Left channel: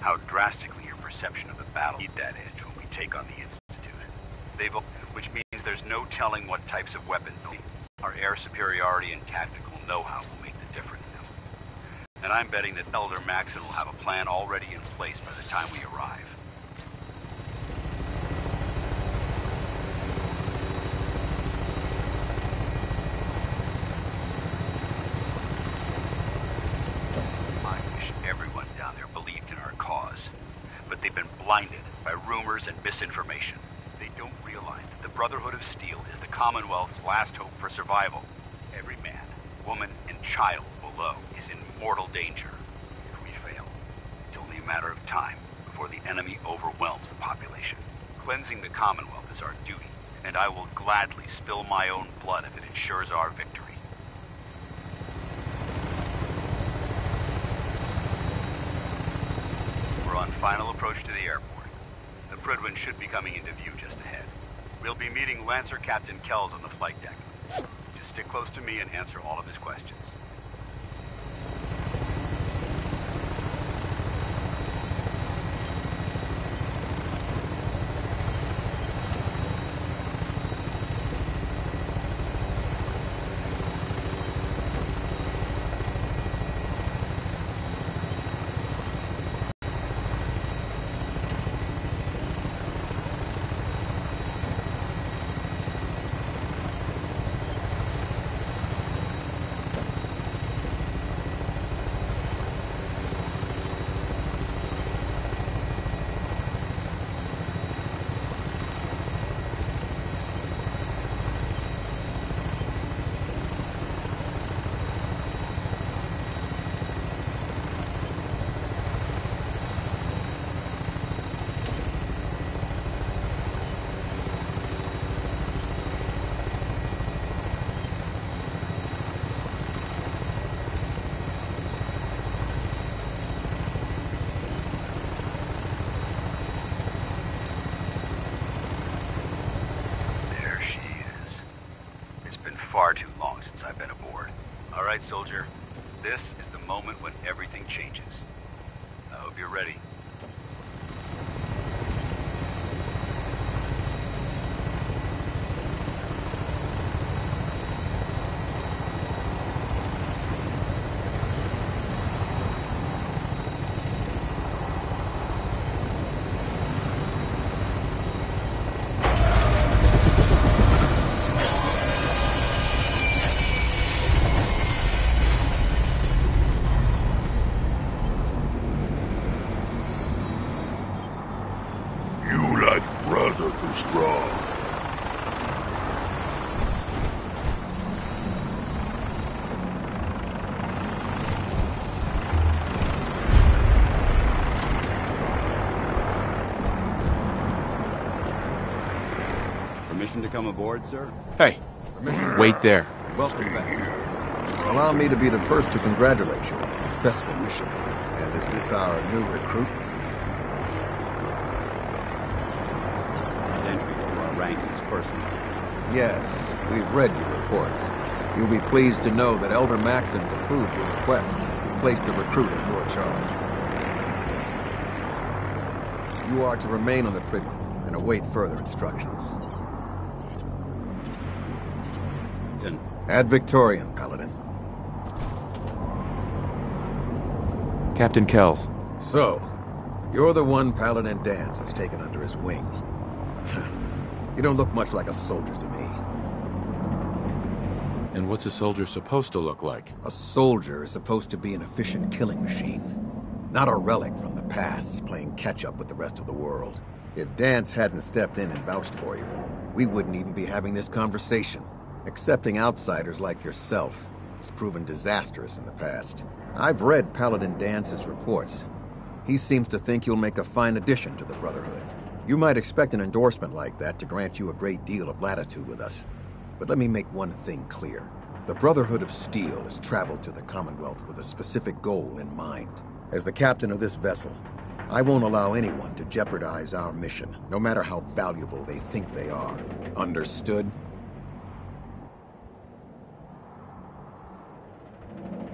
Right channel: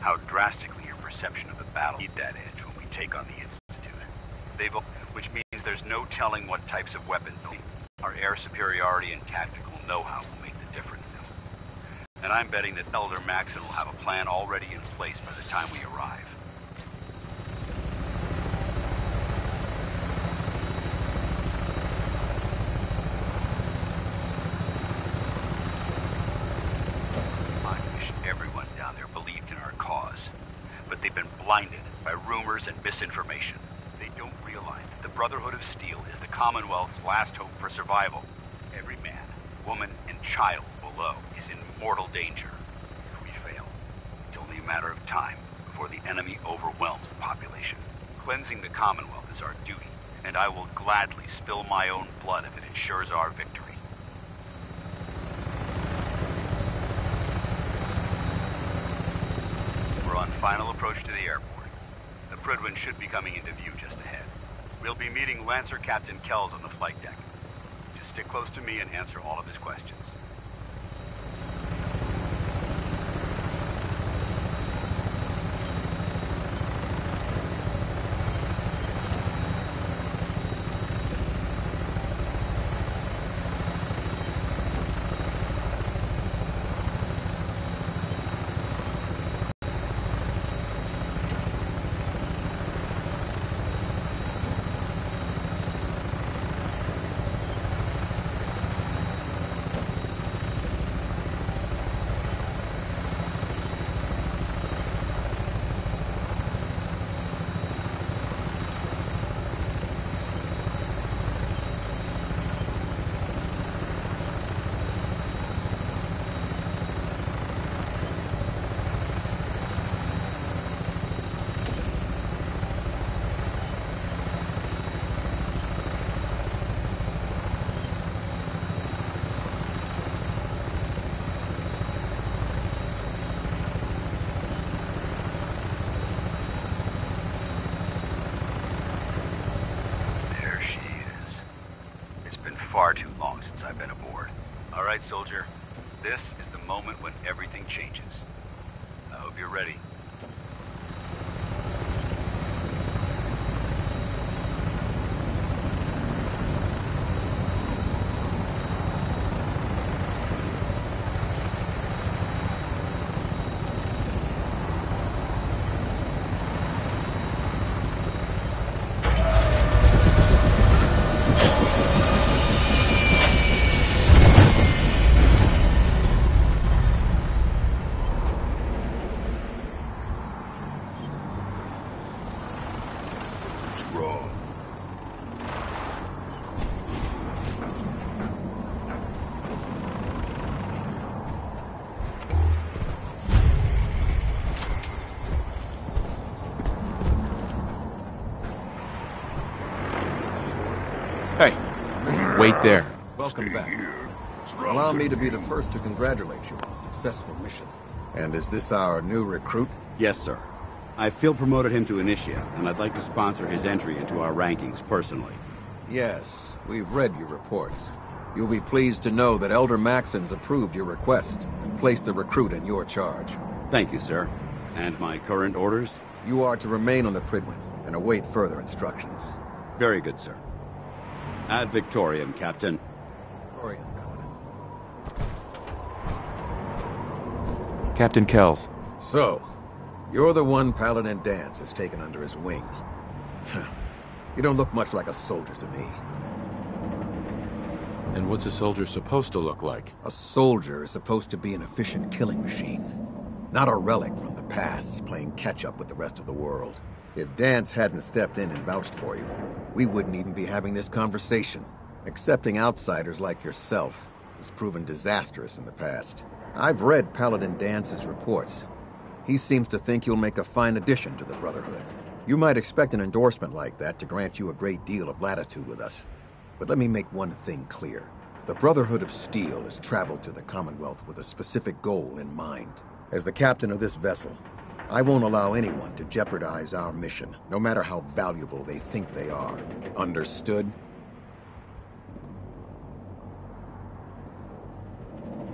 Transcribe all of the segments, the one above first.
how drastically your perception of the battle need that edge when we take on the Institute. Which means there's no telling what types of weapons they'll need. Our air superiority and tactical know-how will make the difference now. And I'm betting that Elder Maxon will have a plan already in place by the time we arrive. I wish everyone down there believed in our cause. But they've been blinded by rumors and misinformation. They don't realize that the Brotherhood of Steel is the Commonwealth's last hope for survival. Every man, woman, and child below is in mortal danger. If we fail, it's only a matter of time before the enemy overwhelms the population. Cleansing the Commonwealth is our duty, and I will gladly spill my own blood if it ensures our victory. We're on final approach to the airport. The Prydwen should be coming into view just ahead. We'll be meeting Lancer Captain Kells on the flight deck. Just stick close to me and answer all of his questions. Far too long since I've been aboard. All right, soldier. This is the moment when everything changes. I hope you're ready. Sir? Hey, wait there. Welcome back. Allow me to be the first to congratulate you on a successful mission. And is this our new recruit? Yes, sir. I feel promoted him to initiate, and I'd like to sponsor his entry into our rankings personally. Yes, we've read your reports. You'll be pleased to know that Elder Maxon's approved your request and placed the recruit in your charge. Thank you, sir. And my current orders? You are to remain on the Prydwen and await further instructions. Very good, sir. Ad Victoriam, Captain. Ad Victoriam, Paladin. Captain Kells. So, you're the one Paladin Danse has taken under his wing. You don't look much like a soldier to me. And what's a soldier supposed to look like? A soldier is supposed to be an efficient killing machine. Not a relic from the past playing catch-up with the rest of the world. If Danse hadn't stepped in and vouched for you, we wouldn't even be having this conversation. Accepting outsiders like yourself has proven disastrous in the past. I've read Paladin Dance's reports. He seems to think you'll make a fine addition to the Brotherhood. You might expect an endorsement like that to grant you a great deal of latitude with us. But let me make one thing clear. The Brotherhood of Steel has traveled to the Commonwealth with a specific goal in mind. As the captain of this vessel, I won't allow anyone to jeopardize our mission, no matter how valuable they think they are. Understood?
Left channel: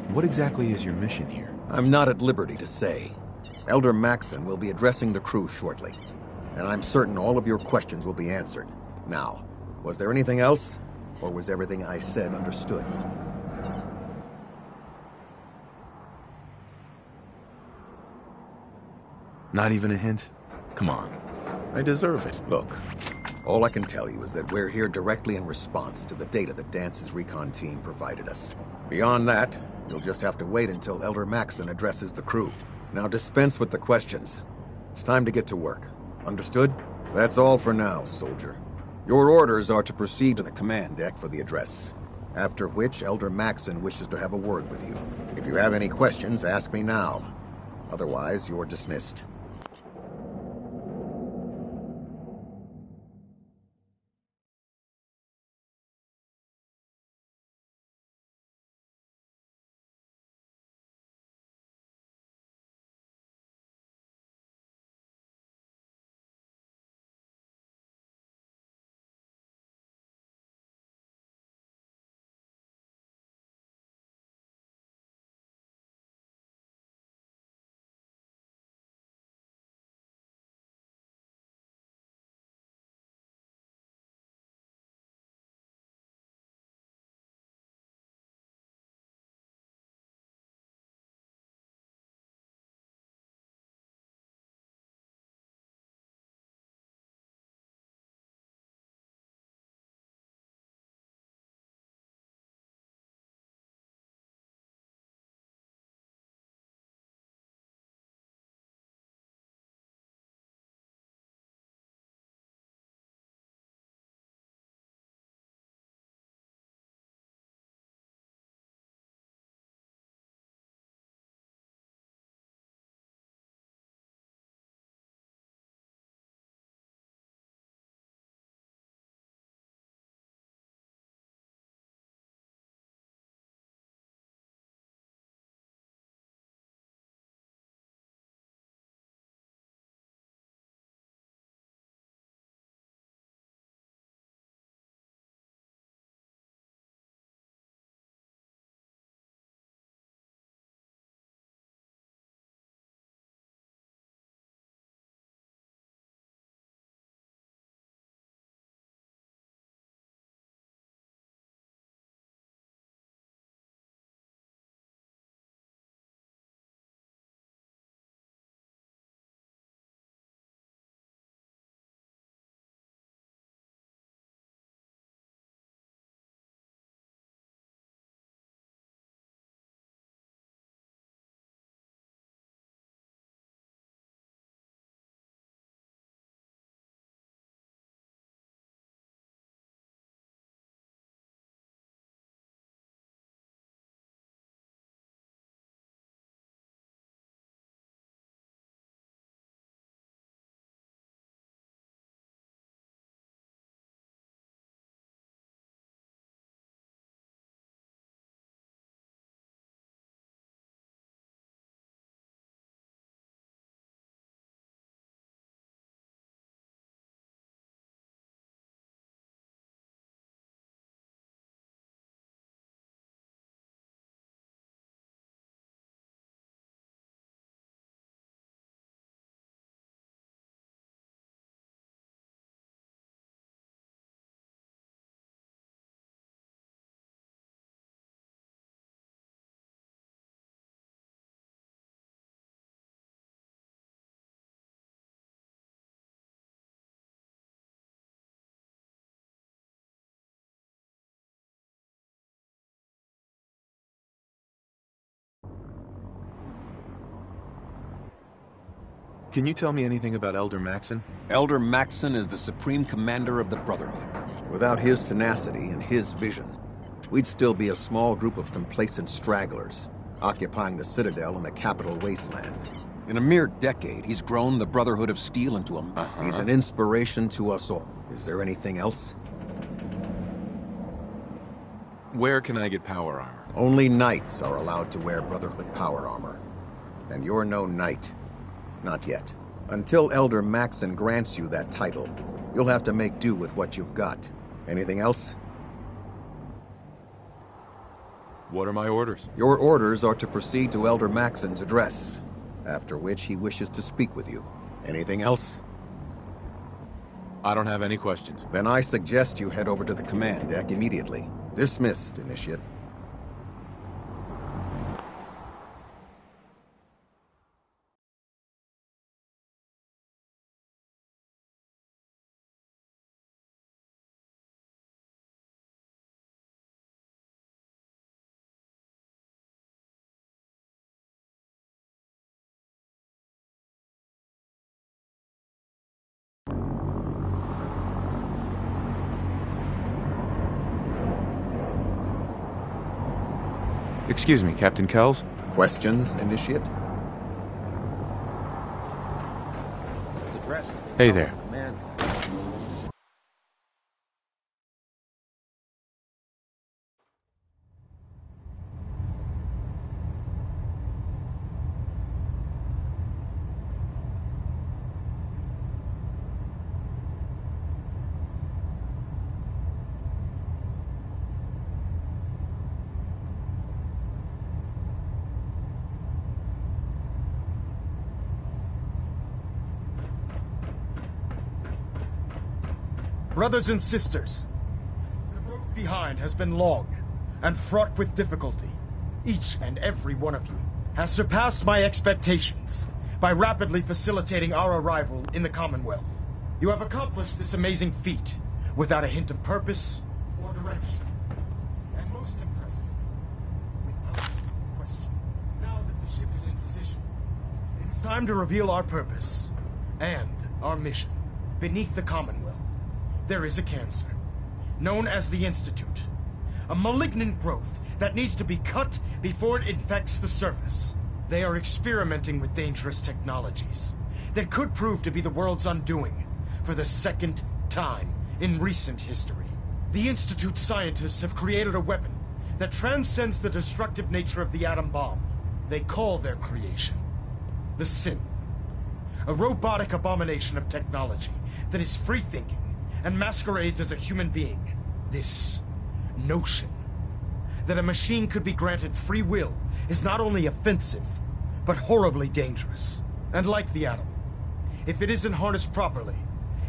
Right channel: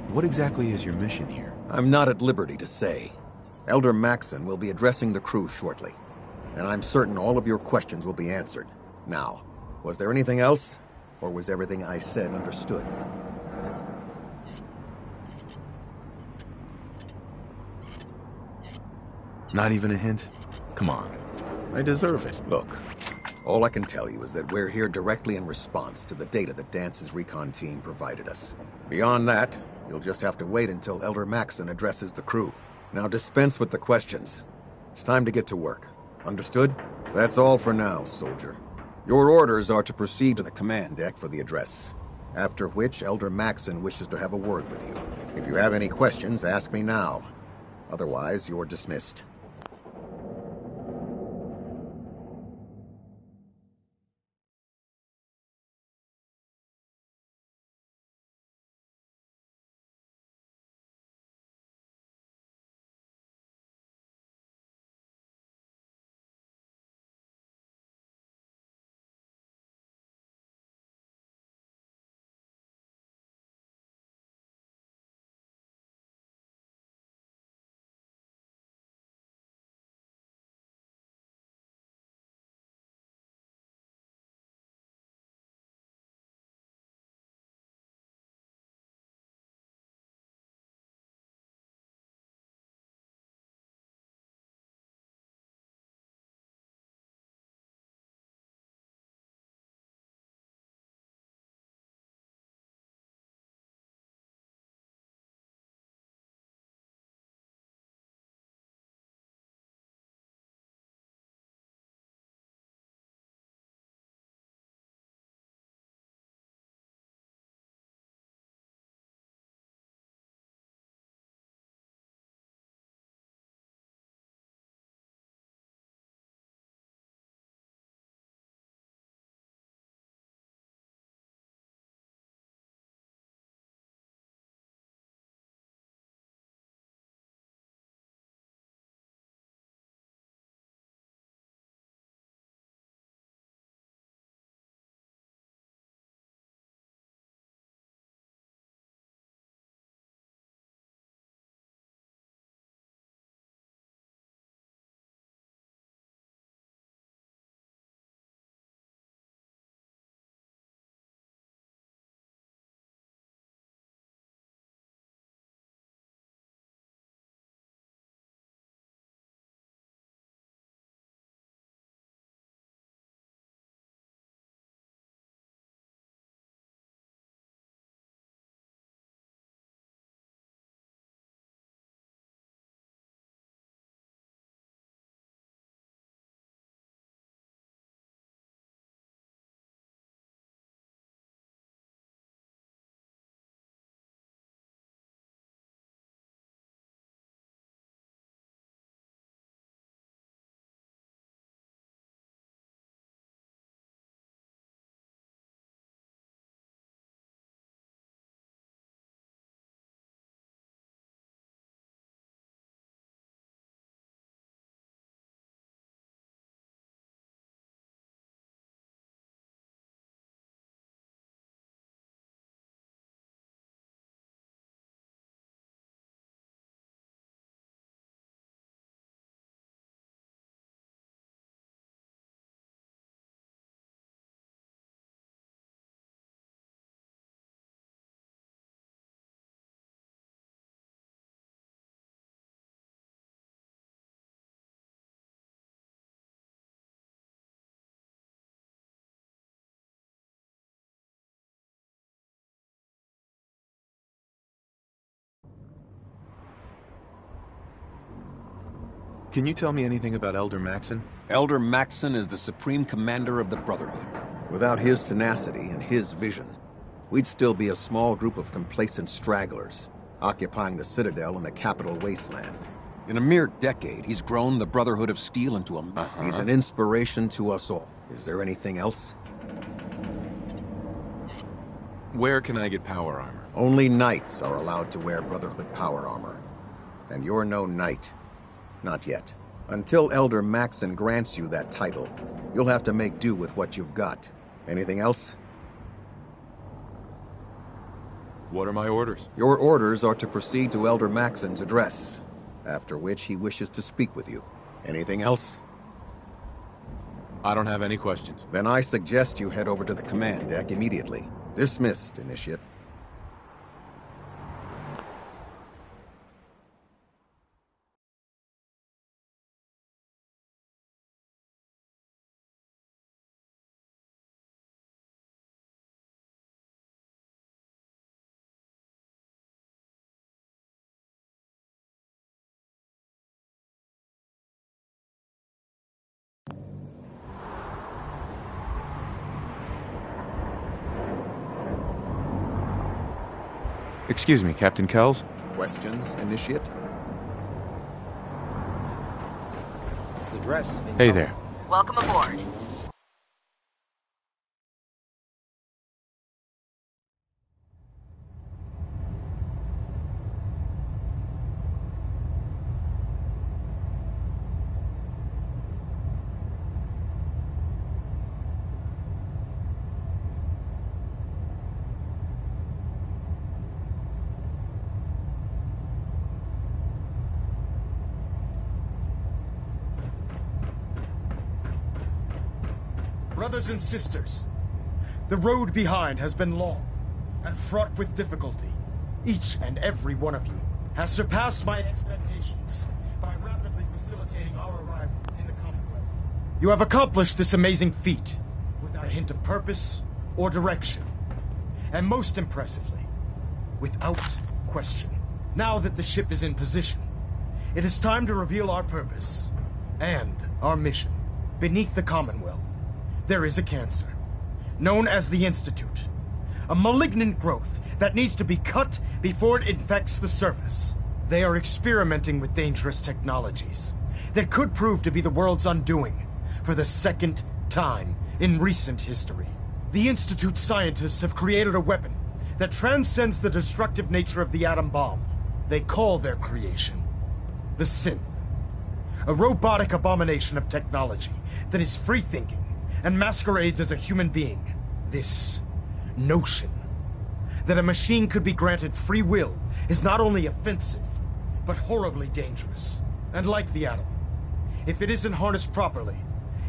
What exactly is your mission here? I'm not at liberty to say. Elder Maxon will be addressing the crew shortly, and I'm certain all of your questions will be answered. Now, was there anything else, or was everything I said understood? Not even a hint? Come on. I deserve it. Look, all I can tell you is that we're here directly in response to the data that Dance's recon team provided us. Beyond that, you'll just have to wait until Elder Maxon addresses the crew. Now dispense with the questions. It's time to get to work. Understood? That's all for now, soldier. Your orders are to proceed to the command deck for the address, after which Elder Maxon wishes to have a word with you. If you have any questions, ask me now. Otherwise, you're dismissed. Can you tell me anything about Elder Maxon? Elder Maxon is the supreme commander of the Brotherhood. Without his tenacity and his vision, we'd still be a small group of complacent stragglers, occupying the Citadel and the capital wasteland. In a mere decade, he's grown the Brotherhood of Steel into a... He's an inspiration to us all. Is there anything else? Where can I get power armor? Only knights are allowed to wear Brotherhood power armor. And you're no knight. Not yet. Until Elder Maxon grants you that title, you'll have to make do with what you've got. Anything else? What are my orders? Your orders are to proceed to Elder Maxon's address, after which he wishes to speak with you. Anything else? I don't have any questions. Then I suggest you head over to the command deck immediately. Dismissed, Initiate. Excuse me, Captain Kells? Questions, Initiate? Hey there. Welcome aboard. Brothers and sisters, the road behind has been long and fraught with difficulty. Each and every one of you has surpassed my expectations by rapidly facilitating our arrival in the Commonwealth. You have accomplished this amazing feat without a hint of purpose or direction. And most impressively, without question. Now that the ship is in position, it is time to reveal our purpose and our mission. Beneath the Commonwealth, there is a cancer, known as the Institute. A malignant growth that needs to be cut before it infects the surface. They are experimenting with dangerous technologies that could prove to be the world's undoing for the second time in recent history. The Institute scientists have created a weapon that transcends the destructive nature of the atom bomb. They call their creation the Synth. A robotic abomination of technology that is free-thinking and masquerades as a human being. This notion that a machine could be granted free will is not only offensive, but horribly dangerous. And like the atom, if it isn't harnessed properly,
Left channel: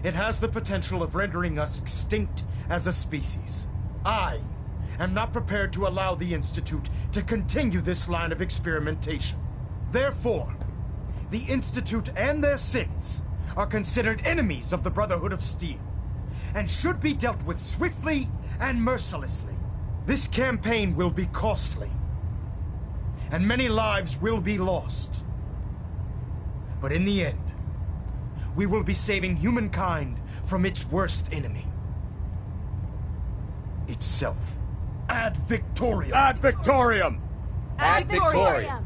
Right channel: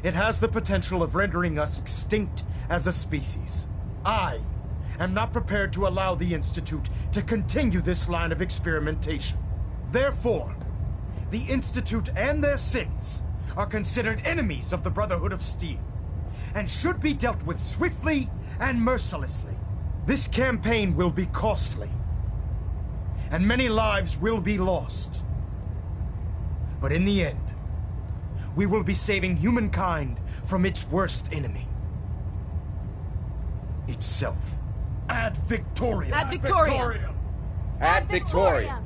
it has the potential of rendering us extinct as a species. I am not prepared to allow the Institute to continue this line of experimentation. Therefore, the Institute and their synths are considered enemies of the Brotherhood of Steel, and should be dealt with swiftly and mercilessly. This campaign will be costly, and many lives will be lost. But in the end, we will be saving humankind from its worst enemy. Itself. Ad Victoriam! Ad Victoriam! Ad Victoriam!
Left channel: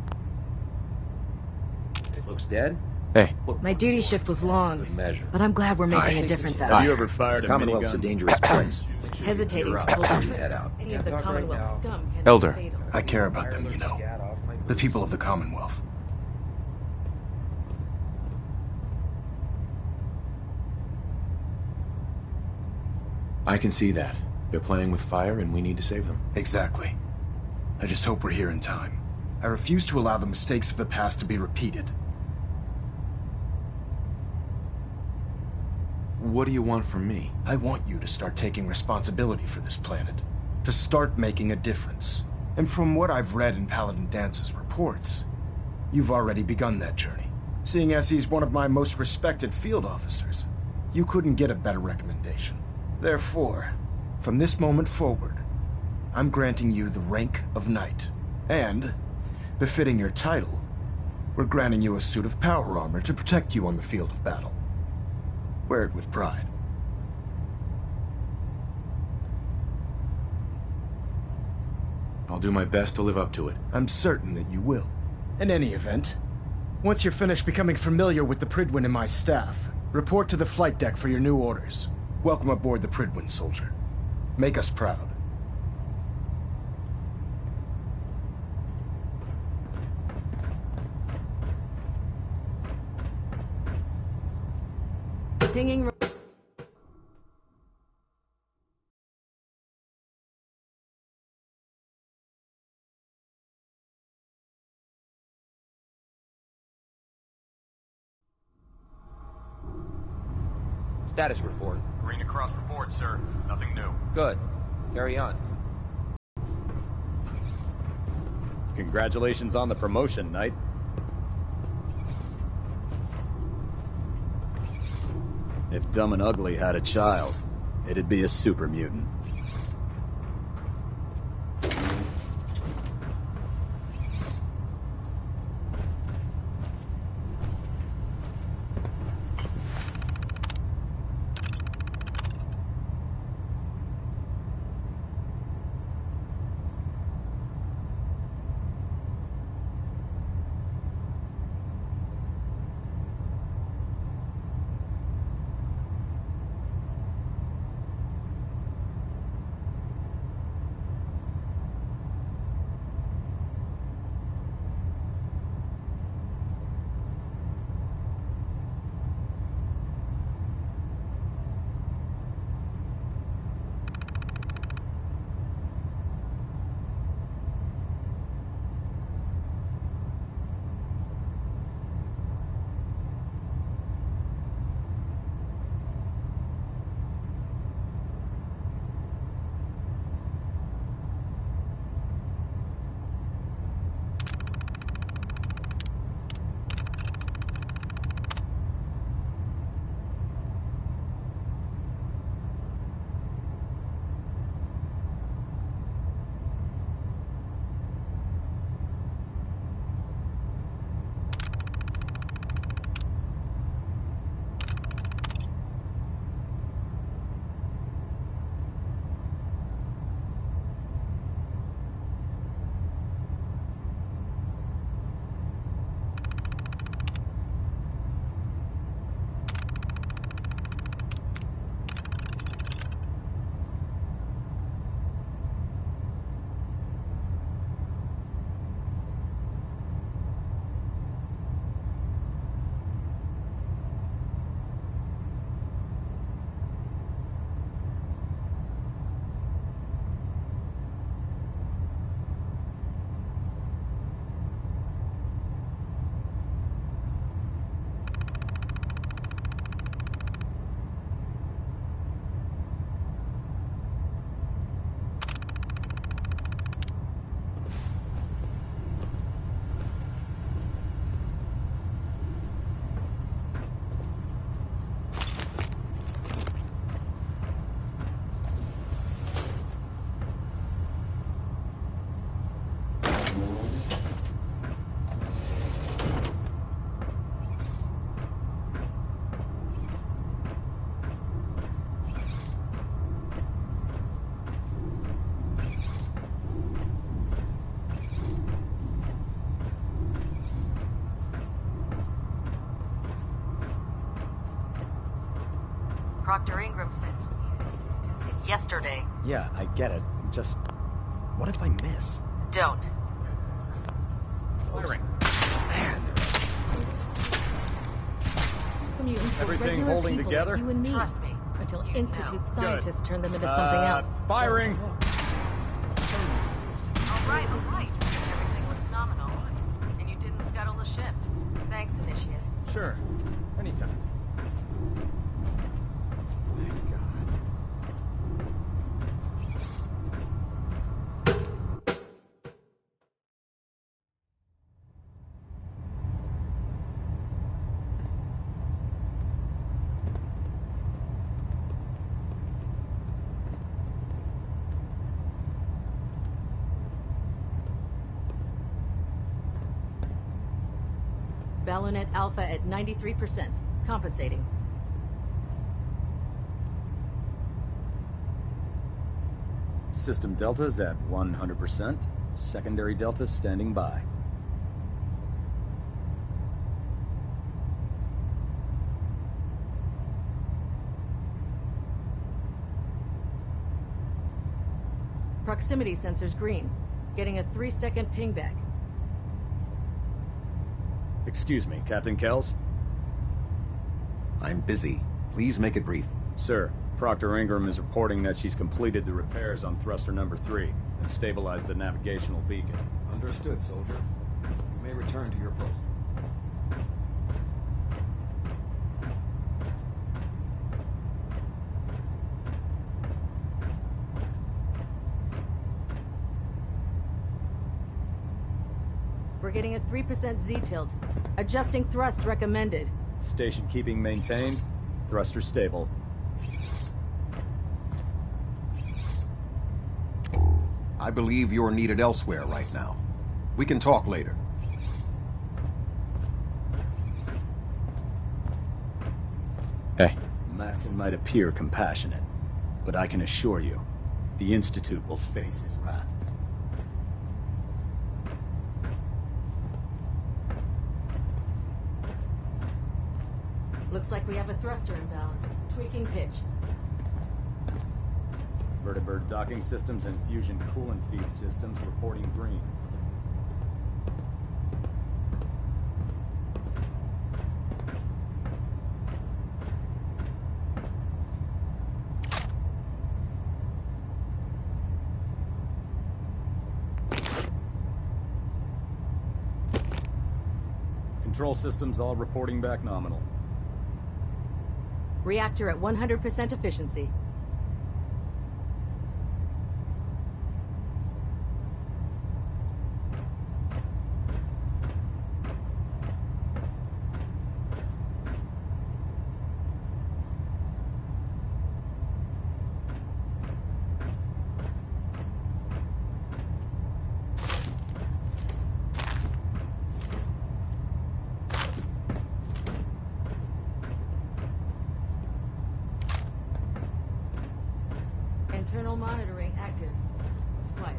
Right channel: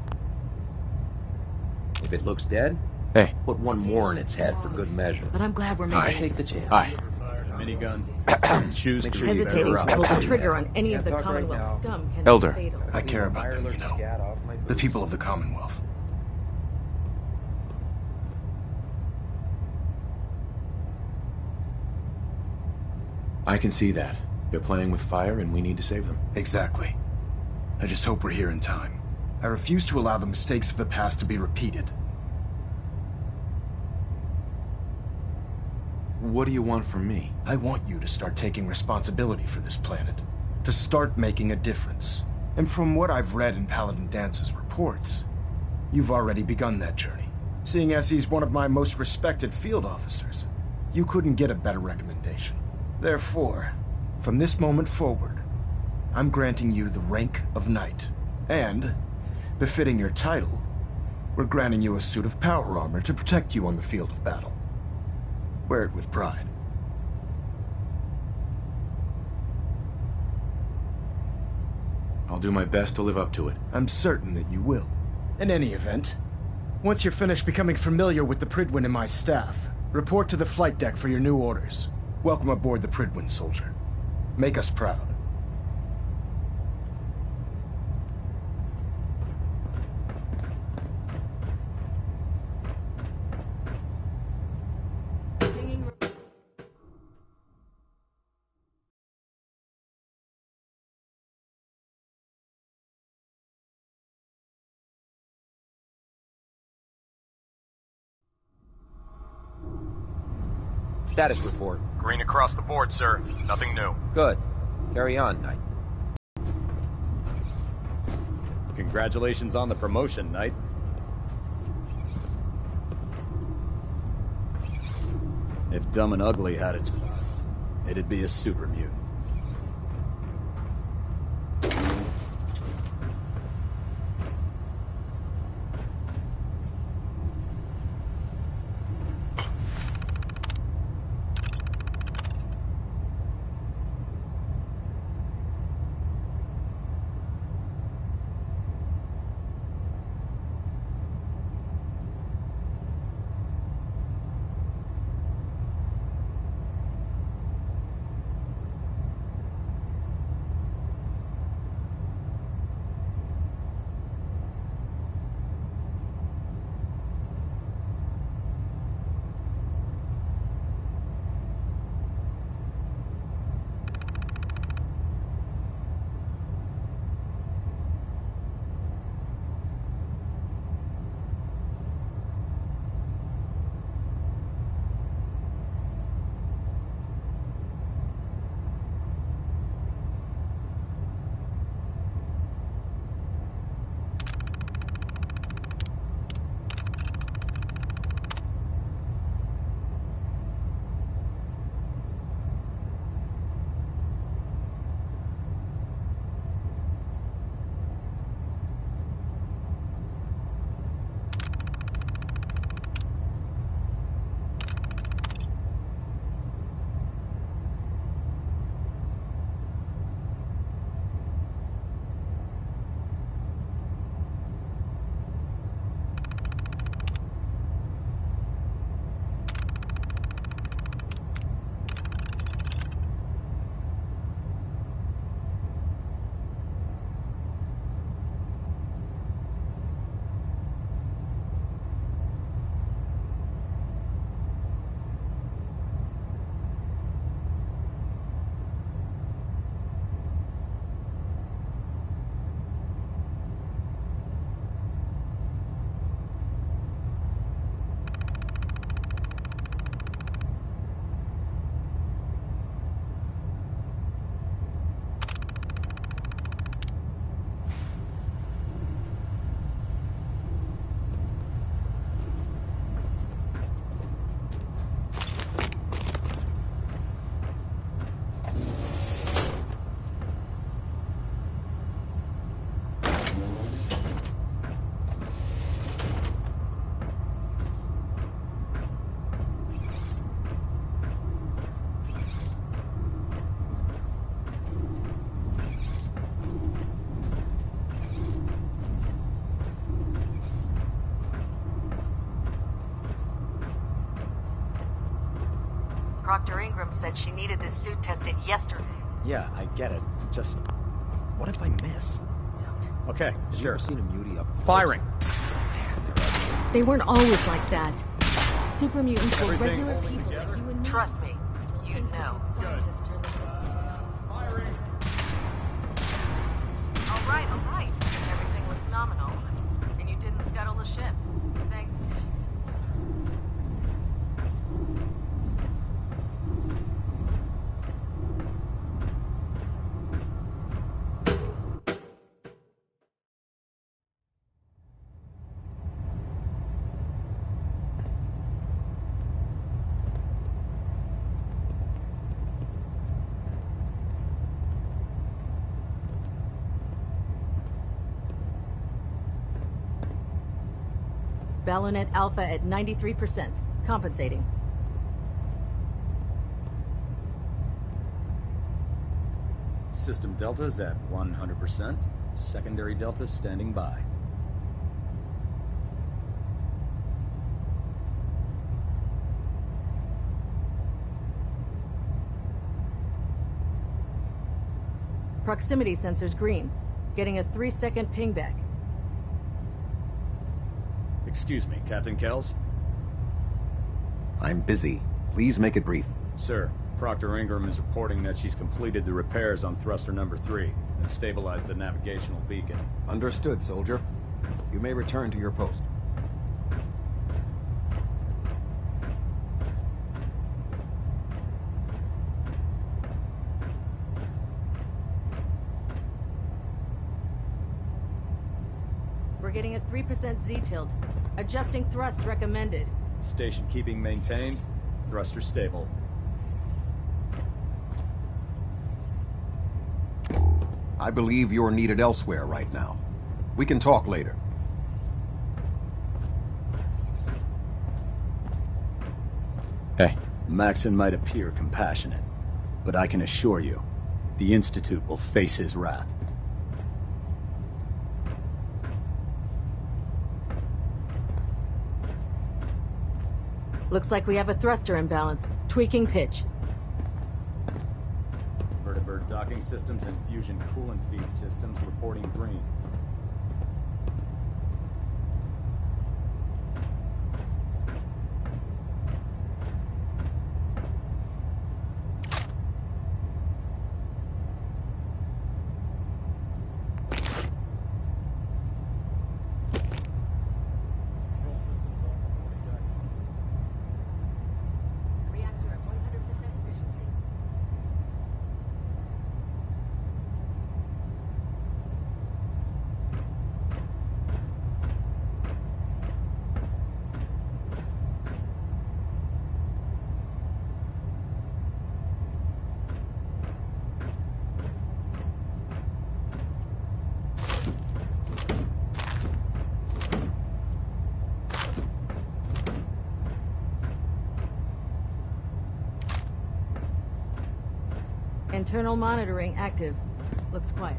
If it looks dead, Hey. put My one duty more in shift its was head for long, good measure. but I'm glad we're making a Take the difference chance. out Aye. of You it. ever fired a Commonwealth's a minigun? dangerous place. Choose Make to sure you Hesitating never to up. pull the Yeah. trigger on any of the talk right Commonwealth now. scum can Elder. be fatal. I care about them, you know. The people of the Commonwealth. I can see that. They're playing with fire and we need to save them. Exactly. I just hope we're here in time. I refuse to allow the mistakes of the past to be repeated. What do you want from me? I want you to start taking responsibility for this planet. To start making a difference. And from what I've read in Paladin Dance's reports, you've already begun that journey. Seeing as he's one of my most respected field officers, you couldn't get a better recommendation. Therefore, from this moment forward, I'm granting you the rank of Knight. And, befitting your title, we're granting you a suit of power armor to protect you on the field of battle. Wear it with pride. I'll do my best to live up to it. I'm certain that you will. In any event, once you're finished becoming familiar with the Pridwin and my staff, report to the flight deck for your new orders. Welcome aboard the Pridwin, soldier. Make us proud. Pinging Status report. Green across the board, sir. Nothing new. Good. Carry on, Knight. Congratulations on the promotion, Knight. If Dumb and Ugly had a child, it'd be a super mutant. Dr. Ingram said she needed this suit tested yesterday. Yeah, I get it. Just... what if I miss? Don't. Okay, sure. Seen a beauty up close? Firing! They weren't always like that. Super mutants were Everything regular holding people together? like you and me. Trust me. Until You Institute know. scientists turned them into something else. Firing! All right, all right. Everything looks nominal. And you didn't scuttle the ship. Thanks, Initiate. Sure. Anytime. Balonet Alpha at 93%. Compensating. System Delta's at 100%. Secondary Delta standing by. Proximity sensors green. Getting a 3-second pingback. Excuse me, Captain Kells? I'm busy. Please make it brief. Sir, Proctor Ingram is reporting that she's completed the repairs on thruster number 3 and stabilized the navigational beacon. Understood, soldier. You may return to your post. We're getting a 3% Z-tilt. Adjusting thrust recommended. Station keeping maintained. Thruster stable. I believe you're needed elsewhere right now. We can talk later. Hey. Maxon might appear compassionate, but I can assure you, the Institute will face his wrath. Looks like we have a thruster imbalance. Tweaking pitch. Vertibird docking systems and fusion coolant feed systems reporting green. Control systems all reporting back nominal. Reactor at 100% efficiency. Internal monitoring active. Looks quiet.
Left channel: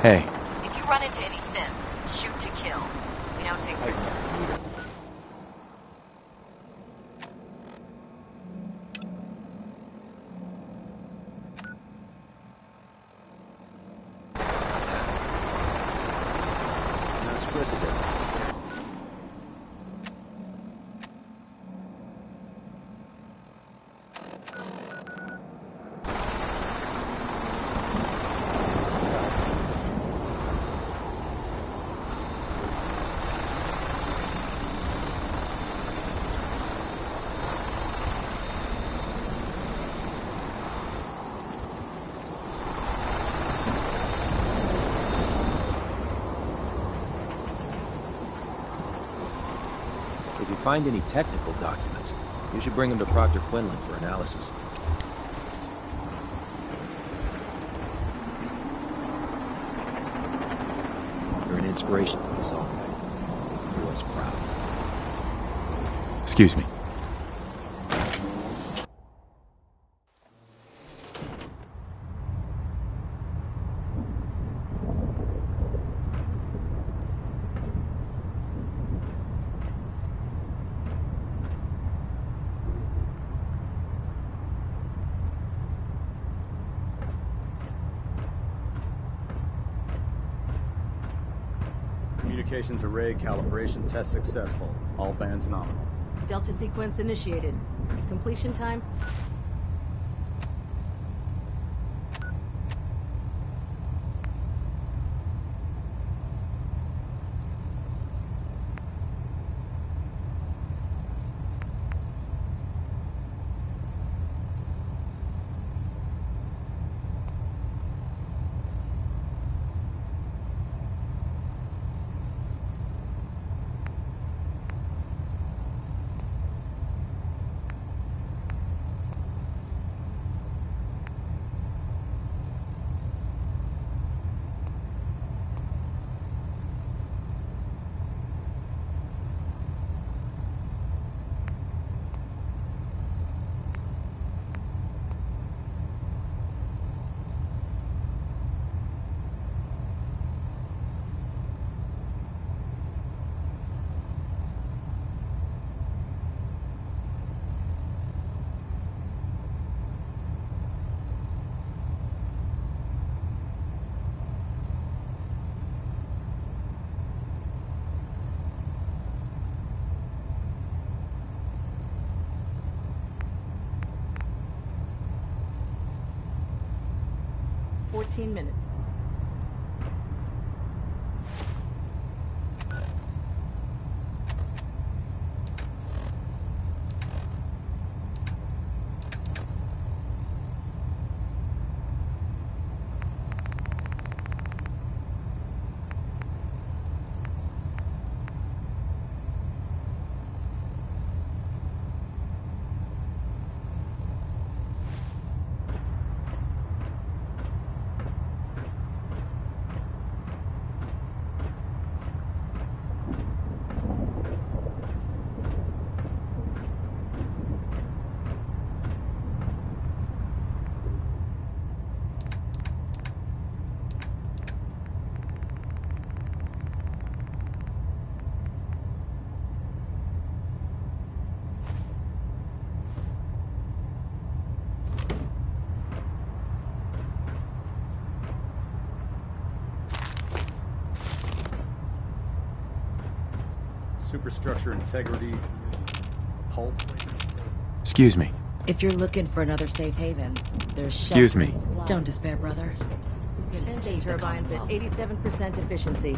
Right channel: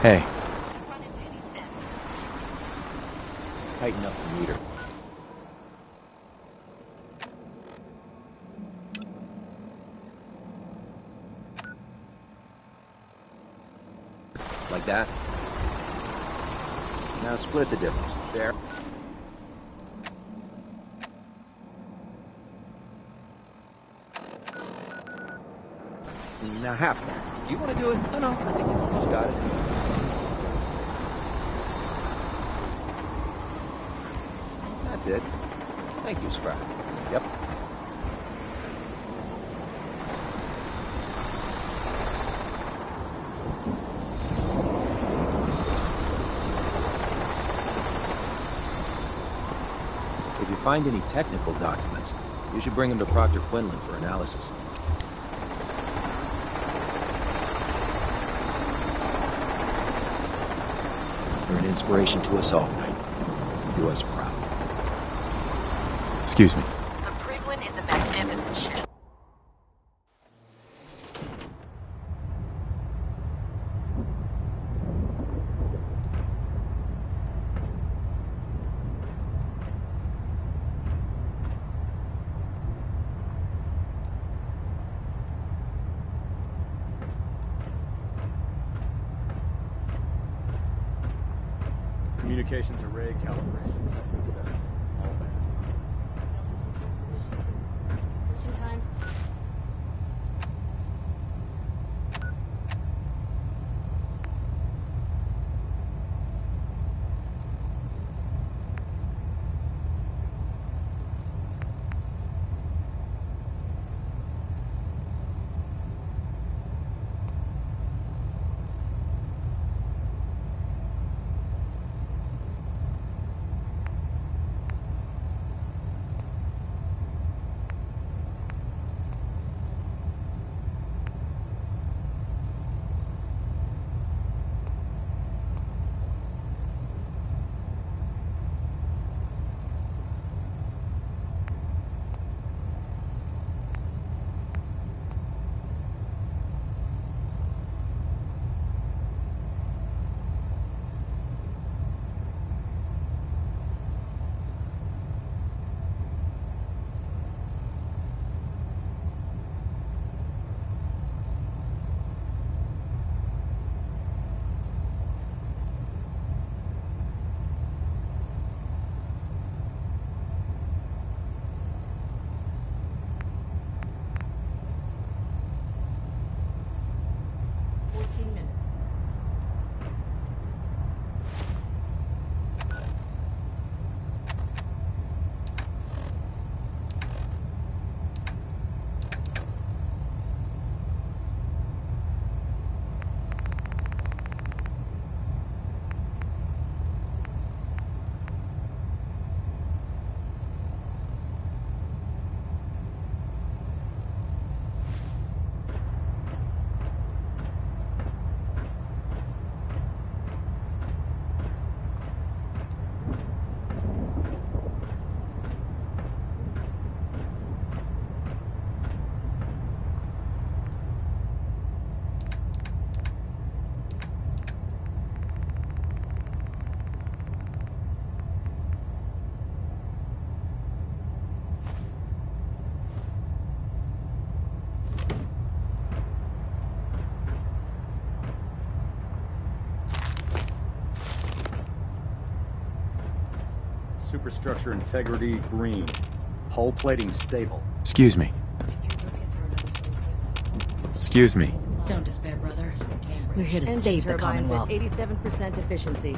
Hey. If you run into any sense, shoot to kill. We don't take Tighten up the meter. Like that. Now split the difference. There. Now half. You want to do it? No. You got it. That's it. Thank you, Scrap. Yep. If you find any technical documents, you should bring them to Proctor Quinlan for analysis. You're an inspiration to us all, Knight. Do us proud. Excuse me. A Prydwen is a magnificent ship. Communications array calibration test successful. All bands nominal. Delta sequence initiated. Completion time? 15 minutes. Superstructure integrity green. Hull plating stable. Excuse me. If you're looking for another safe haven, there's Excuse me. Don't despair, brother. We're here to Engine save the turbines at Commonwealth. 87% efficiency.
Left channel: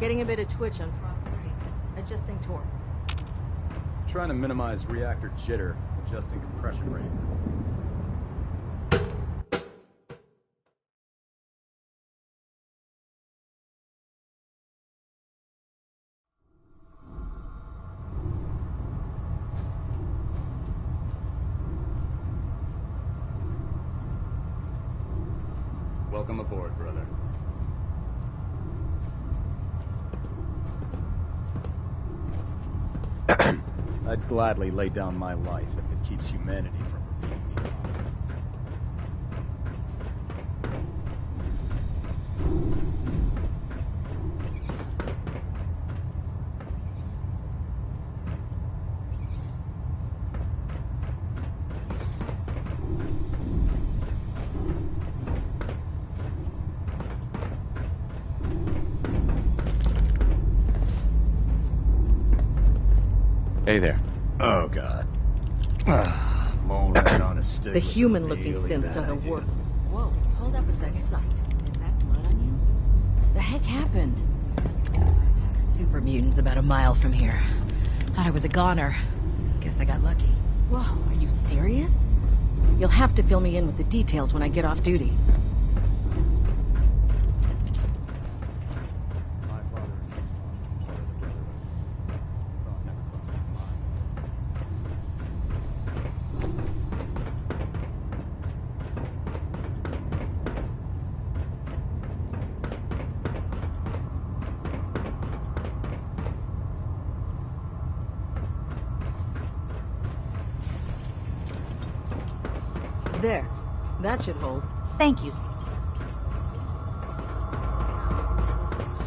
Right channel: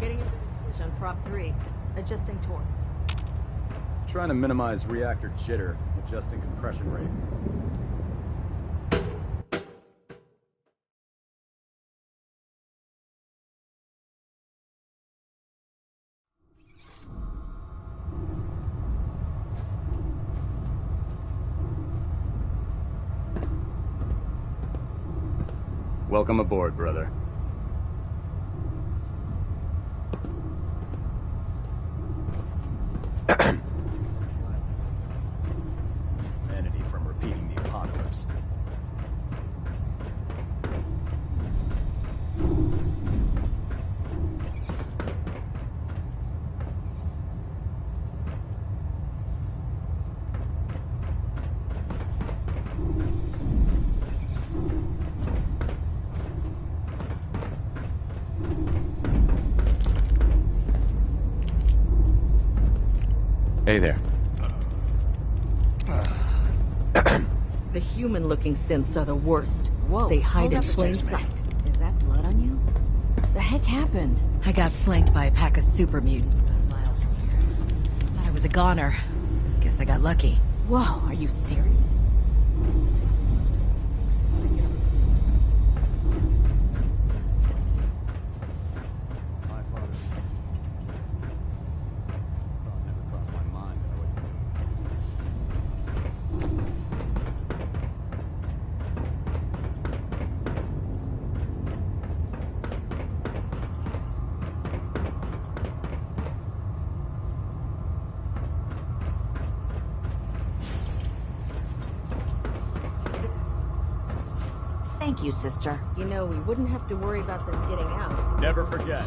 Getting a bit of twitch on prop 3. Adjusting torque. Trying to minimize reactor jitter, adjusting compression rate. Welcome aboard, brother. I'd gladly lay down my life if it keeps humanity from repeating the apocalypse. Hey there. Oh, God. The human-looking synths are the worst. Whoa, They hide in plain sight. Is that blood on you? The heck happened? I got flanked by a pack of super mutants about a mile from here. Thought I was a goner. Guess I got lucky. Whoa, are you serious? You'll have to fill me in with the details when I get off duty. My father thought never crossed my mind that I would. There. That should hold. Thank you, sister. You know, we wouldn't have to worry about them getting out. Never forget,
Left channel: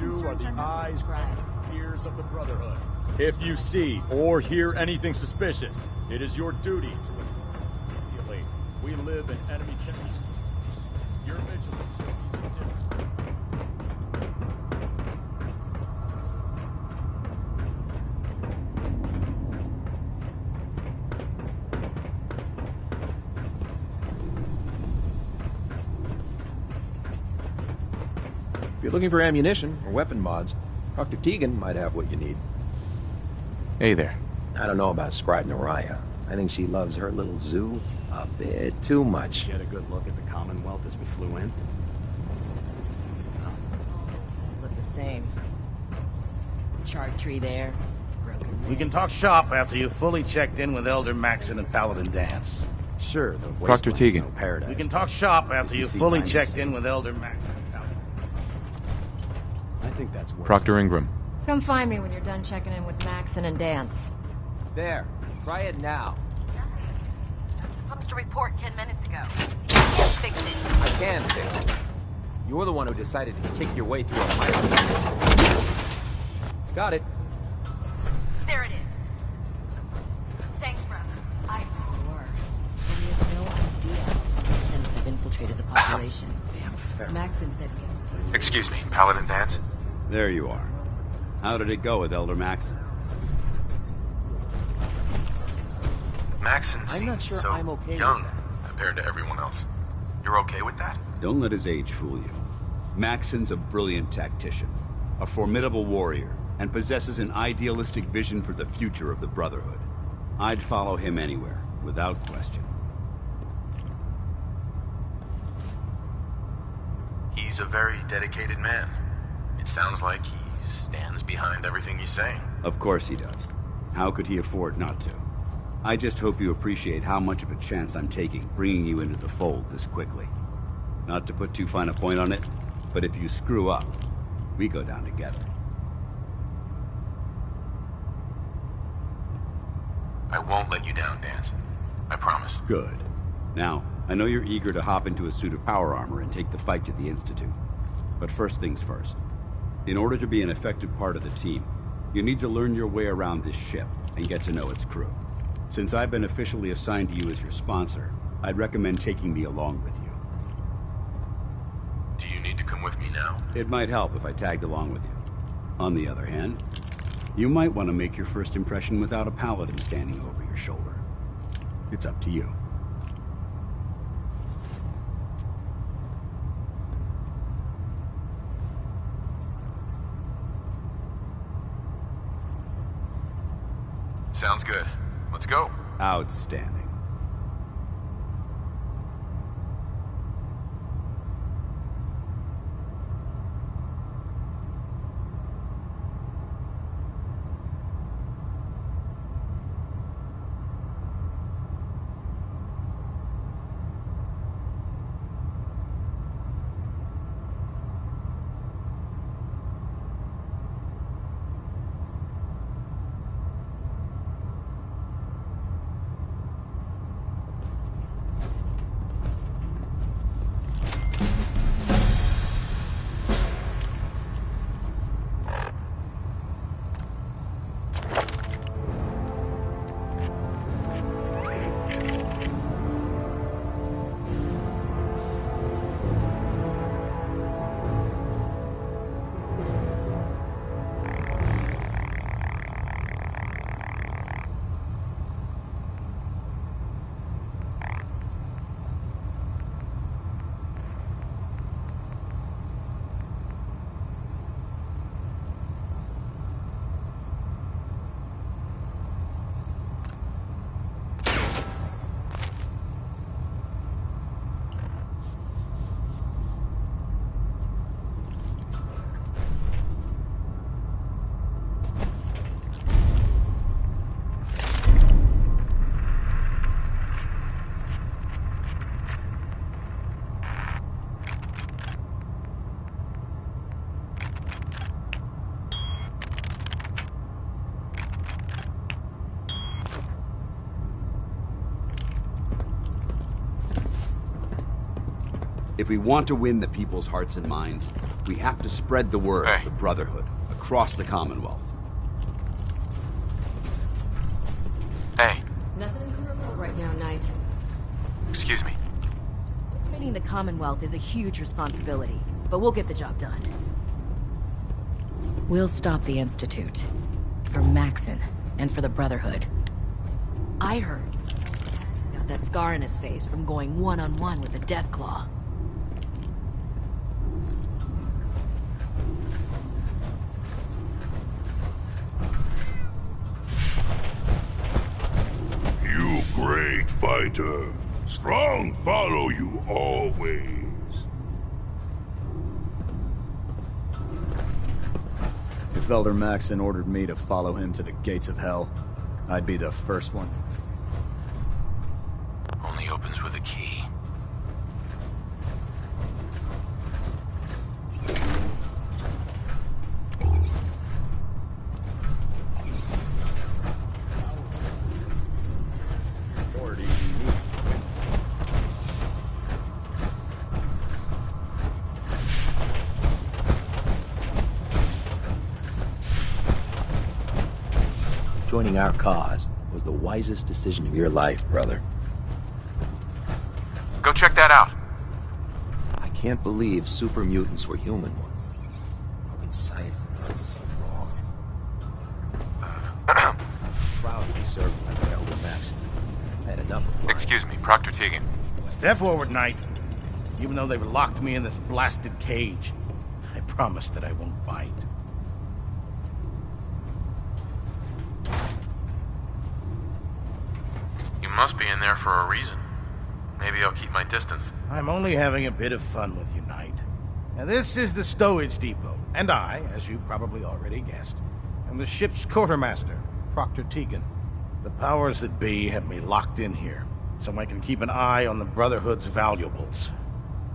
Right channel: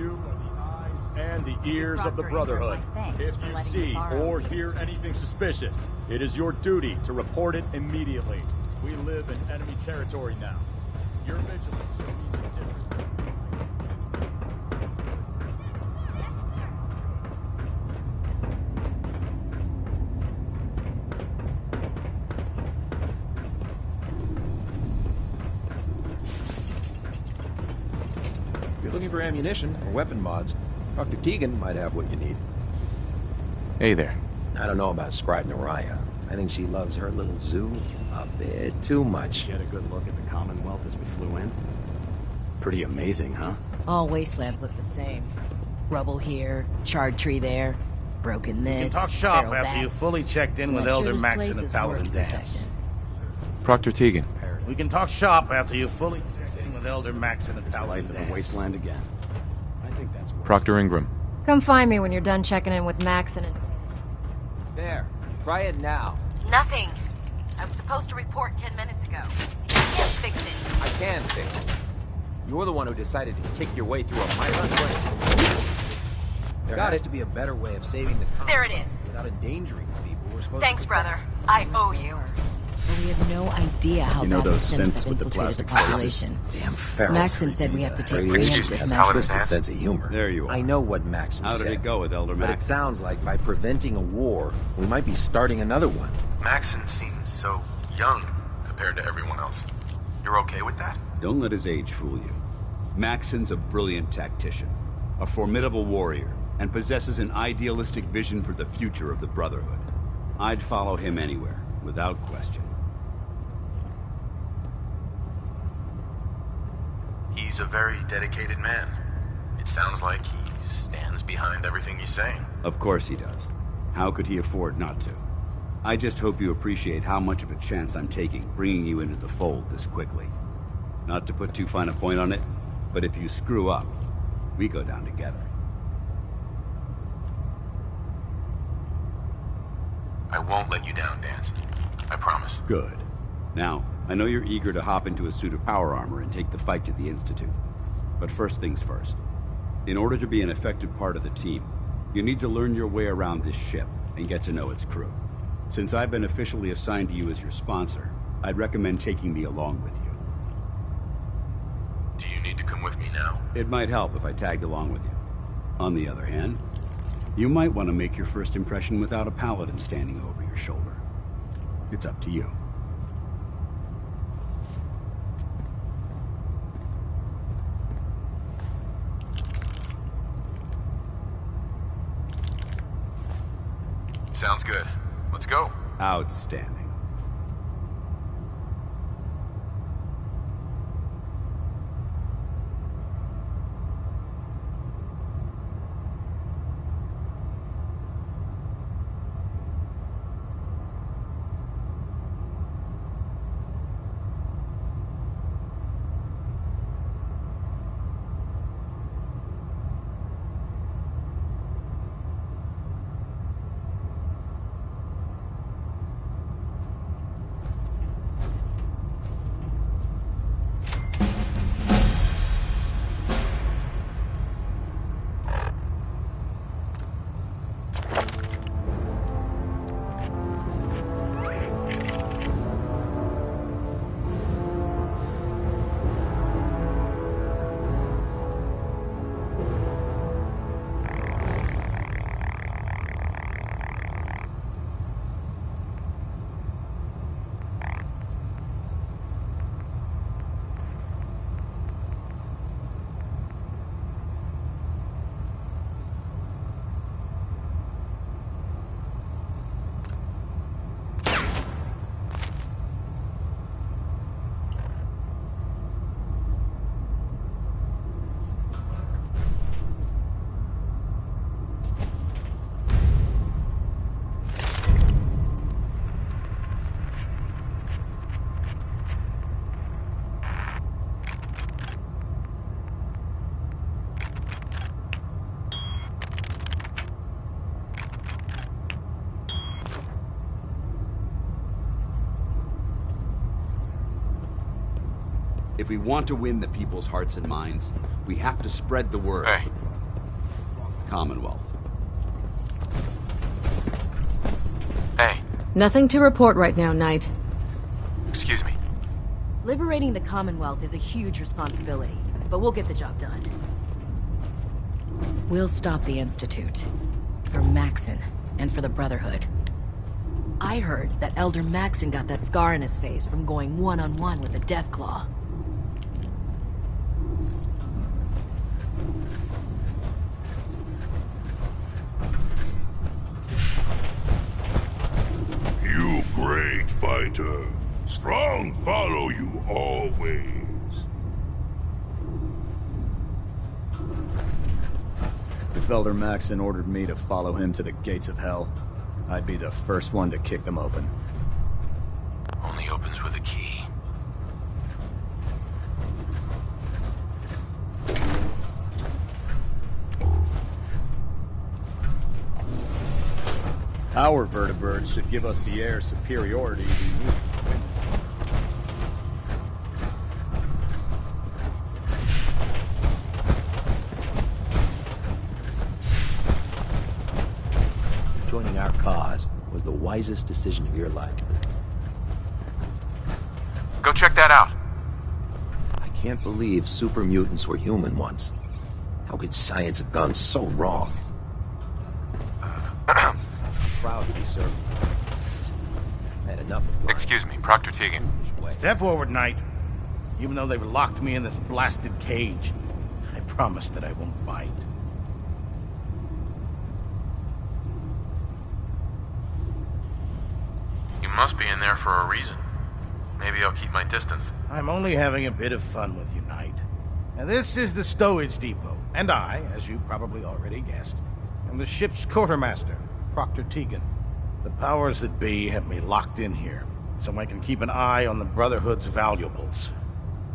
You are the eyes and the ears of the Brotherhood. If you see or hear anything suspicious, it is your duty to report it immediately. We live in enemy territory now. Your vigilance will mean the difference. If you're looking for ammunition or weapon mods, Dr. Tegan might have what you need. Hey there. I don't know about Scribe Naraya. I think she loves her little zoo a bit too much. You had a good look at the Commonwealth as we flew in? Pretty amazing, huh? All wastelands look the same. Rubble here, charred tree there, broken this. We can talk shop barrel after that. you've fully checked in with Sure Elder this Maxon place and is Paladin worth Dance. Sure. Proctor Tegan. Paradise. We can talk shop after you've See fully behind checked the in with Elder Maxon and Paladin life in a Dance. wasteland again. I think that's worse. Proctor Ingram. Come find me when you're done checking in with Maxon and Dance. There. Try it now. Nothing. I was supposed to report 10 minutes ago. You can't fix it. I can fix it. You're the one who decided to kick your way through a virus. Got it. To be a better way of saving the There it is. without endangering people we're supposed Thanks, to brother. I owe you. But we have no idea how You know bad those the Sims synths have with the infiltrated the plastic population. Damn feral. Maxon said we have to take Excuse me, preemptive Paladin measures. Dance? Sense of humor. There you are. I know what Maxon How did said, it go with Elder but It Maxon? sounds like by preventing a war, we might be starting another one. Maxon not seems sure so I'm okay young with compared to everyone else. You're okay with that? Don't let his age fool you. Maxon's a brilliant tactician, a formidable warrior, and possesses an idealistic vision for the future of the Brotherhood. I'd follow him anywhere, without question. He's a very dedicated man. It sounds like he stands behind everything he's saying. Of course he does. How could he afford not to? I just hope you appreciate how much of a chance I'm taking bringing you into the fold this quickly. Not to put too fine a point on it, but if you screw up, we go down together. I won't let you down, Dance. I promise. Good. Now, I know you're eager to hop into a suit of power armor and take the fight to the Institute. But first things first. In order to be an effective part of the team, you need to learn your way around this ship and get to know its crew. Since I've been officially assigned to you as your sponsor, I'd recommend taking me along with you. Do you need to come with me now? It might help if I tagged along with you. On the other hand, you might want to make your first impression without a paladin standing over your shoulder. It's up to you. Sounds good. Let's go. Outstanding. If we want to win the people's hearts and minds, we have to spread the word of the Brotherhood across the Commonwealth. Hey. Nothing to report right now, Knight. Excuse me. Liberating the Commonwealth is a huge responsibility, but we'll get the job done. We'll stop the Institute. For Maxon, and for the Brotherhood. I heard that Elder Maxon got that scar in his face from going one-on-one with the Deathclaw. You great fighter. Strong follow you always. If Elder Maxon ordered me to follow him to the gates of hell, I'd be the first one to kick them open. Only opens with a key. Our vertebrates should give us the air superiority we need. Joining our cause was the wisest decision of your life, brother. Go check that out. I can't believe super mutants were human once. How could science have gone so wrong? Proud to be serving like Elder Maxon. I had enough of lying. Excuse me, Proctor Tegan. Step forward, Knight. Even though they've locked me in this blasted cage, I promise that I won't bite. You must be in there for a reason. Maybe I'll keep my distance. I'm only having a bit of fun with you, Knight. Now, this is the stowage depot, and I, as you probably already guessed, am the ship's quartermaster, Proctor Tegan. The powers that be have me locked in here, so I can keep an eye on the Brotherhood's valuables.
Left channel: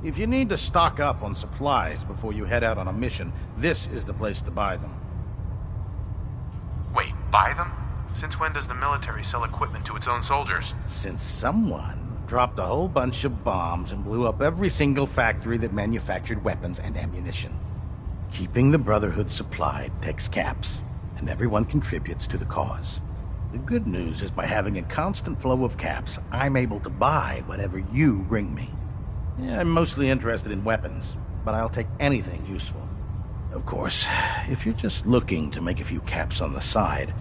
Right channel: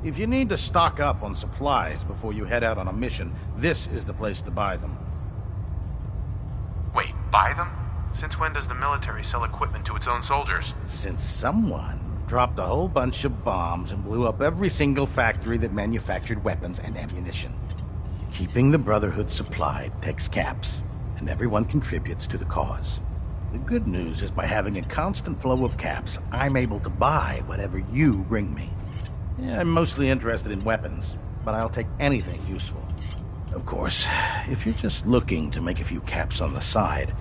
If you need to stock up on supplies before you head out on a mission, this is the place to buy them. Wait, buy them? Since when does the military sell equipment to its own soldiers? Since someone dropped a whole bunch of bombs and blew up every single factory that manufactured weapons and ammunition. Keeping the Brotherhood supplied takes caps, and everyone contributes to the cause. The good news is by having a constant flow of caps, I'm able to buy whatever you bring me. Yeah, I'm mostly interested in weapons, but I'll take anything useful. Of course, if you're just looking to make a few caps on the side,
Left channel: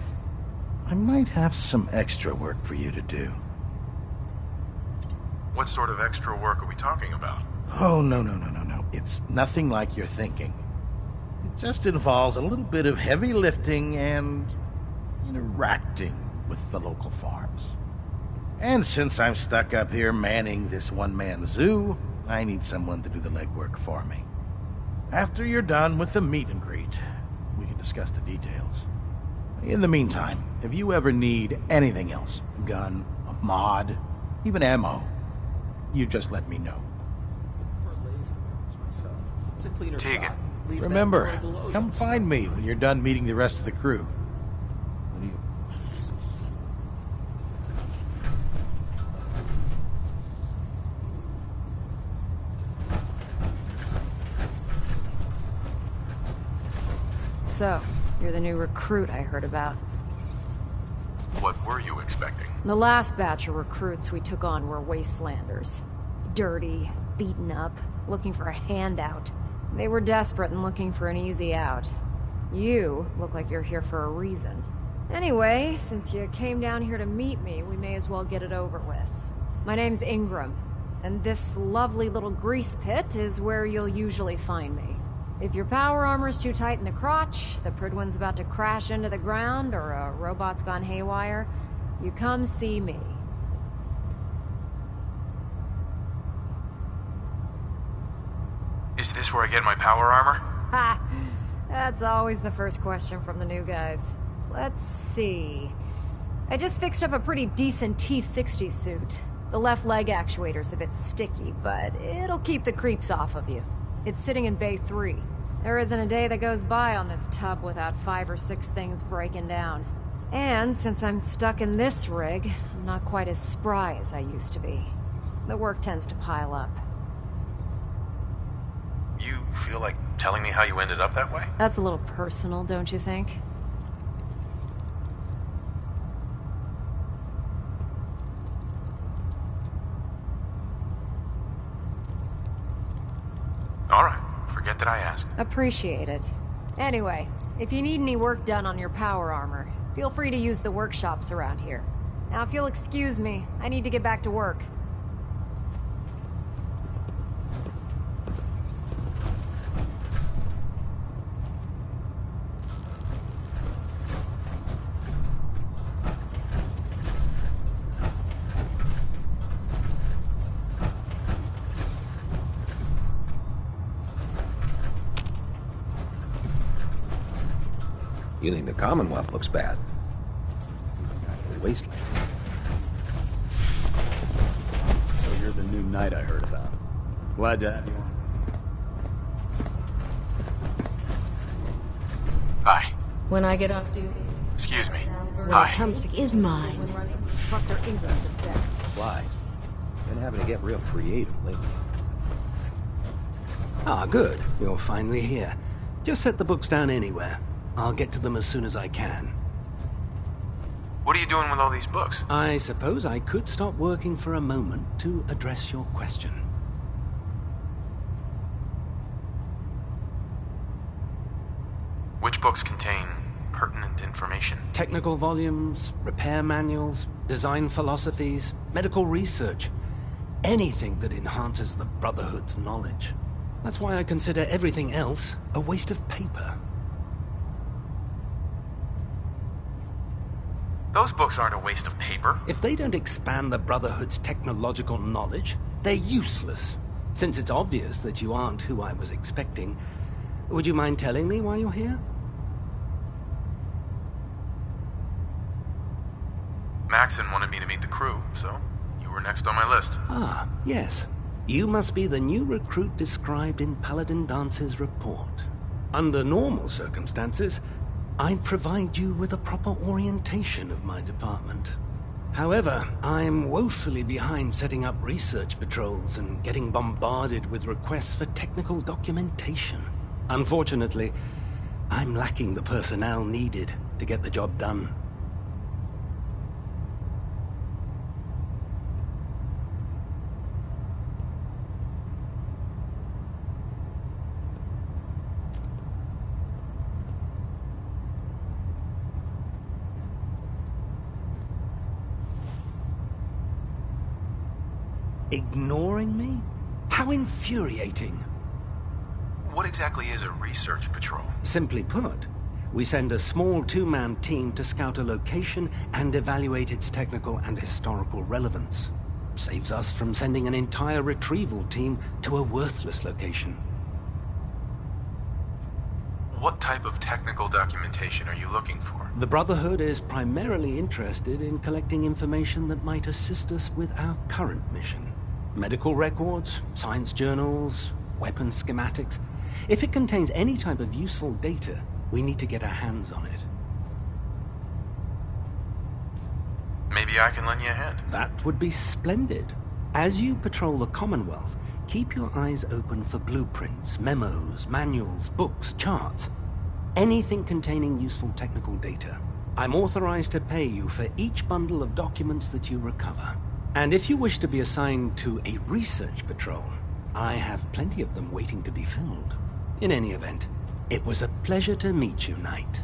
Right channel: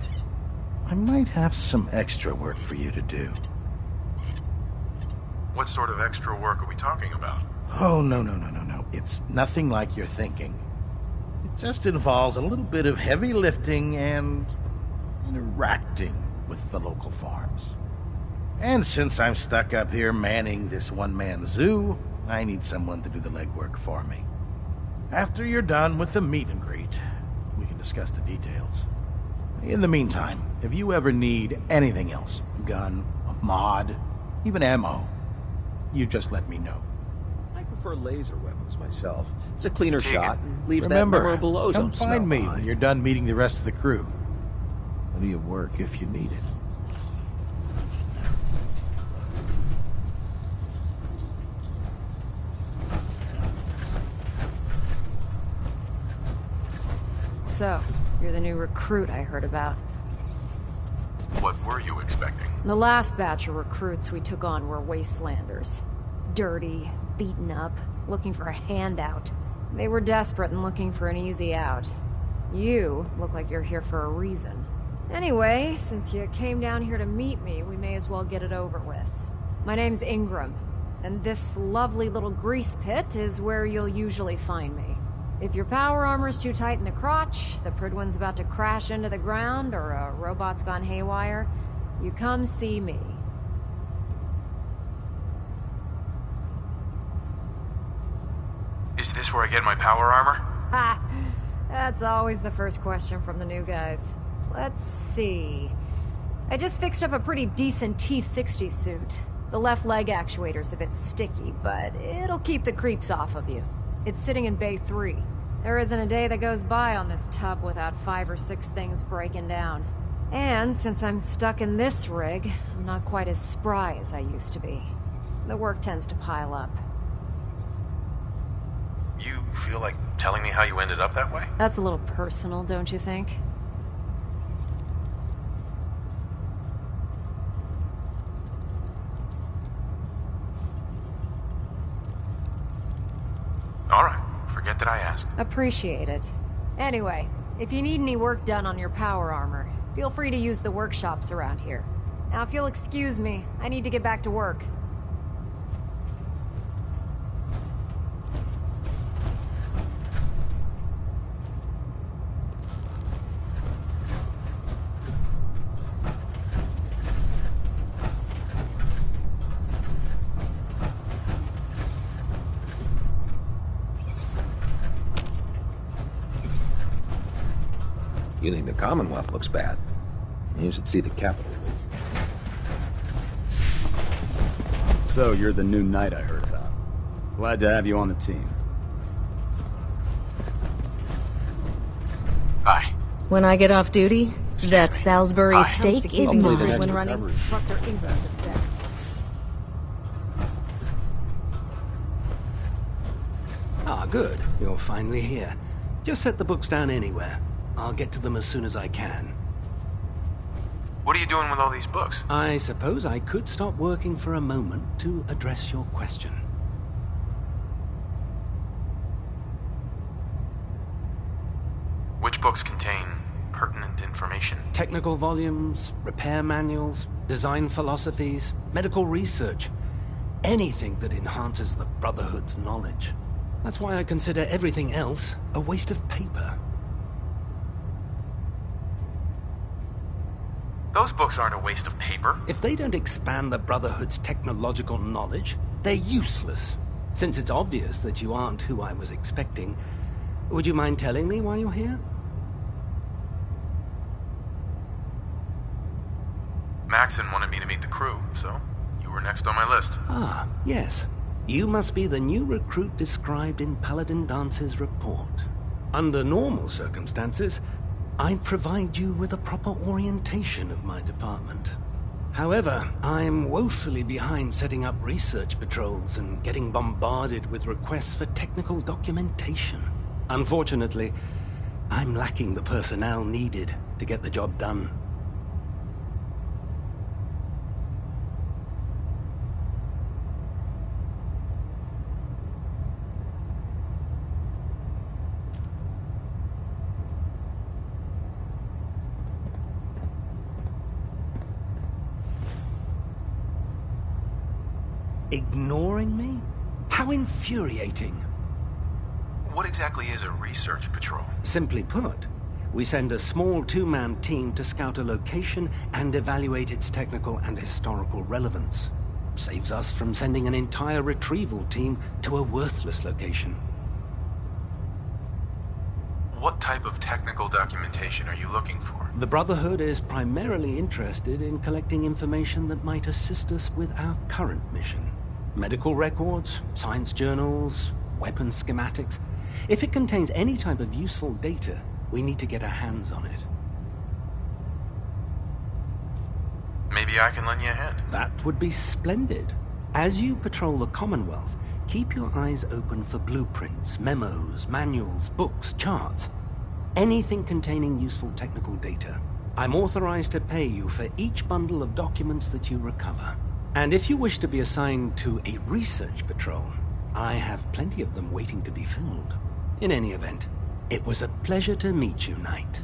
I might have some extra work for you to do. What sort of extra work are we talking about? Oh, no. It's nothing like you're thinking. It just involves a little bit of heavy lifting and interacting with the local farms. And since I'm stuck up here manning this one-man zoo, I need someone to do the legwork for me. After you're done with the meet and greet, we can discuss the details. In the meantime, if you ever need anything else, a gun, a mod, even ammo, you just let me know. I prefer laser weapons myself. It's a cleaner shot and leaves Remember, that memorable ozone come find smell me when you're done meeting the rest of the crew. Plenty of work if you need it. So, you're the new recruit I heard about. What were you expecting? The last batch of recruits we took on were wastelanders. Dirty, beaten up, looking for a handout. They were desperate and looking for an easy out. You look like you're here for a reason. Anyway, since you came down here to meet me, we may as well get it over with. My name's Ingram, and this lovely little grease pit is where you'll usually find me. If your power armor's too tight in the crotch, the Pridwin's about to crash into the ground, or a robot's gone haywire, you come see me. Is this where I get my power armor? Ha! That's always the first question from the new guys. Let's see. I just fixed up a pretty decent T-60 suit. The left leg actuator's a bit sticky, but it'll keep the creeps off of you. It's sitting in Bay 3. There isn't a day that goes by on this tub without 5 or 6 things breaking down. And since I'm stuck in this rig, I'm not quite as spry as I used to be. The work tends to pile up. You feel like telling me how you ended up that way? That's a little personal, don't you think? Alright, forget that I asked. Appreciate it. Anyway, if you need any work done on your power armor, feel free to use the workshops around here. Now, if you'll excuse me, I need to get back to work. You think the Commonwealth looks bad? You should see the Capitol wasteland. So, you're the new knight I heard about. Glad to have you on the team. Hi. When I get off duty, that Salisbury steak is mine. When running, instructor English is best. Been having to get real creative lately. Ah, good. You're finally here. Just set the books down anywhere. I'll get to them as soon as I can. What are you doing with all these books? I suppose I could stop working for a moment to address your question. Which books contain pertinent information? Technical volumes, repair manuals, design philosophies, medical research. Anything that enhances the Brotherhood's knowledge. That's why I consider everything else a waste of paper. Those books aren't a waste of paper. If they don't expand the Brotherhood's technological knowledge, they're useless. Since it's obvious that you aren't who I was expecting, would you mind telling me why you're here? Maxon wanted me to meet the crew, so you were next on my list. Ah, yes. You must be the new recruit described in Paladin Dance's report. Under normal circumstances, I'd provide you with a proper orientation of my department. However, I'm woefully behind setting up research patrols and getting bombarded with requests for technical documentation. Unfortunately, I'm lacking the personnel needed to get the job done. Ignoring me? How infuriating. What exactly is a research patrol? Simply put, we send a small two-man team to scout a location and evaluate its technical and historical relevance. Saves us from sending an entire retrieval team to a worthless location. What type of technical documentation are you looking for? The Brotherhood is primarily interested in collecting information that might assist us with our current mission. Medical records, science journals, weapon schematics. If it contains any type of useful data, we need to get our hands on it. Maybe I can lend you a hand. That would be splendid. As you patrol the Commonwealth, keep your eyes open for blueprints, memos, manuals, books, charts. Anything containing useful technical data. I'm authorized to pay you for each bundle of documents that you recover. And if you wish to be assigned to a research patrol, I have plenty of them waiting to be filled. In any event, it was a pleasure to meet you, Knight.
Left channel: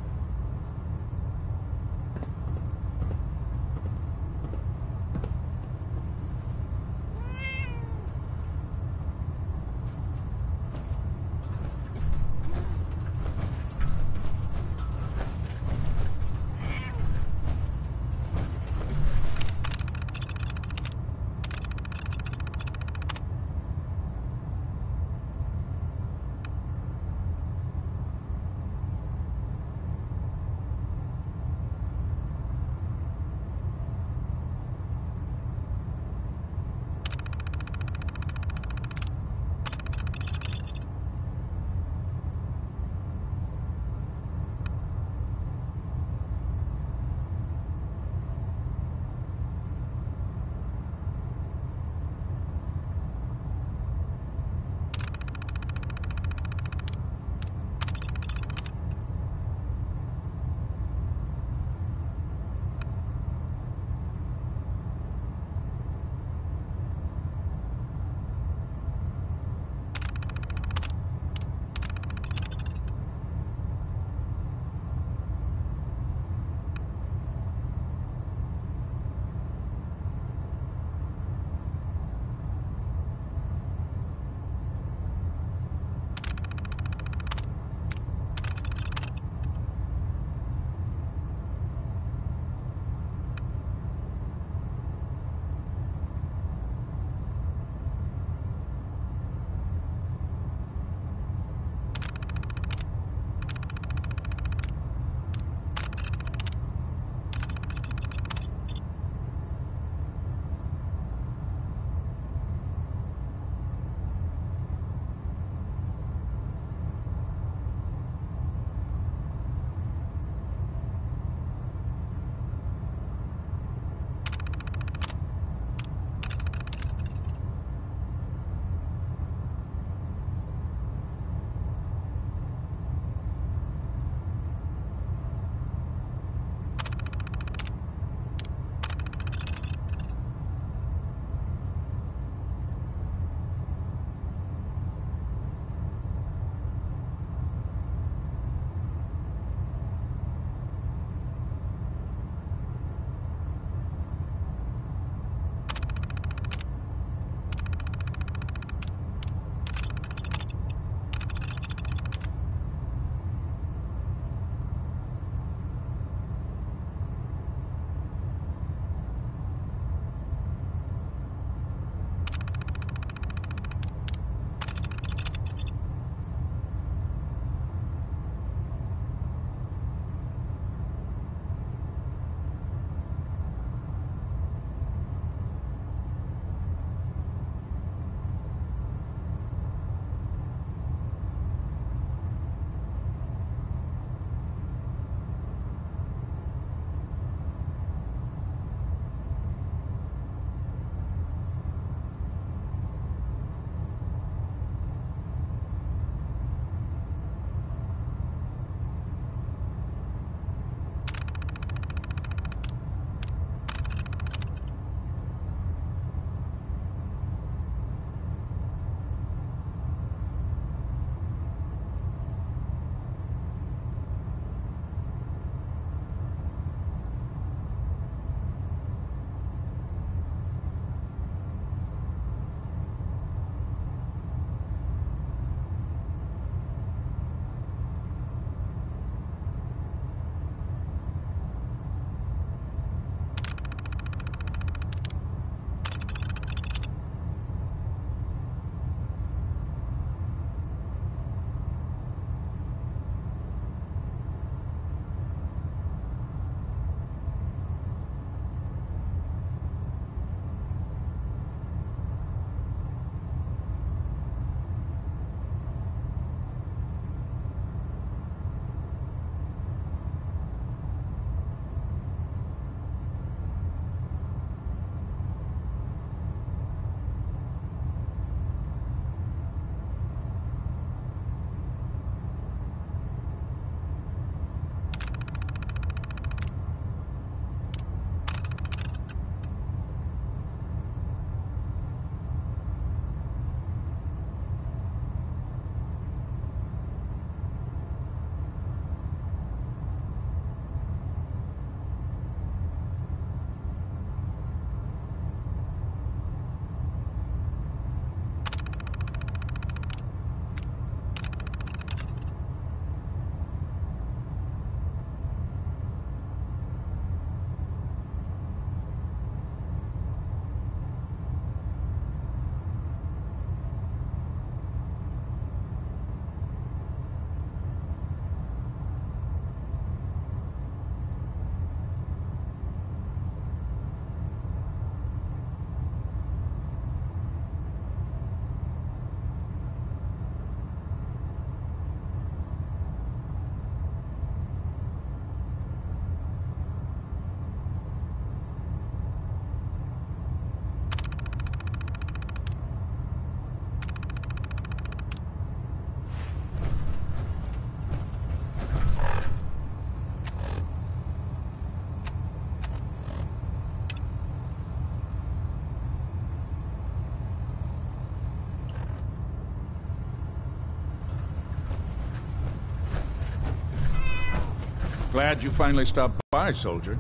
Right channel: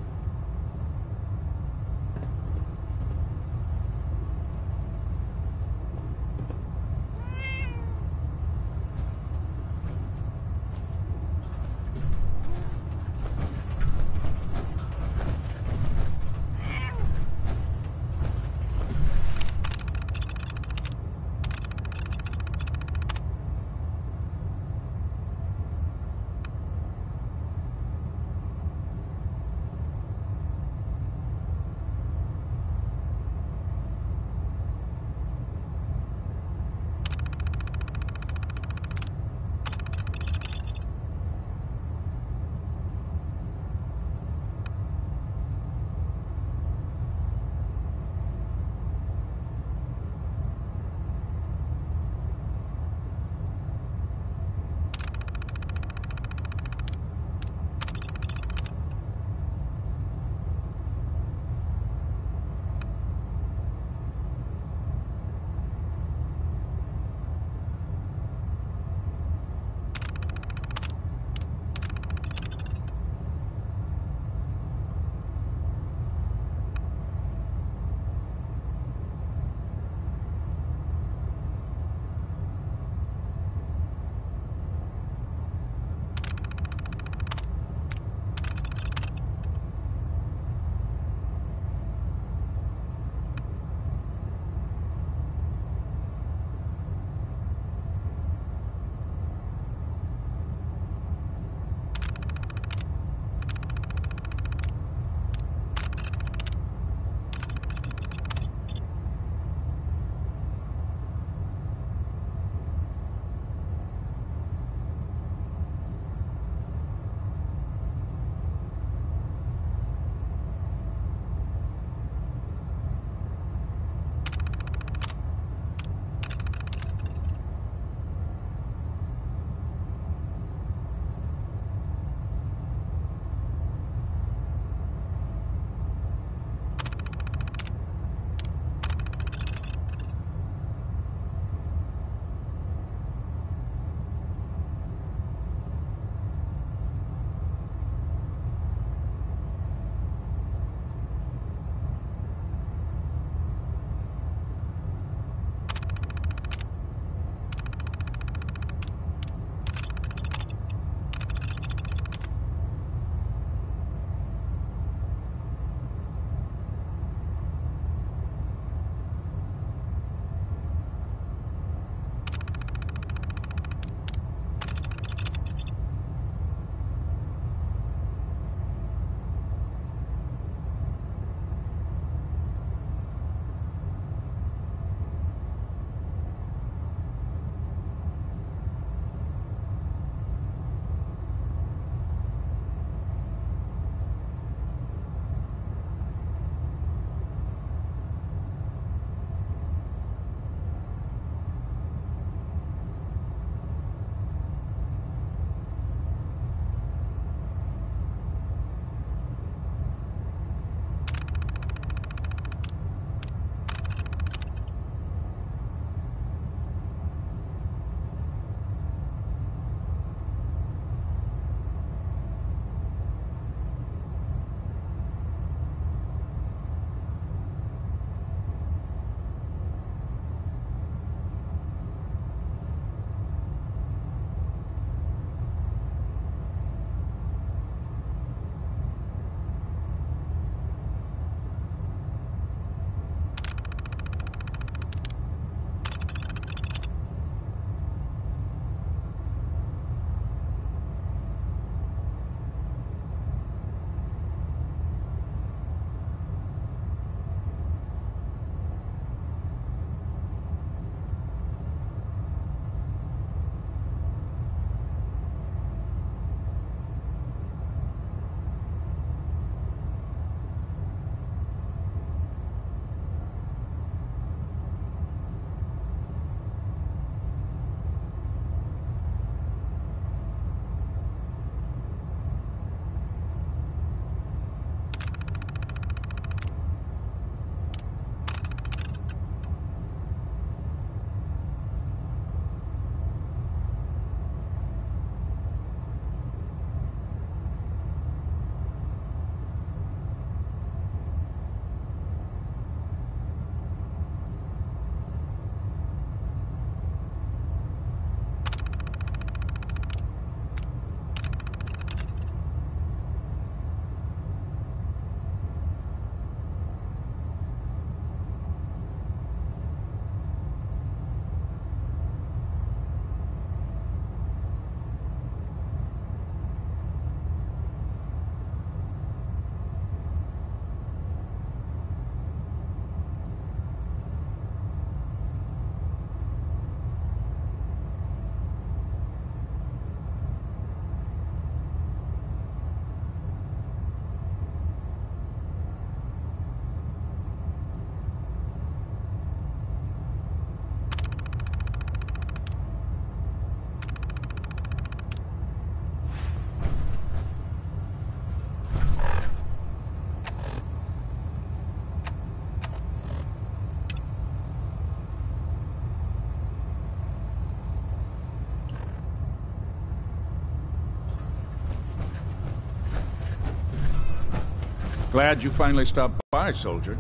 Glad you finally stopped by, soldier.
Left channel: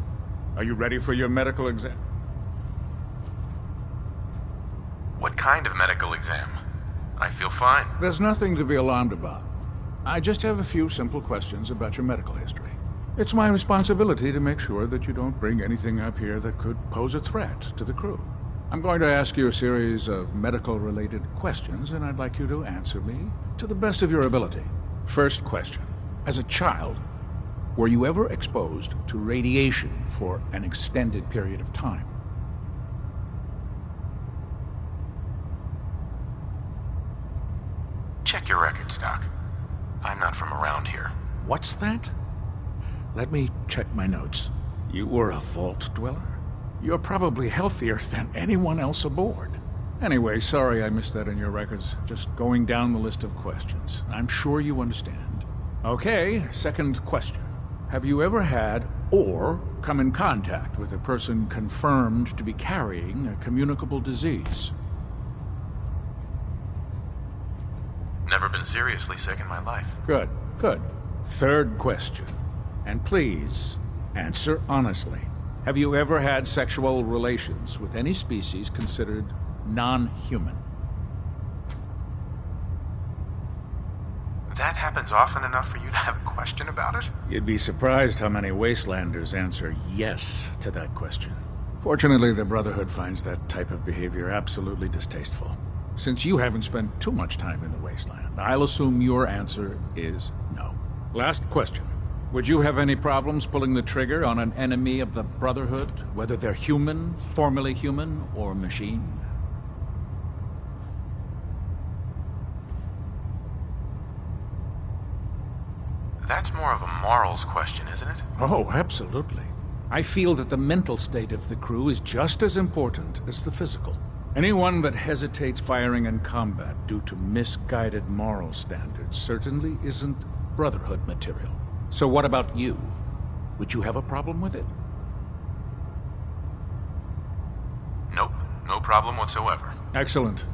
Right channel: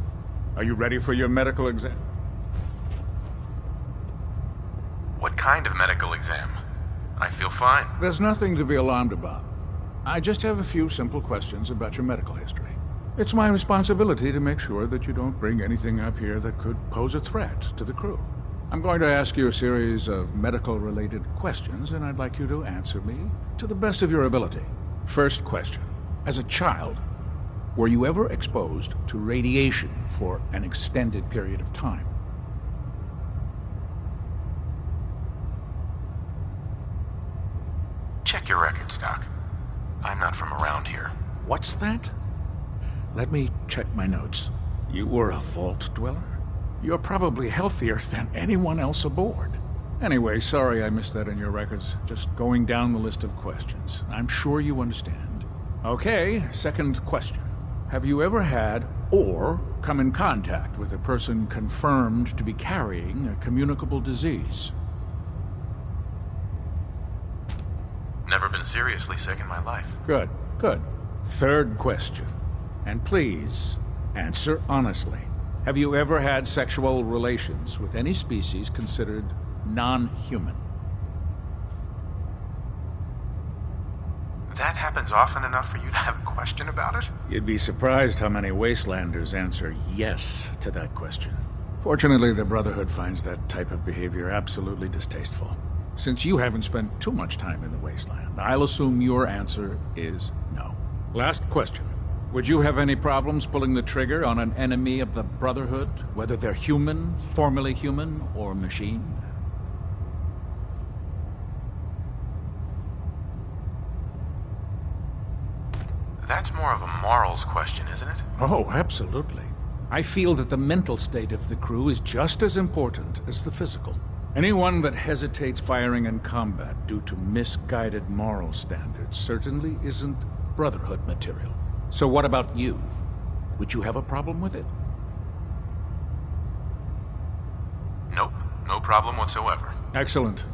Are you ready for your medical exam? What kind of medical exam? I feel fine. There's nothing to be alarmed about. I just have a few simple questions about your medical history. It's my responsibility to make sure that you don't bring anything up here that could pose a threat to the crew. I'm going to ask you a series of medical-related questions, and I'd like you to answer me to the best of your ability. First question. As a child, were you ever exposed to radiation for an extended period of time? Check your records, Doc. I'm not from around here. What's that? Let me check my notes. You were a vault dweller? You're probably healthier than anyone else aboard. Anyway, sorry I missed that in your records. Just going down the list of questions. I'm sure you understand. Okay, second question. Have you ever had or come in contact with a person confirmed to be carrying a communicable disease? Never been seriously sick in my life. Good, good. Third question. And please, answer honestly. Have you ever had sexual relations with any species considered non-human? That happens often enough for you to have a question about it? You'd be surprised how many Wastelanders answer yes to that question. Fortunately, the Brotherhood finds that type of behavior absolutely distasteful. Since you haven't spent too much time in the Wasteland, I'll assume your answer is no. Last question. Would you have any problems pulling the trigger on an enemy of the Brotherhood, whether they're human, formerly human, or machine? That's more of a morals question, isn't it? Oh, absolutely. I feel that the mental state of the crew is just as important as the physical. Anyone that hesitates firing in combat due to misguided moral standards certainly isn't Brotherhood material. So what about you? Would you have a problem with it? Nope, no problem whatsoever. Excellent.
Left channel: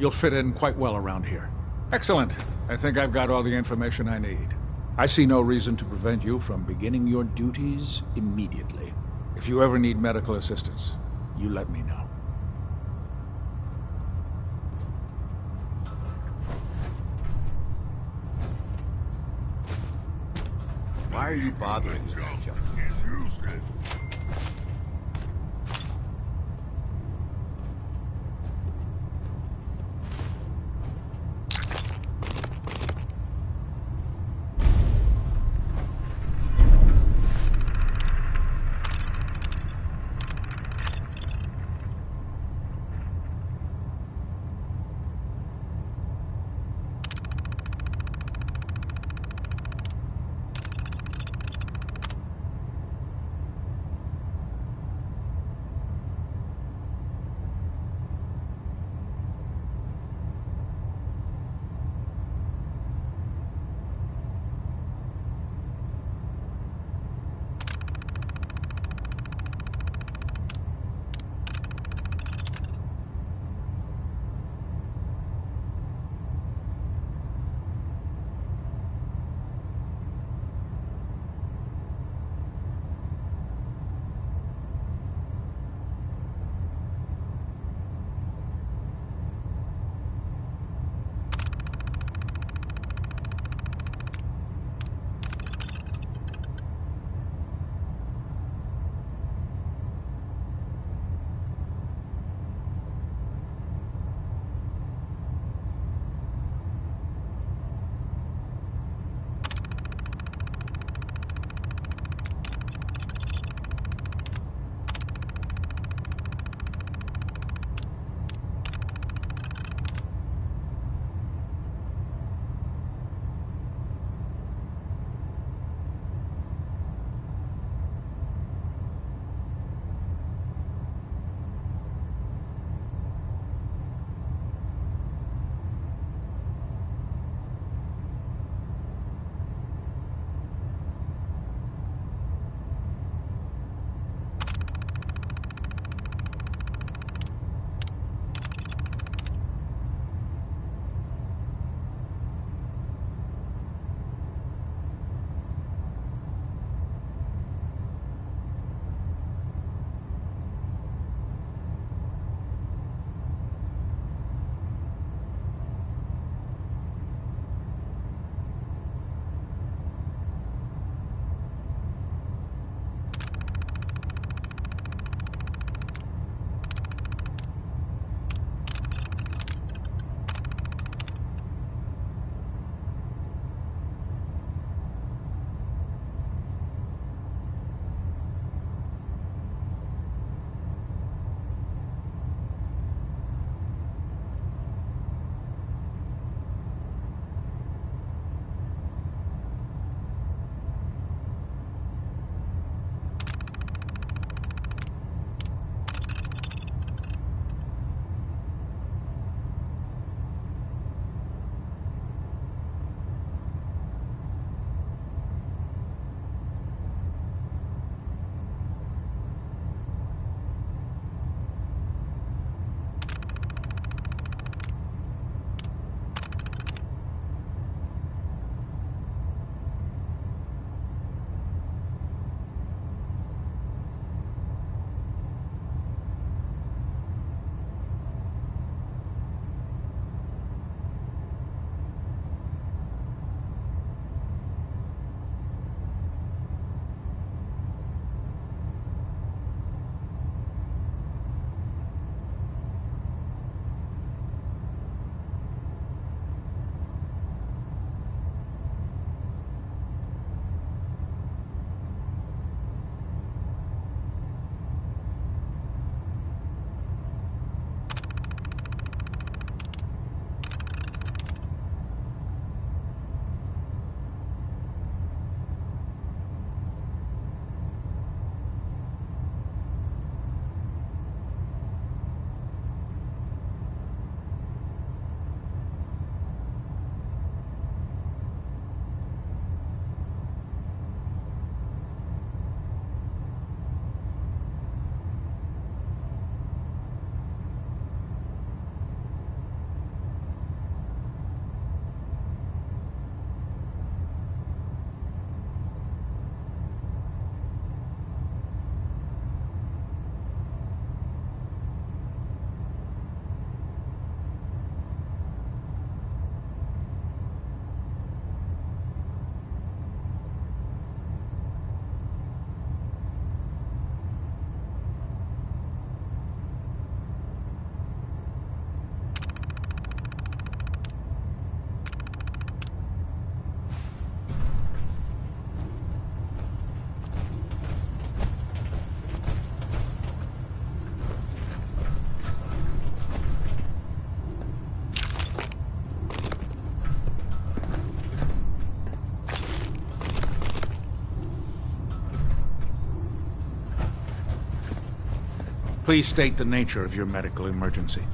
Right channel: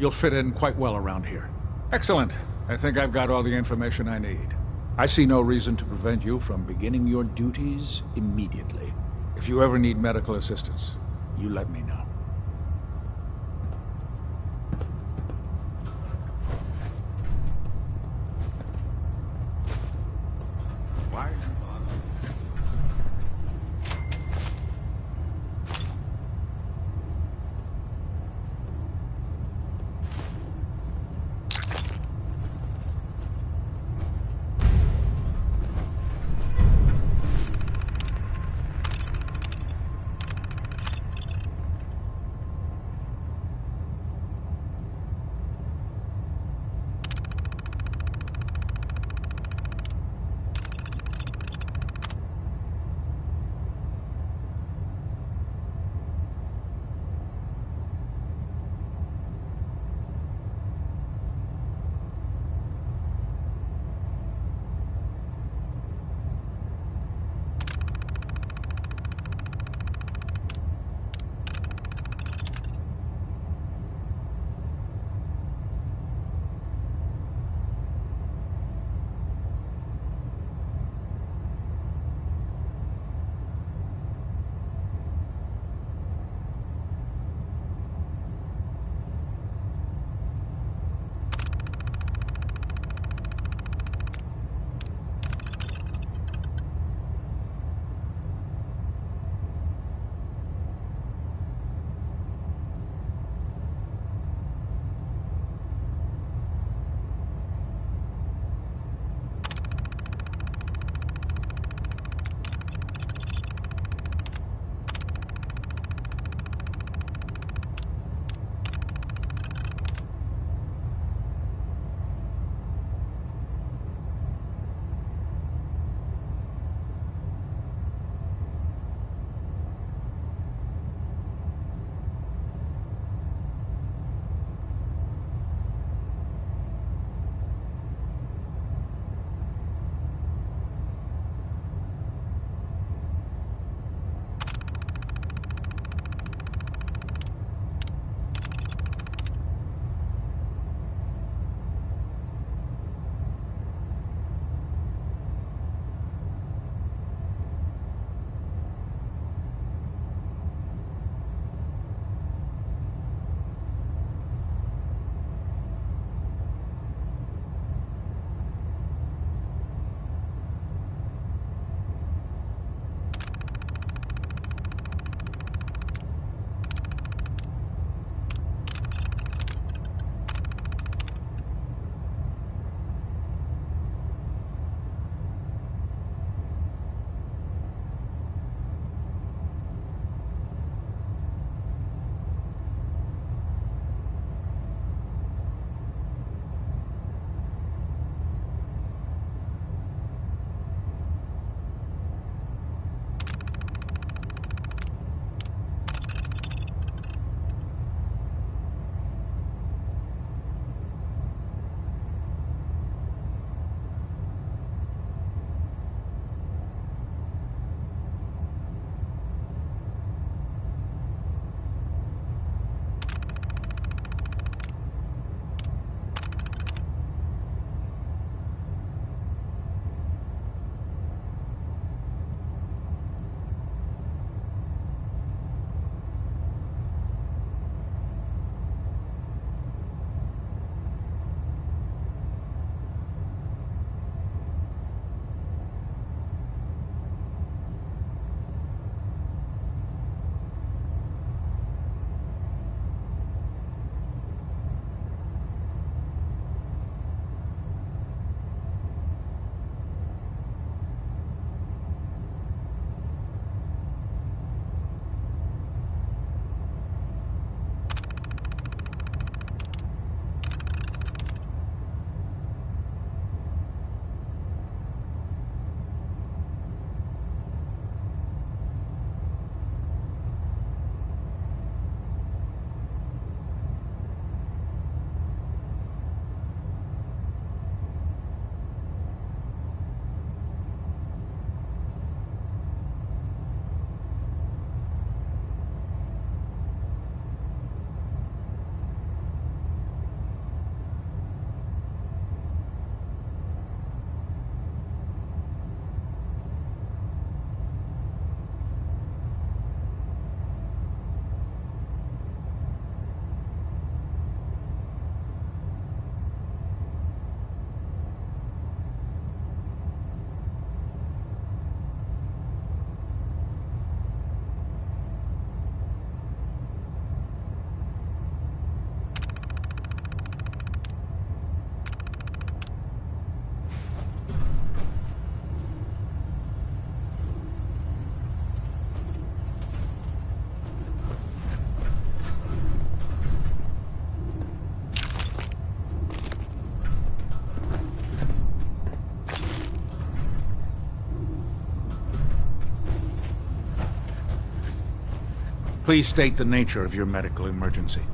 You'll fit in quite well around here. Excellent. I think I've got all the information I need. I see no reason to prevent you from beginning your duties immediately. If you ever need medical assistance, you let me know. Why are you bothering me? Please state the nature of your medical emergency.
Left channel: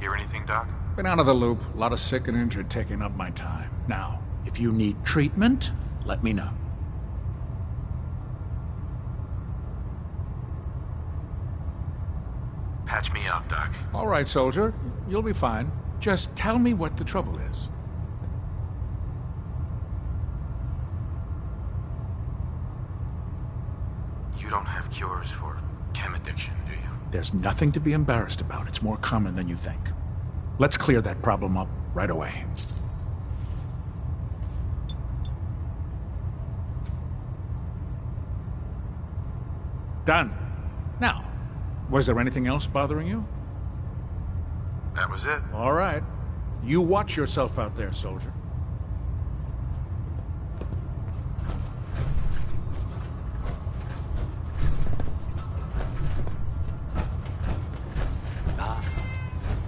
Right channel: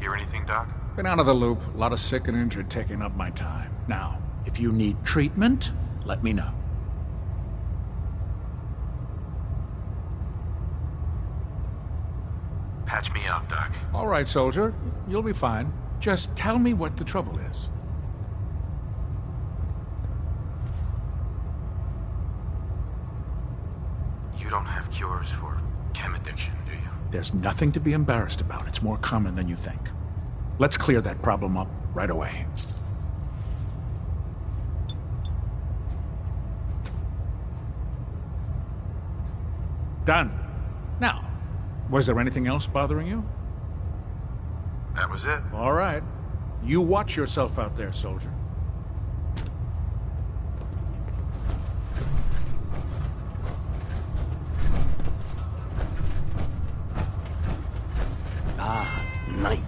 Hear anything, Doc? Been out of the loop. A lot of sick and injured taking up my time. Now, if you need treatment, let me know. Patch me up, Doc. All right, soldier. You'll be fine. Just tell me what the trouble is. You don't have cures for chem addiction, do you? There's nothing to be embarrassed about. It's more common than you think. Let's clear that problem up right away. Done. Now, was there anything else bothering you? That was it. All right. You watch yourself out there, soldier. Knight.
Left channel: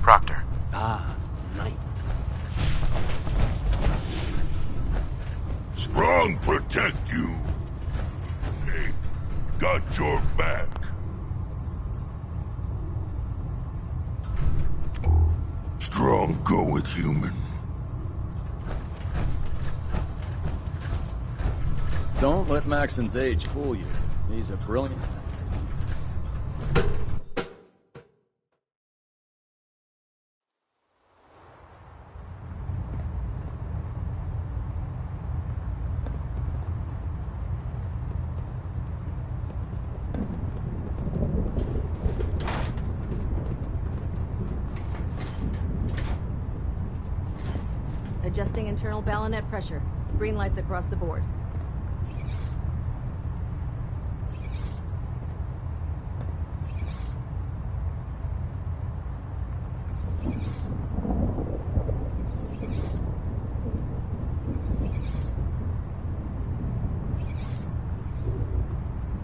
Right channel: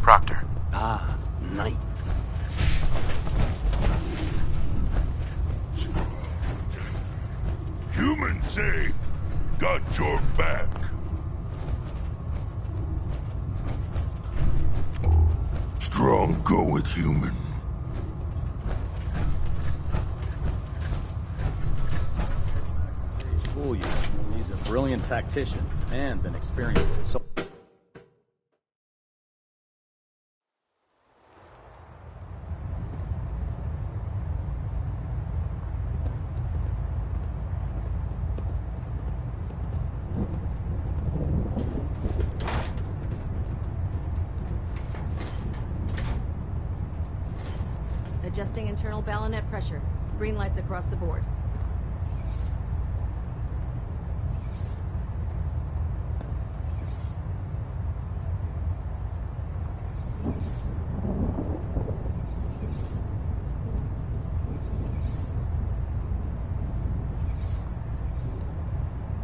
Proctor. Knight. Strong protect you. Humans say, got your back. Strong go with human. Don't let Maxon's age fool you. He's a brilliant tactician and an experienced soldier. Adjusting internal bayonet pressure. Green lights across the board.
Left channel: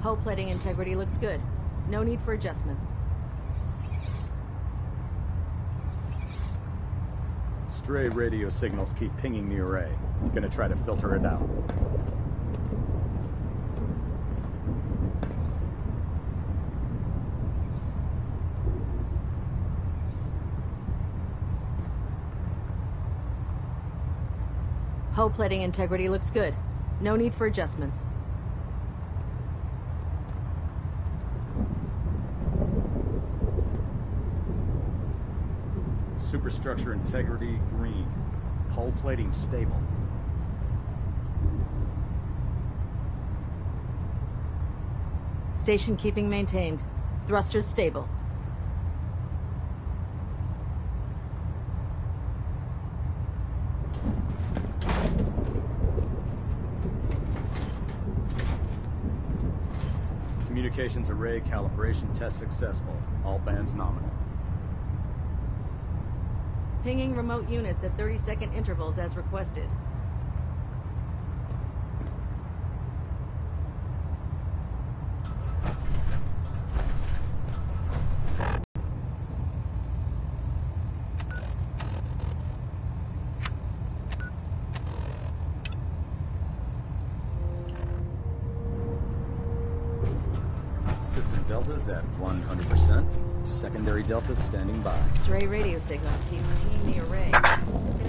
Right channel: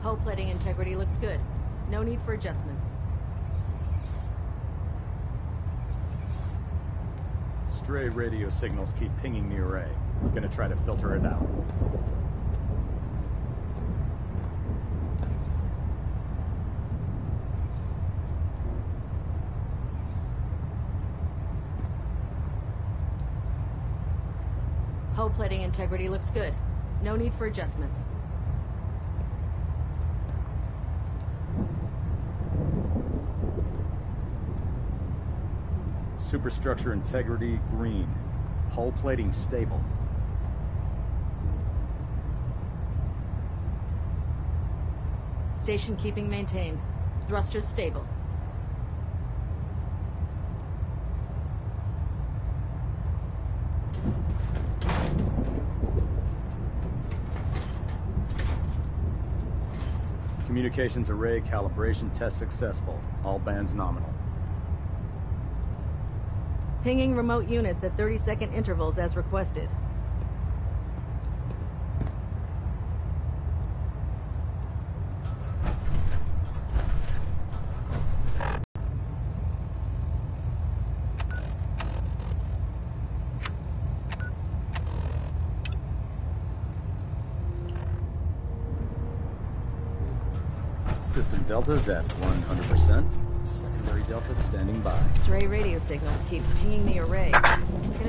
Hull plating integrity looks good. No need for adjustments. Stray radio signals keep pinging the array. I'm gonna try to filter it out. Hull plating integrity looks good. No need for adjustments. Superstructure integrity green. Hull plating stable. Station keeping maintained. Thrusters stable. Communications array calibration test successful. All bands nominal. Pinging remote units at 30-second intervals as requested. System deltas at 100%. Secondary deltas standing by. Stray radio signals keep pinging the array.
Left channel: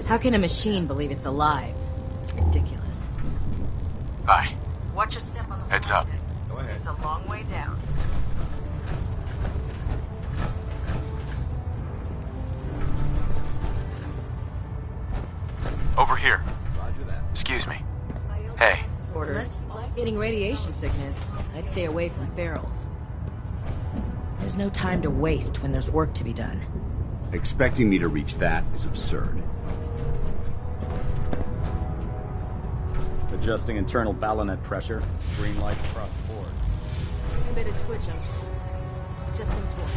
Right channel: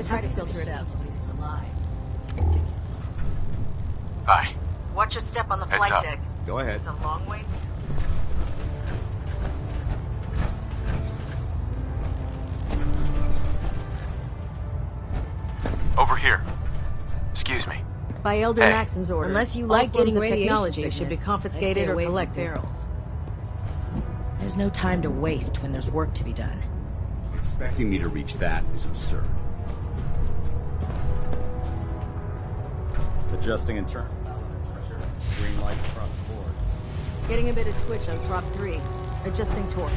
How can a machine believe it's alive? It's ridiculous. Hi. Watch your step on the Heads flight up. deck. Go ahead. It's a long way down. Over here. Excuse me. By Elder Hey. Maxon's orders, Unless you all like forms getting of radiation technology should be sickness, confiscated I'd stay or away from collected. ferals. There's no time to waste when there's work to be done. Expecting me to reach that is absurd. Adjusting internal bayonet pressure. Green lights across the board. Getting a bit of twitch on prop 3. Adjusting torque.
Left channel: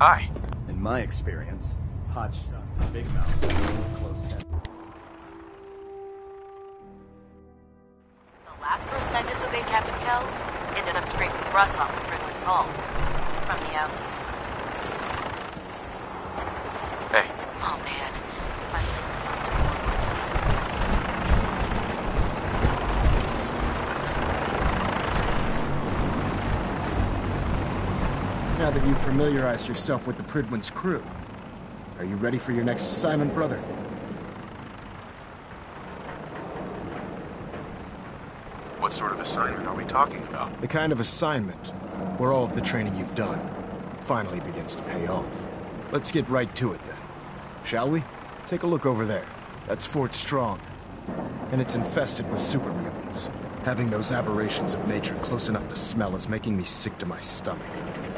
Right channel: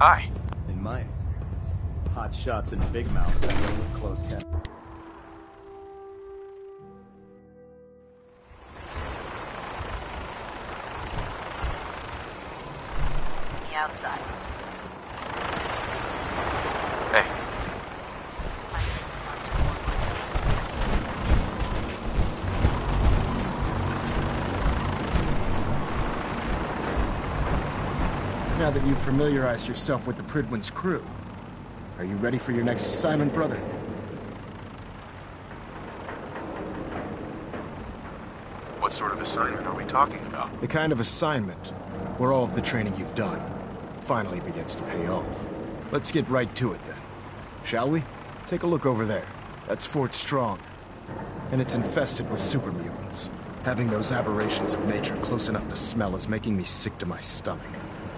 Hi. In my experience, hot shots and big mouths are with close cat. The last person I disobeyed Captain Kells ended up scraping rust off the Prince's hull. From the outside. Hey. Oh man. Finally, we must have one more time. Now that you've familiarized yourself with the Pridwin's crew, are you ready for your next assignment, brother? What sort of assignment are we talking about? The kind of assignment where all of the training you've done finally begins to pay off. Let's get right to it then. Shall we? Take a look over there. That's Fort Strong. And it's infested with super mutants. Having those aberrations of nature close enough to smell is making me sick to my stomach.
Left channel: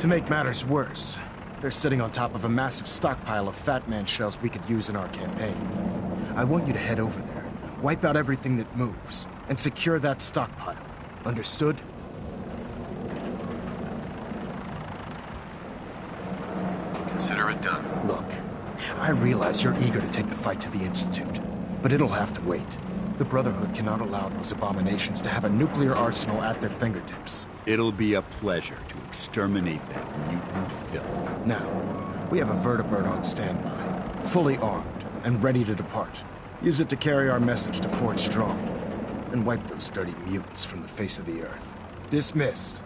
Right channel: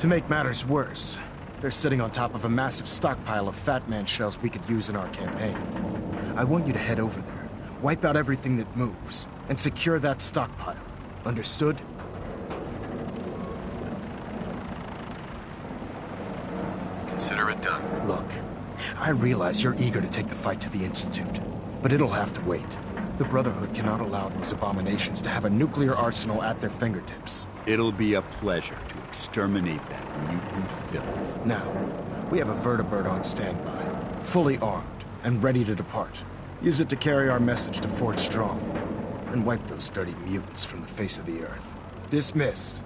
To make matters worse, they're sitting on top of a massive stockpile of Fat Man shells we could use in our campaign. I want you to head over there, wipe out everything that moves, and secure that stockpile. Understood? Consider it done. Look, I realize you're eager to take the fight to the Institute, but it'll have to wait. The Brotherhood cannot allow those abominations to have a nuclear arsenal at their fingertips. It'll be a pleasure to exterminate that mutant filth. Now, we have a vertibird on standby, fully armed and ready to depart. Use it to carry our message to Fort Strong, and wipe those dirty mutants from the face of the earth. Dismissed.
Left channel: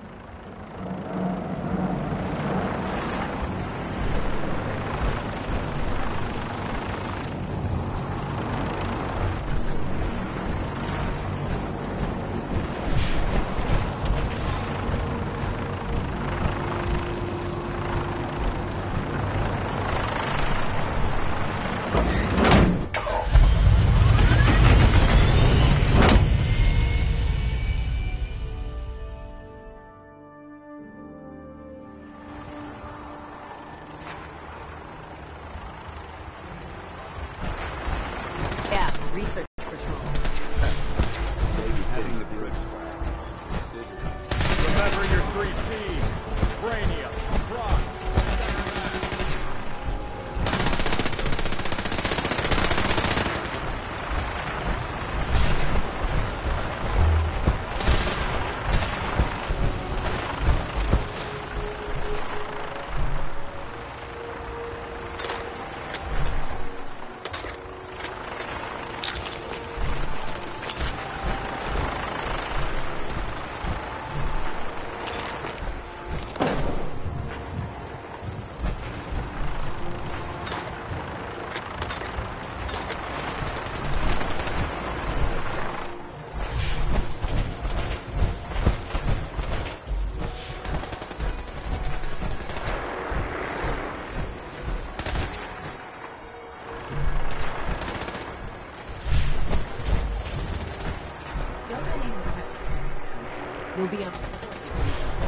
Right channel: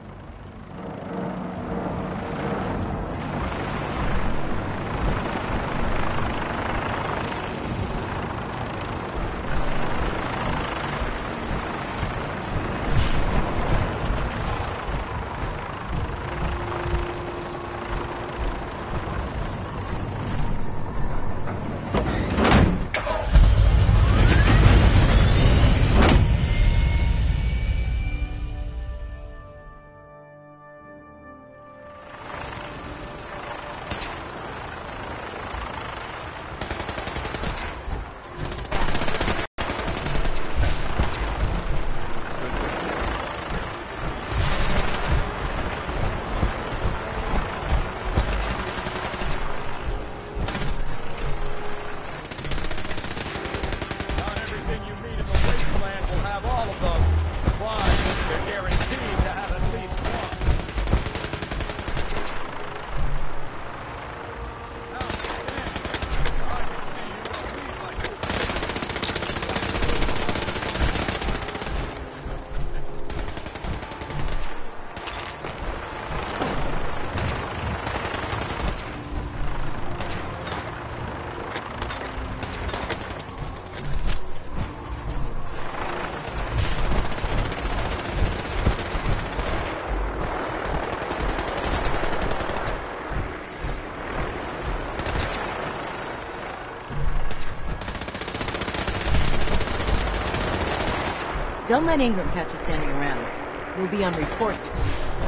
Don't let Ingram catch you standing around. You'll be on report before you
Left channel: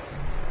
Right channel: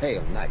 Hail, Knight.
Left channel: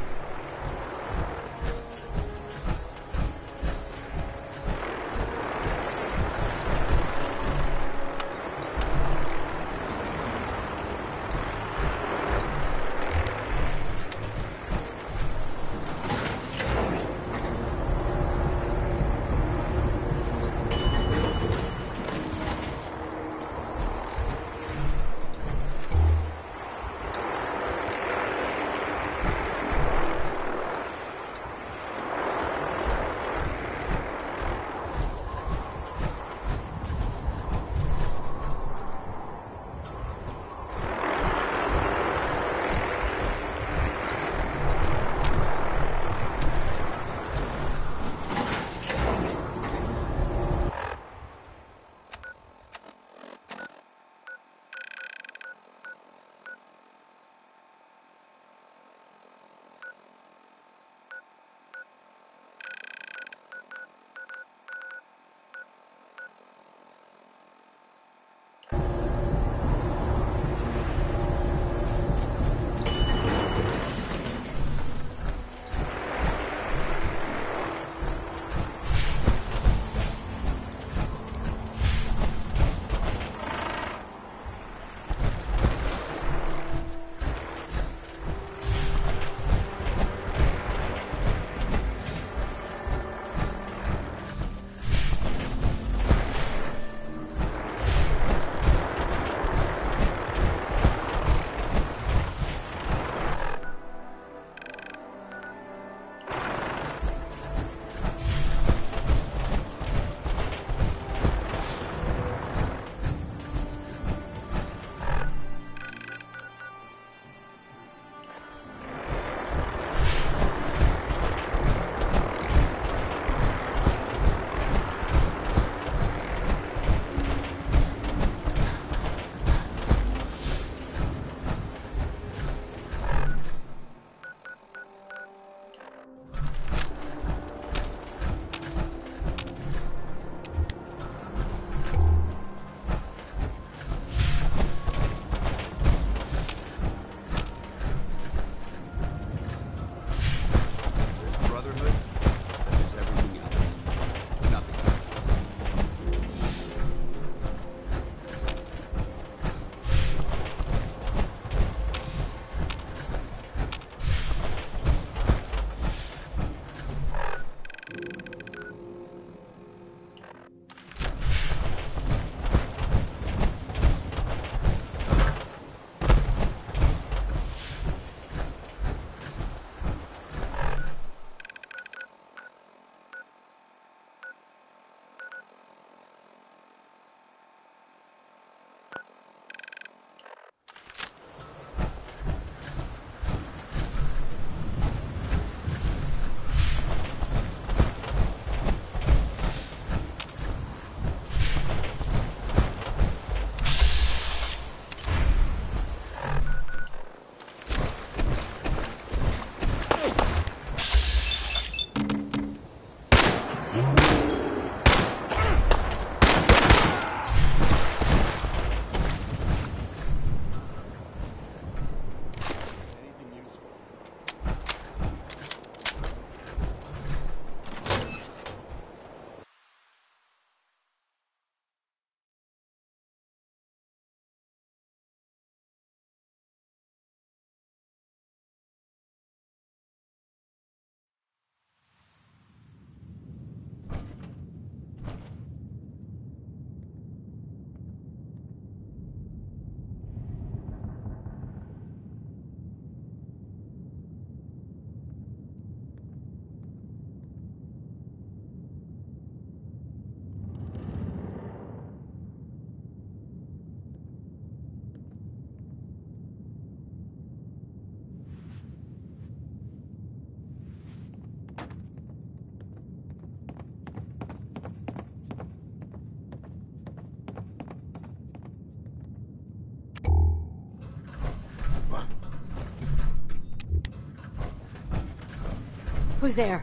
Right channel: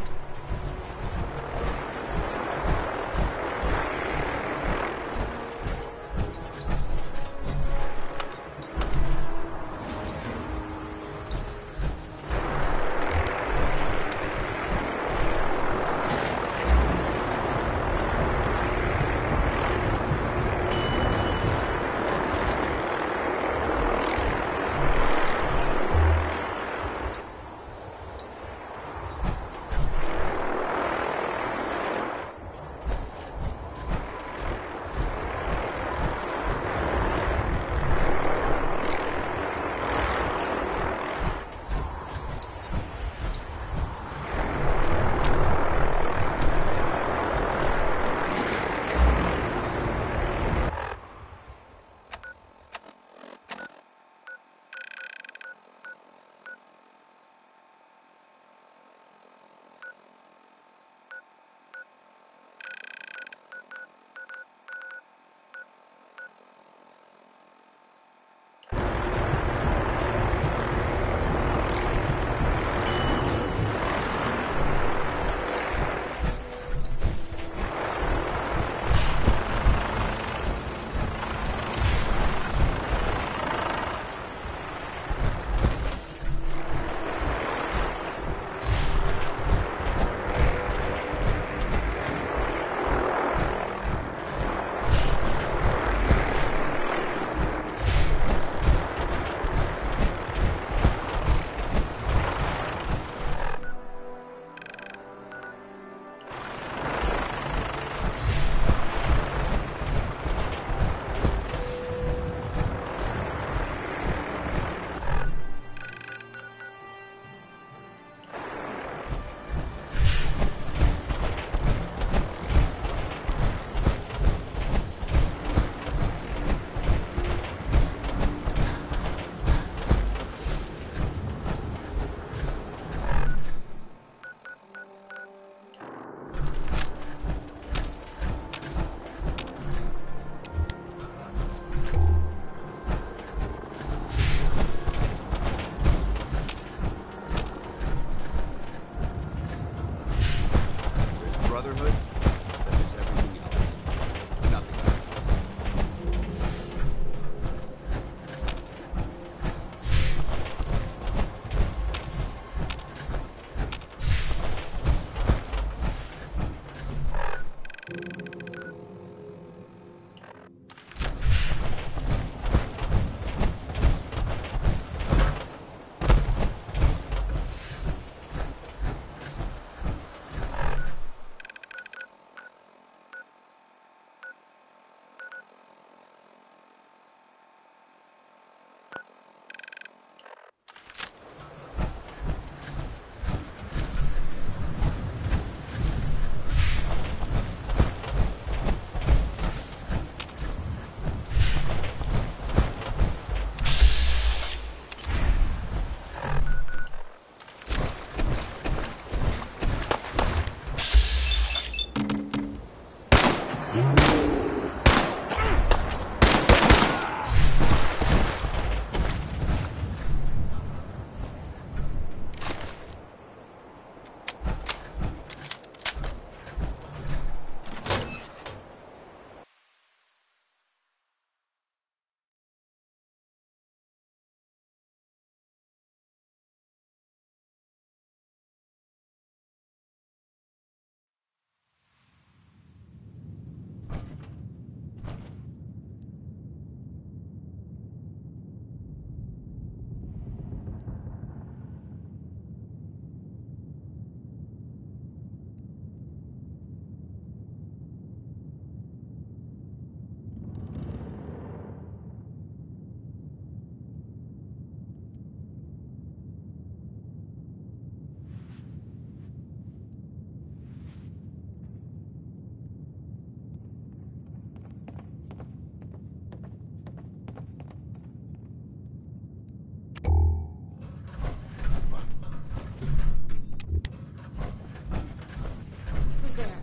was there?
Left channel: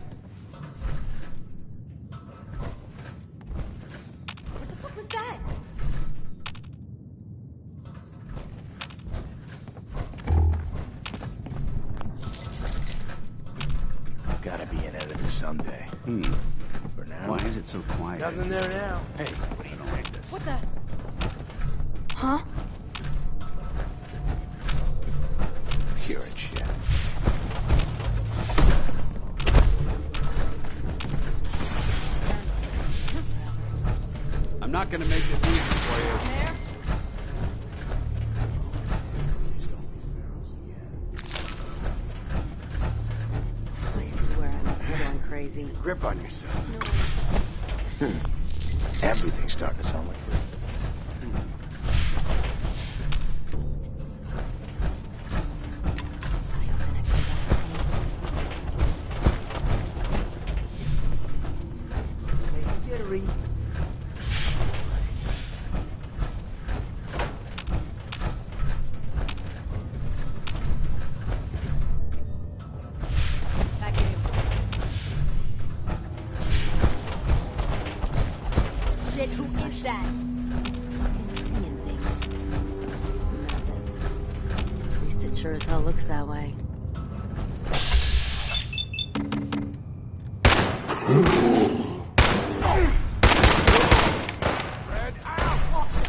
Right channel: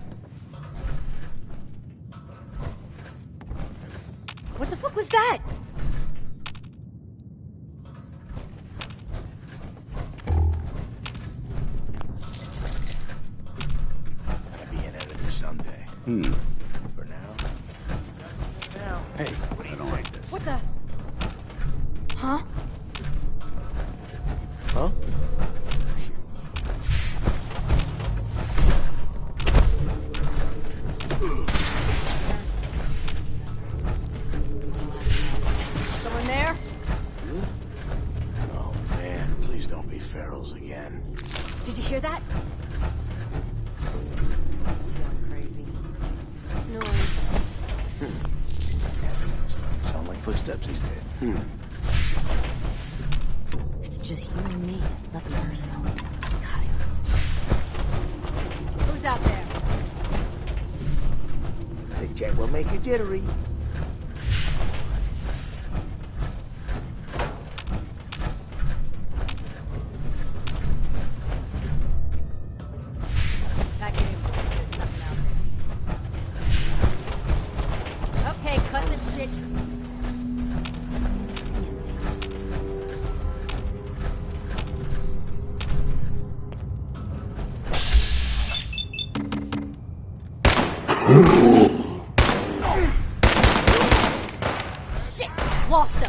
What the fuck was that? Gotta be an editor someday. For now. Why is it so quiet? Nothing there now. Hey, I don't like this. What the? Huh? Huh? Pure shit. I'm not gonna make this easy for you. In there? Oh man, please don't be ferals again. Did you hear that? I swear I must be going crazy. Grip on yourself. Noise. Everything's starting to sound like footsteps these days. It's just you and me. Nothing personal. God, I hope that never happens. Who's out there? The jet will make you jittery. Back in. Okay, cut the shit. Who is that? I'm seeing things. At least it sure as hell looks that way. Shit! Lost him!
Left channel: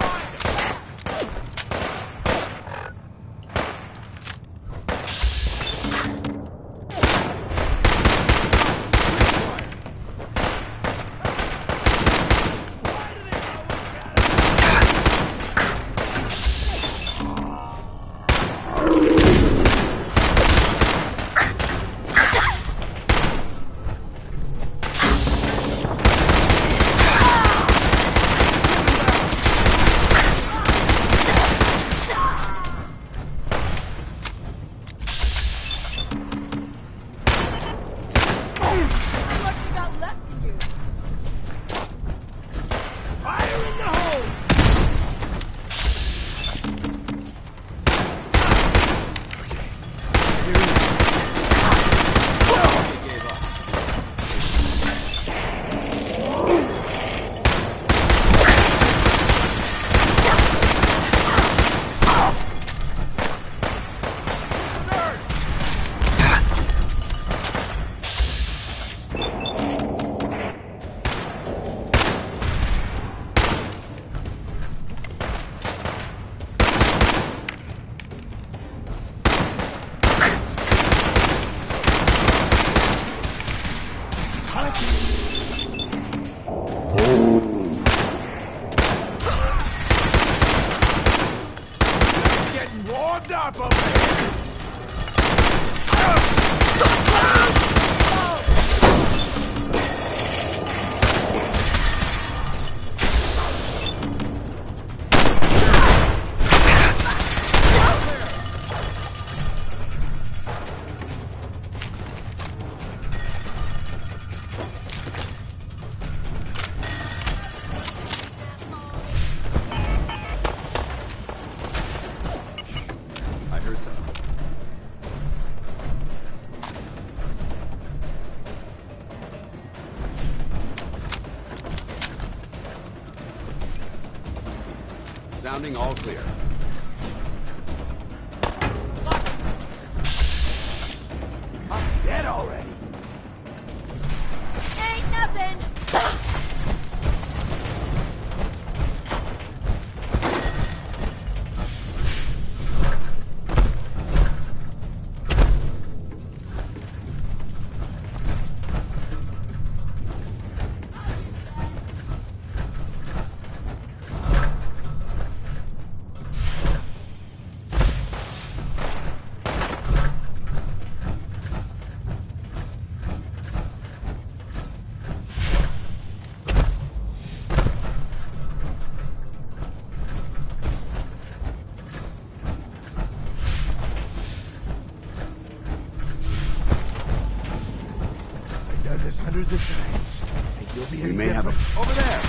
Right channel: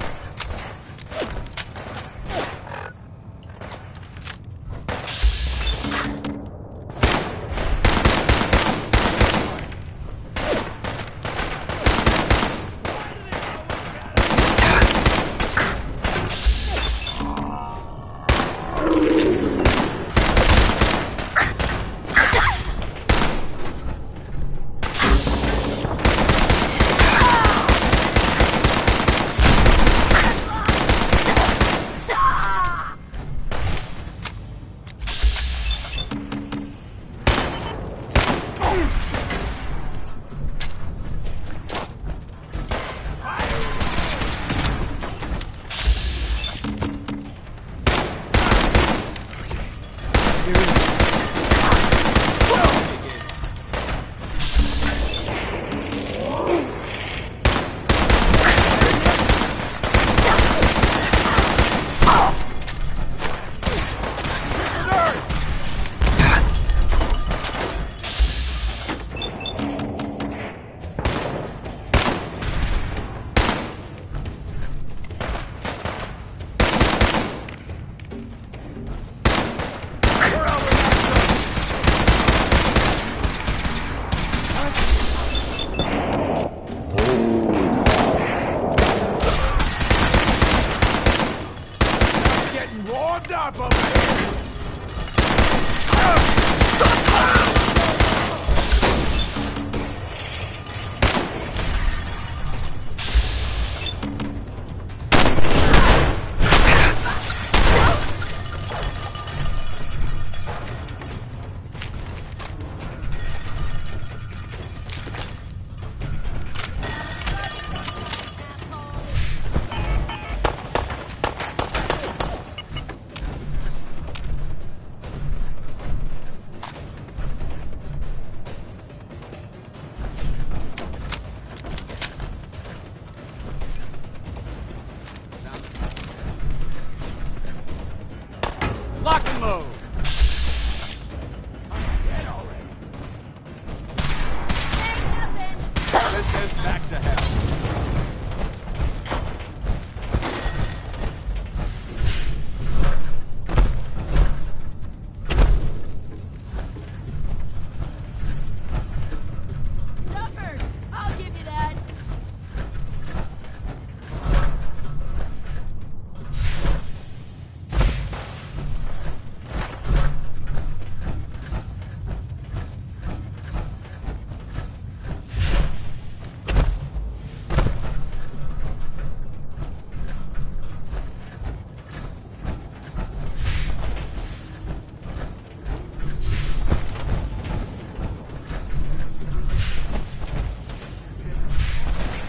Getting warmed up over here. Sounding all clear. Lock and load. I'm dead already. Ain't nothing! There's Max ahead. Tucker, I'll give you that. I've done this hundreds of times. You'll be We any may have different. Over there.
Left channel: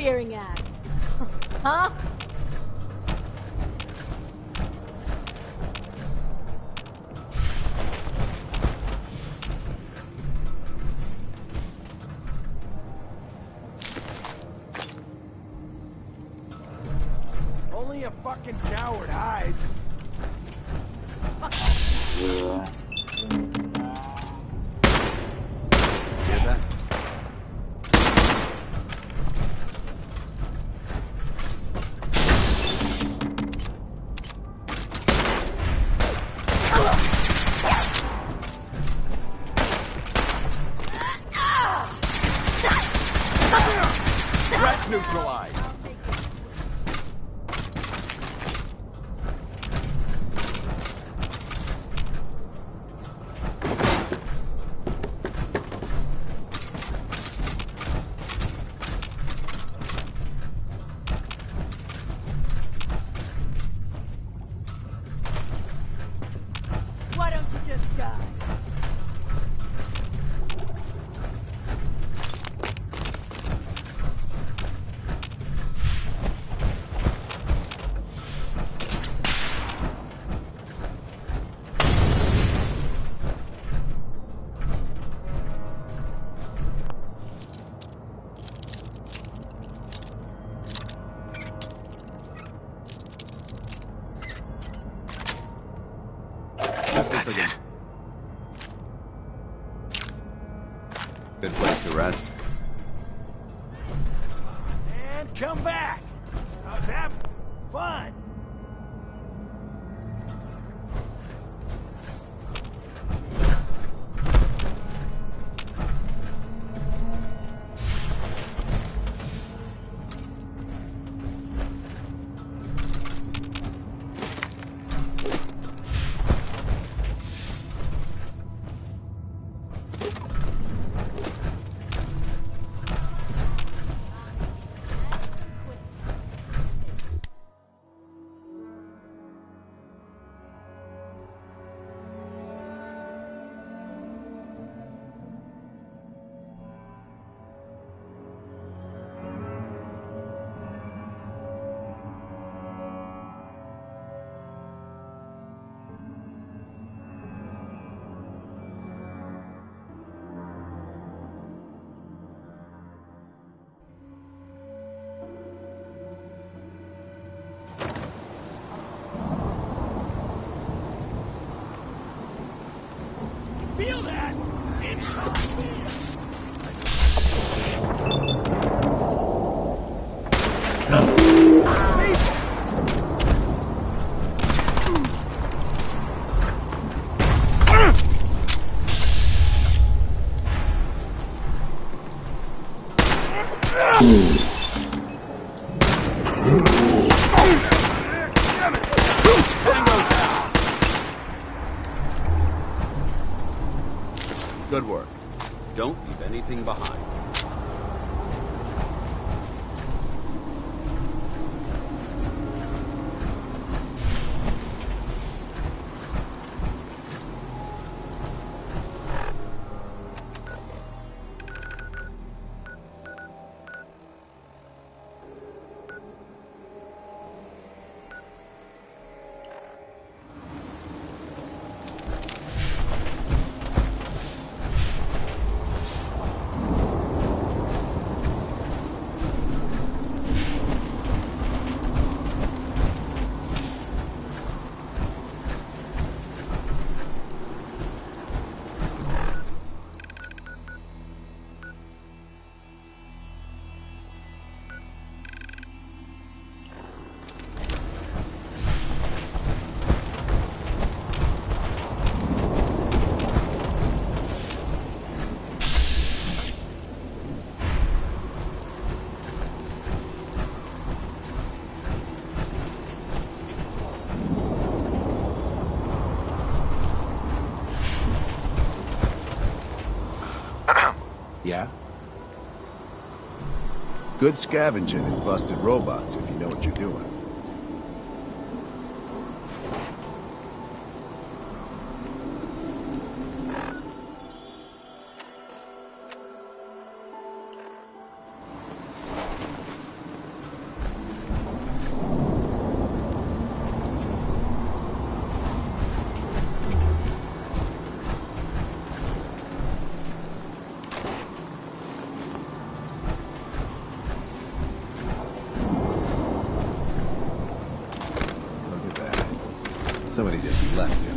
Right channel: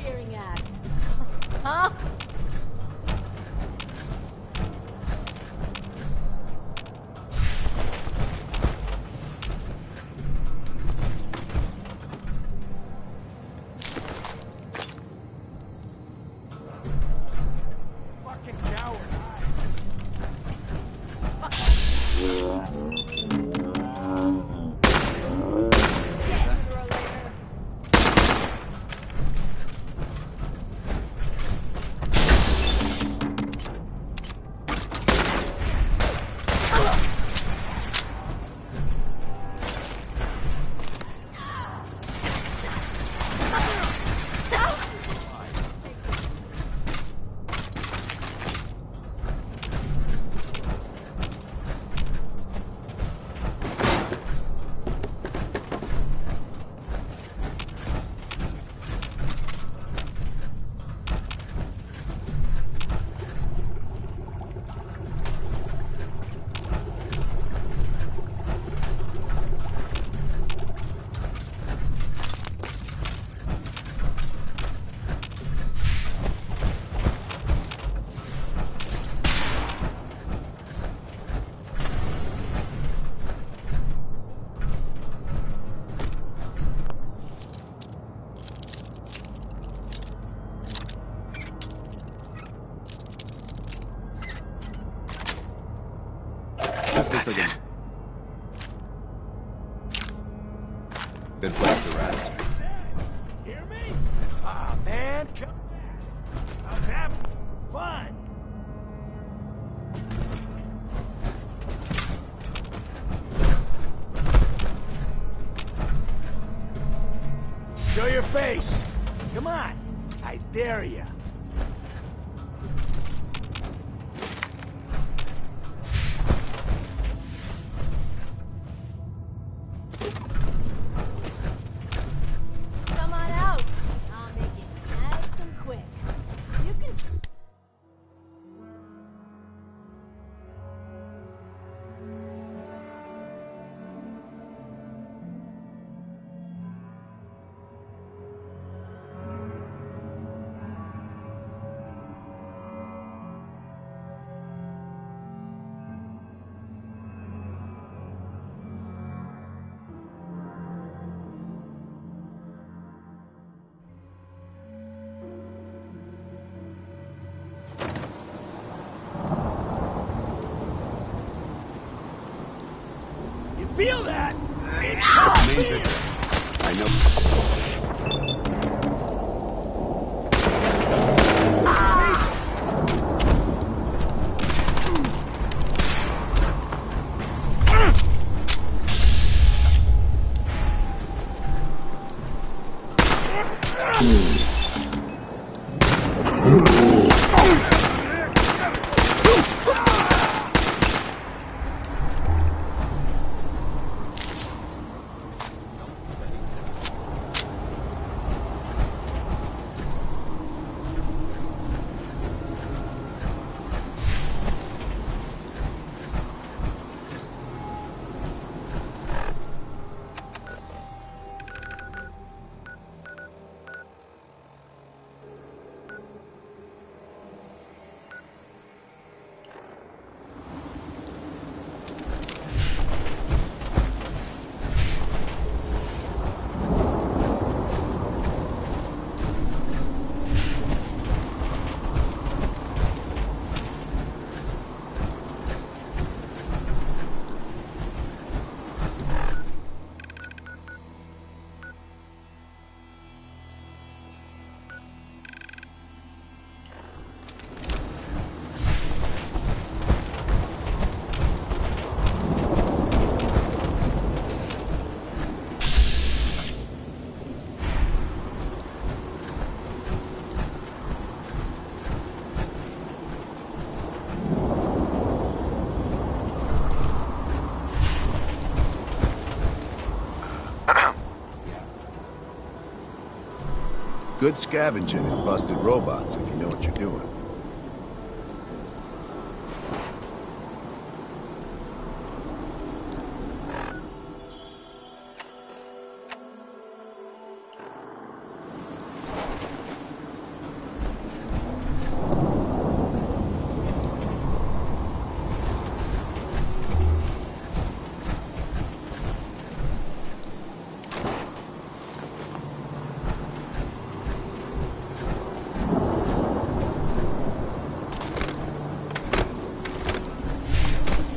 interfering act. Huh? Only a fucking coward hides. Neutralized. Why don't you just die? That's it. Good place to rest. Ah, man, come back. I was having fun. Show your face. Come on. I dare you. Come on out. I'll make it nice and quick. You can... You feel that? It's fear. I know. Good work. Don't leave anything behind. Yeah? Good scavenging and busted robots if you know what you're doing. Somebody just left.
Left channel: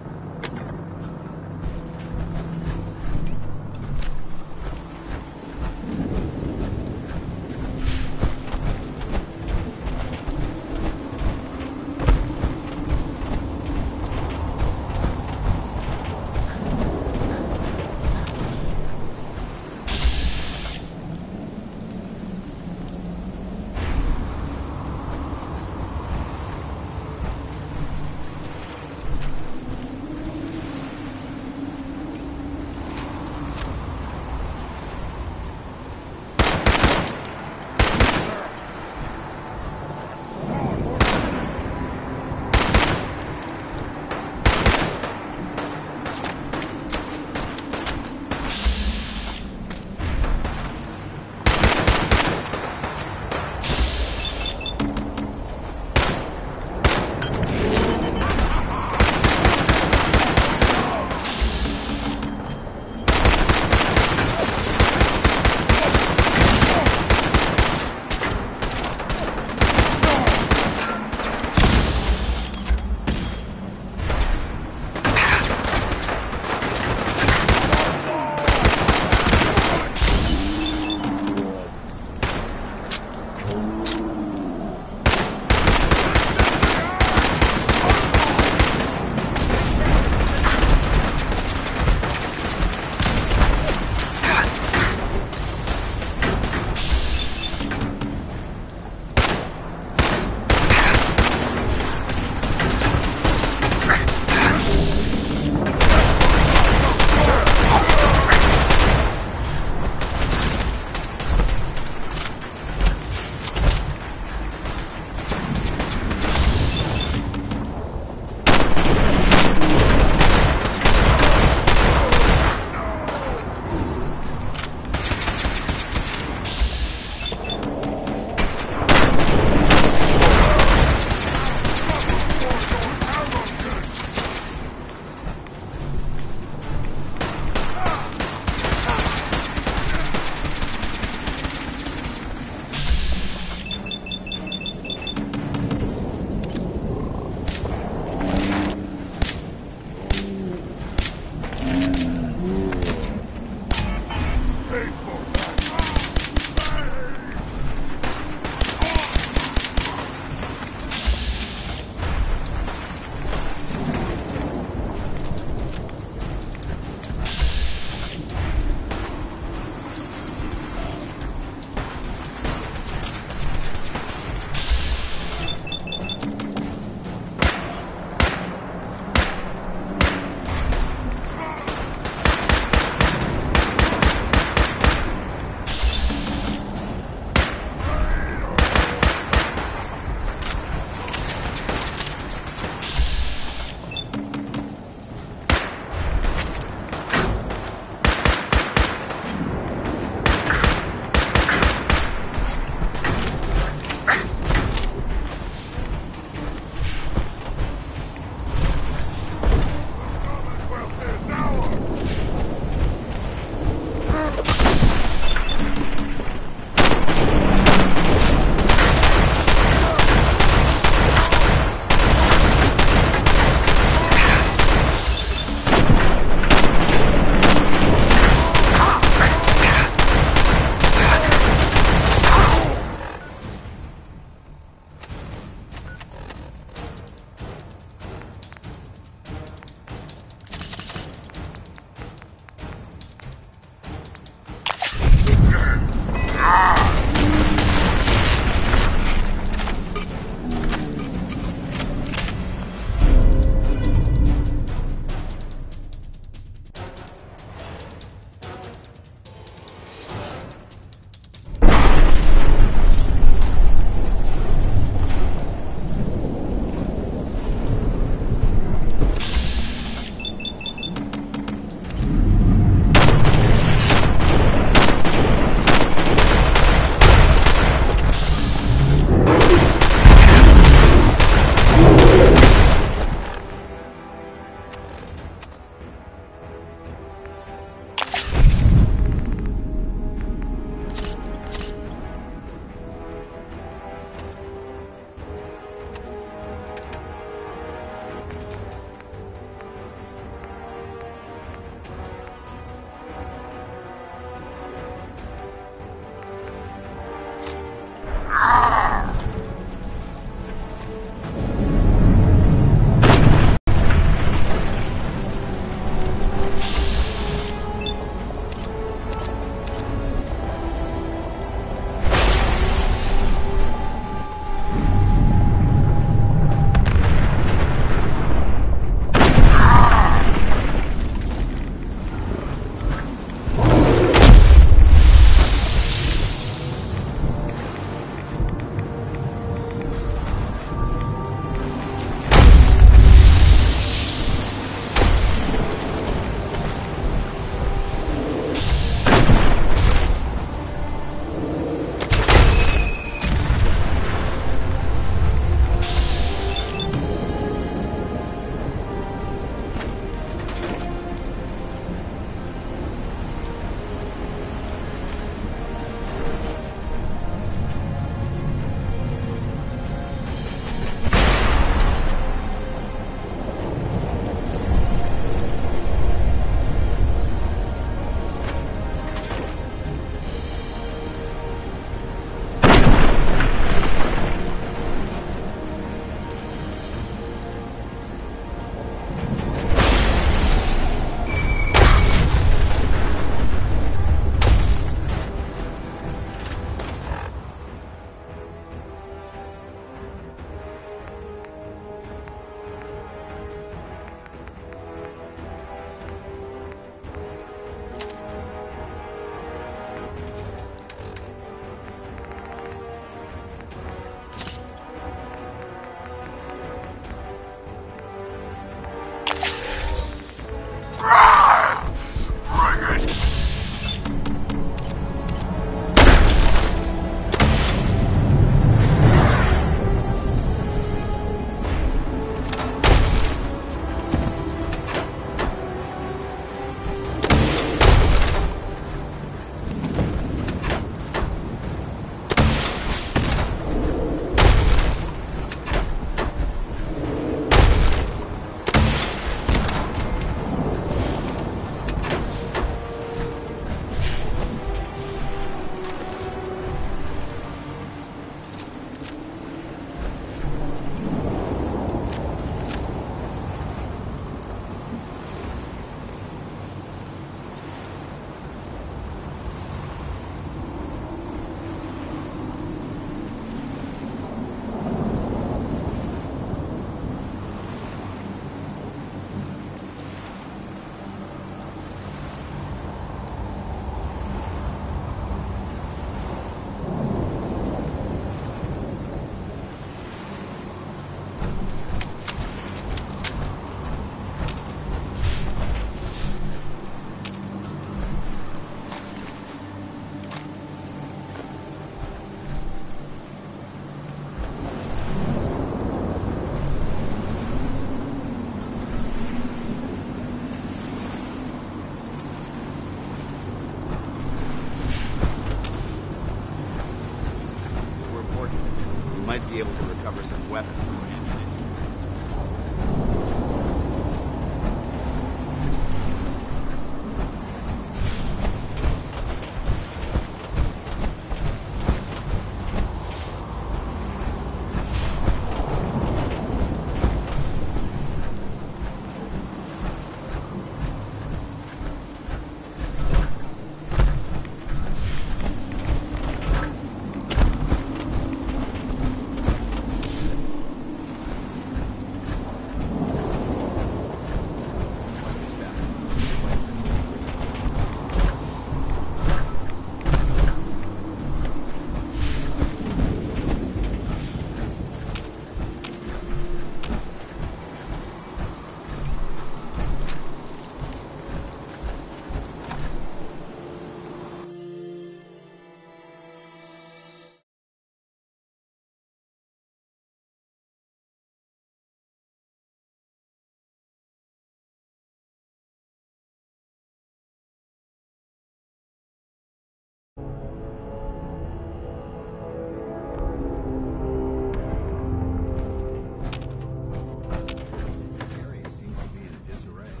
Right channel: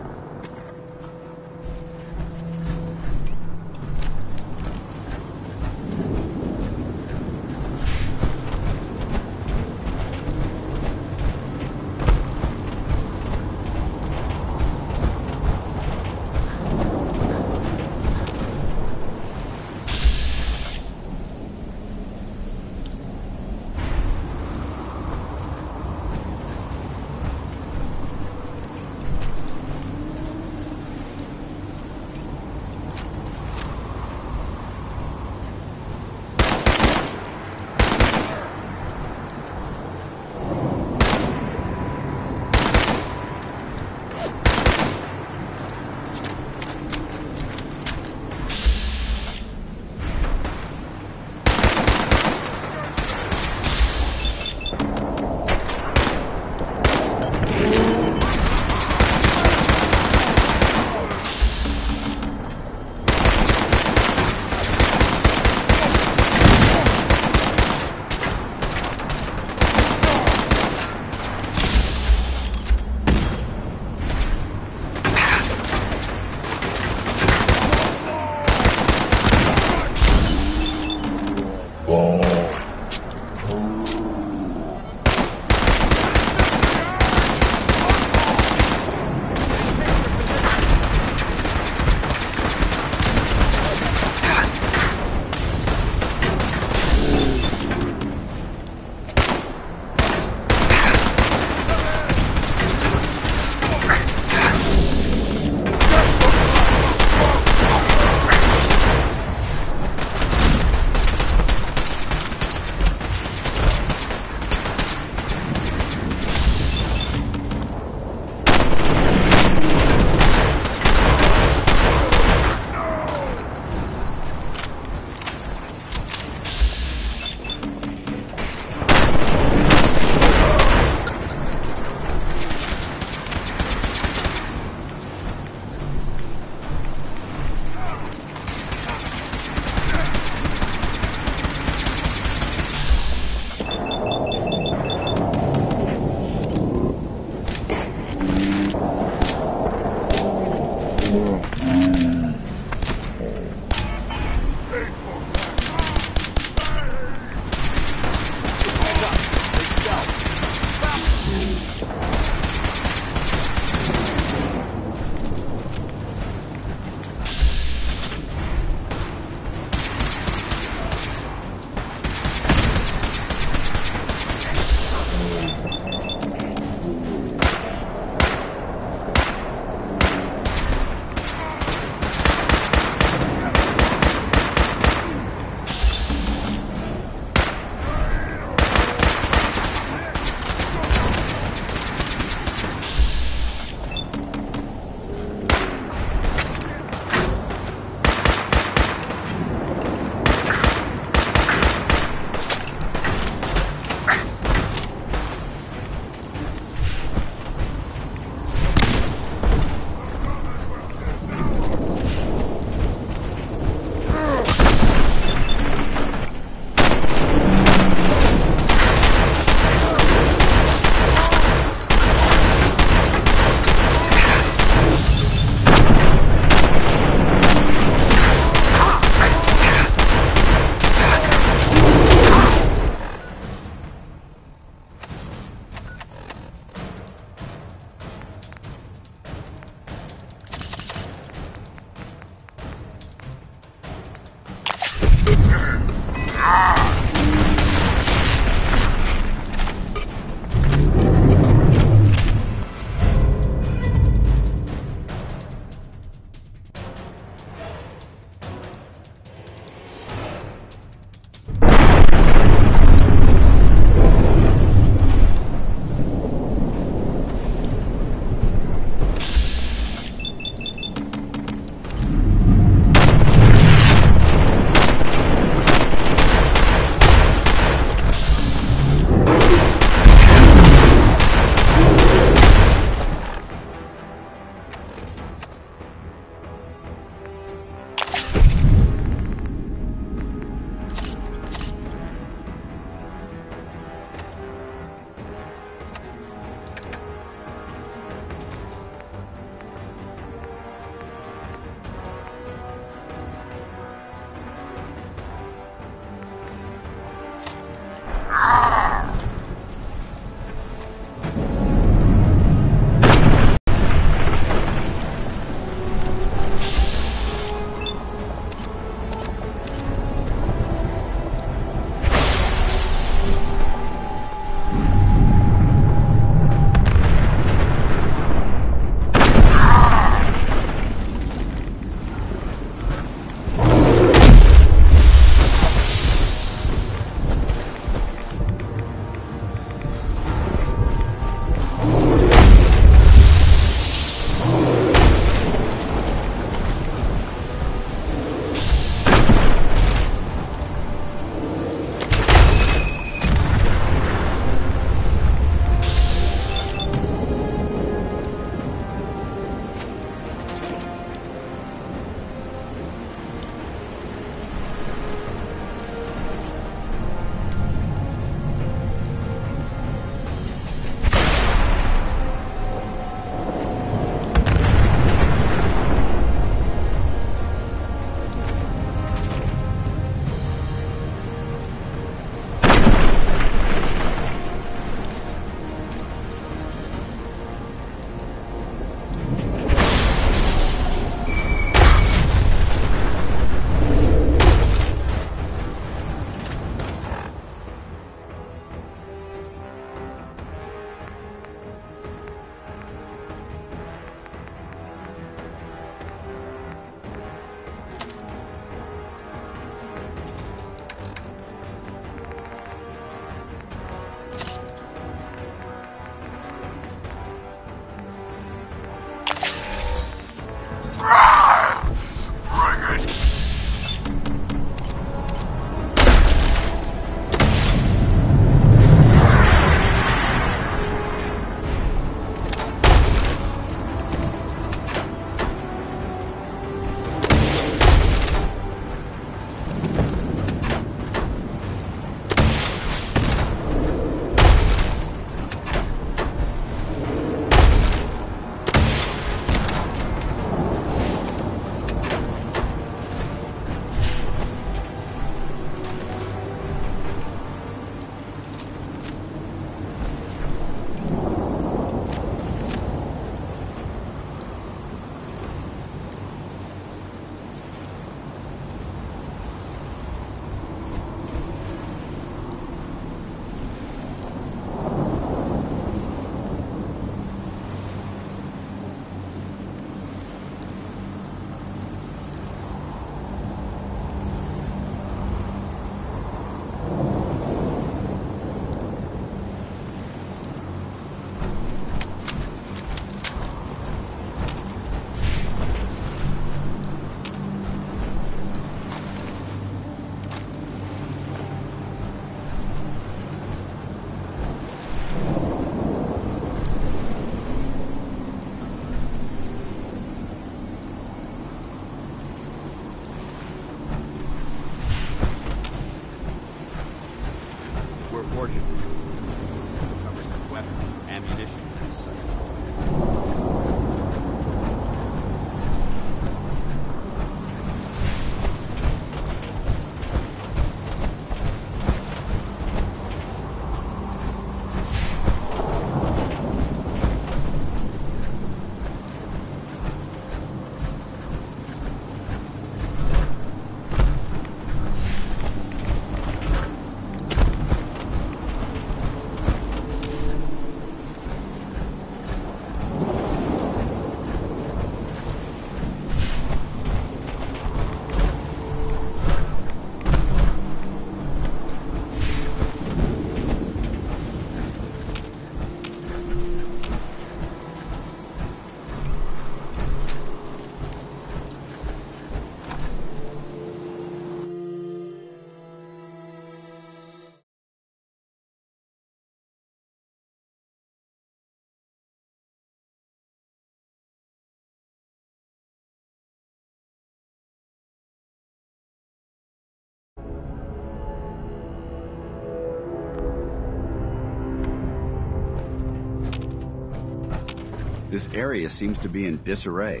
This area seems to be in disarray.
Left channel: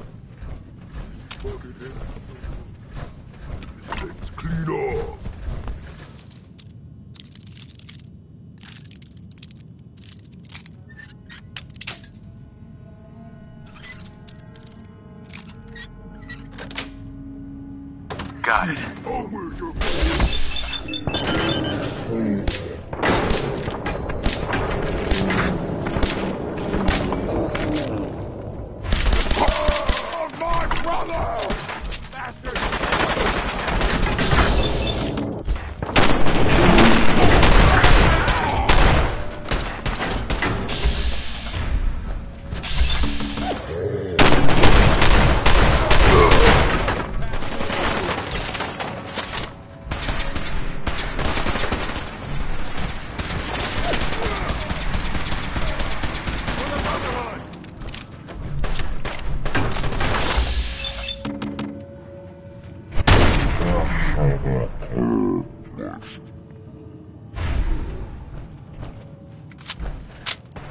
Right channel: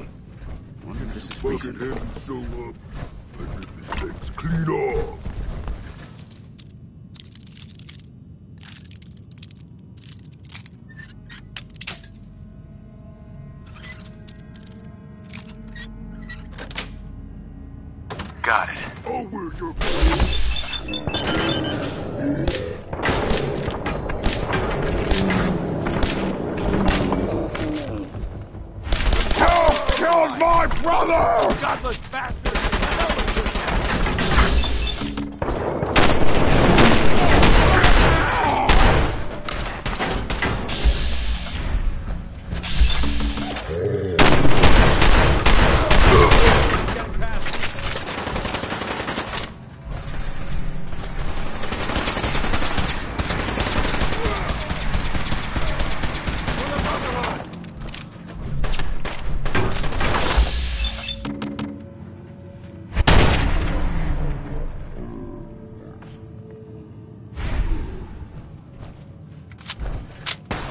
Bucket him and show up. And rip his legs clean off. Got it. Oh, where's your... Killed my brother! Godless bastard!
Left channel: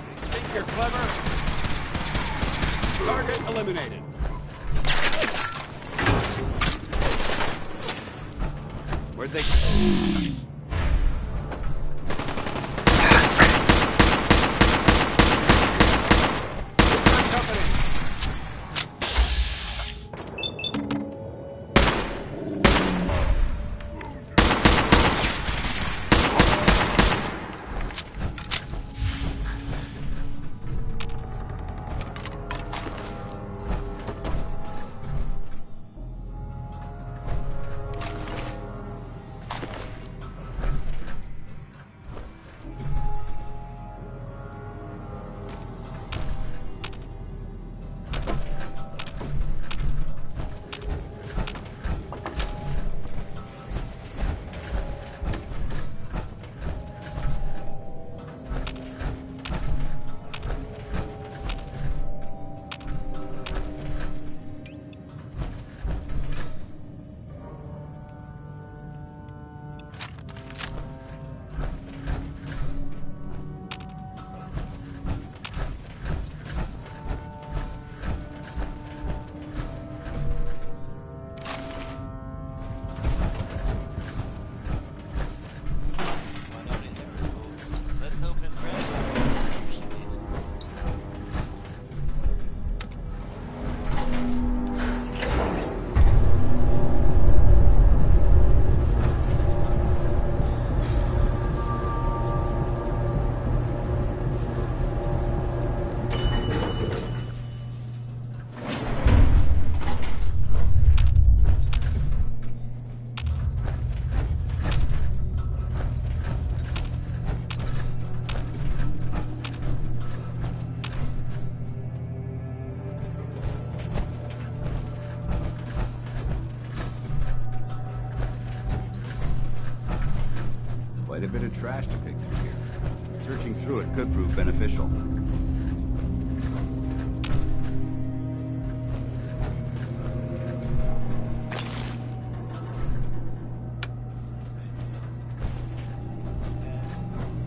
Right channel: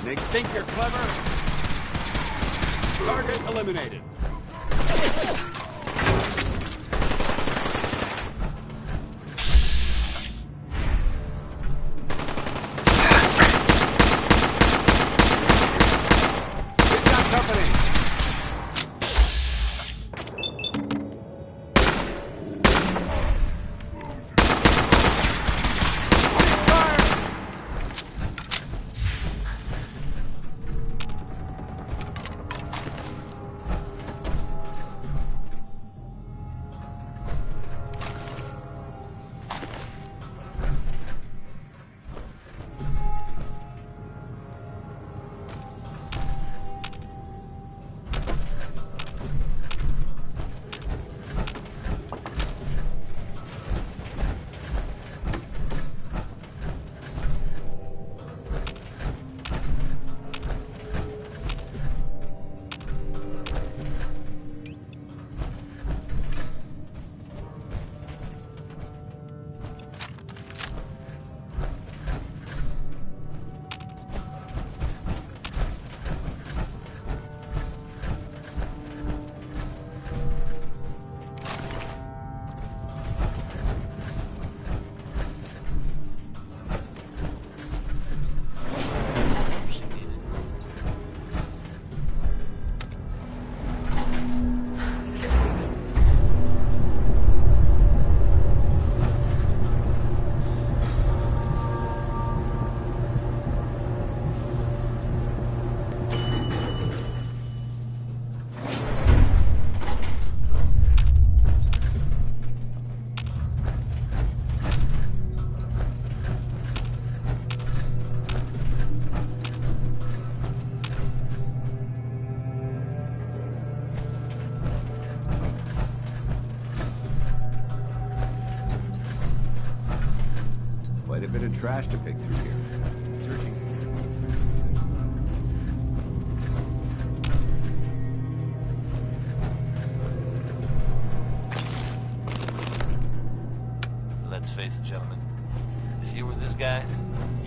They think you're clever. Target eliminated. Where'd they go? Get that company. Quite a bit of trash to pick through here. Searching through it could prove beneficial. Let's face it, gentlemen. Is he with this guy?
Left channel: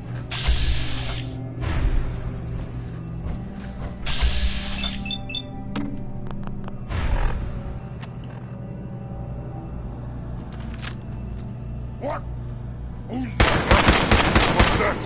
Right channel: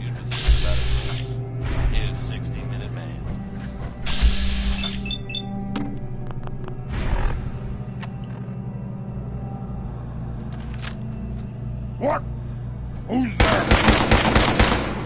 You'd be surprised. He's 60-minute man. What? Who's there? What's that?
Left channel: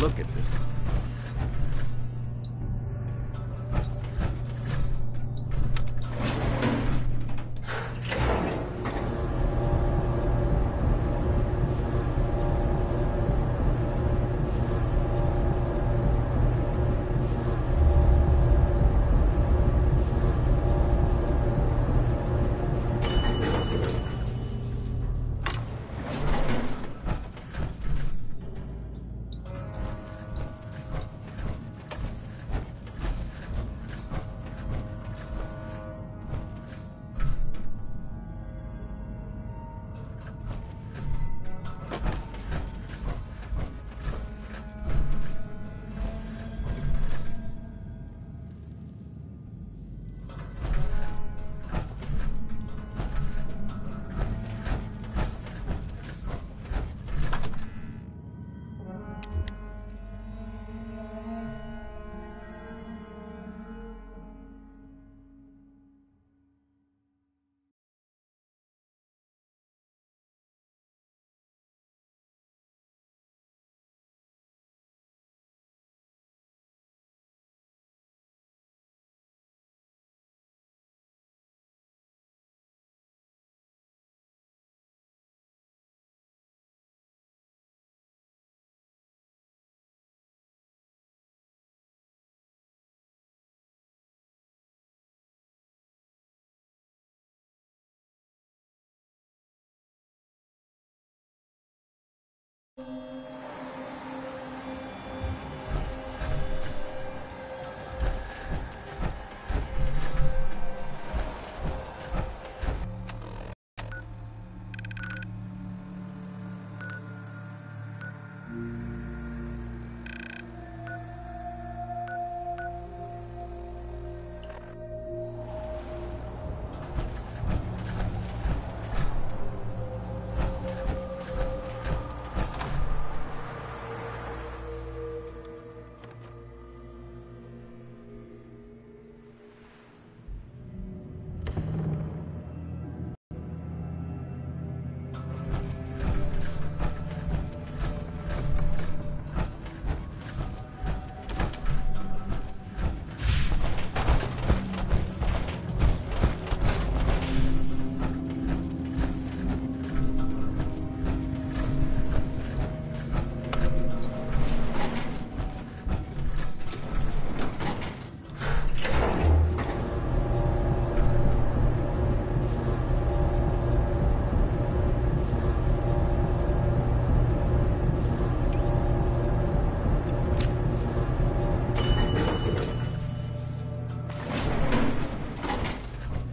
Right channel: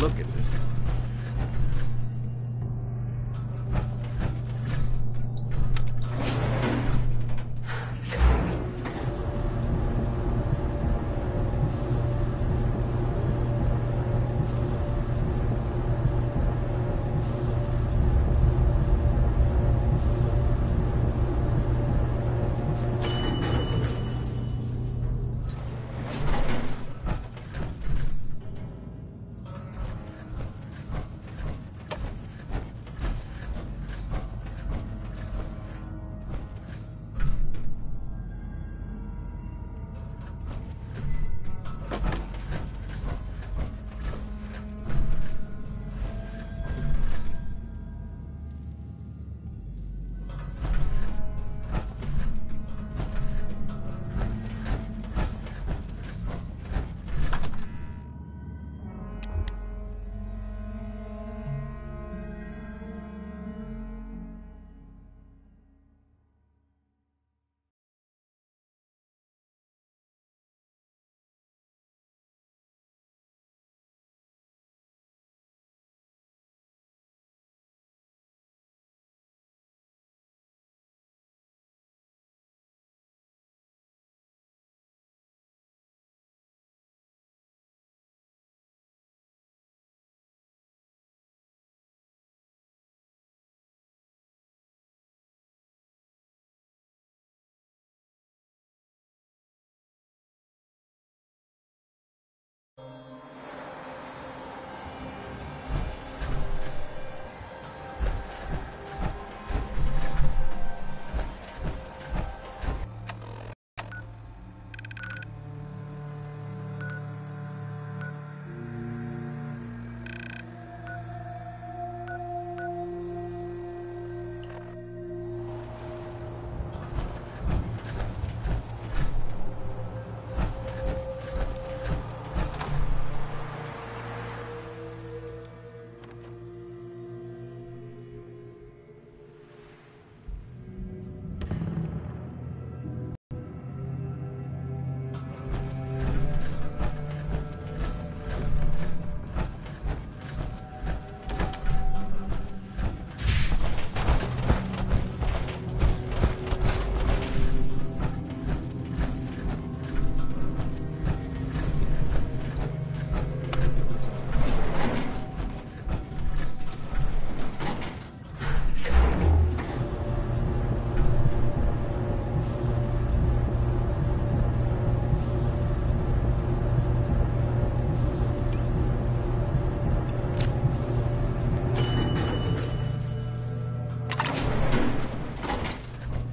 Look at this.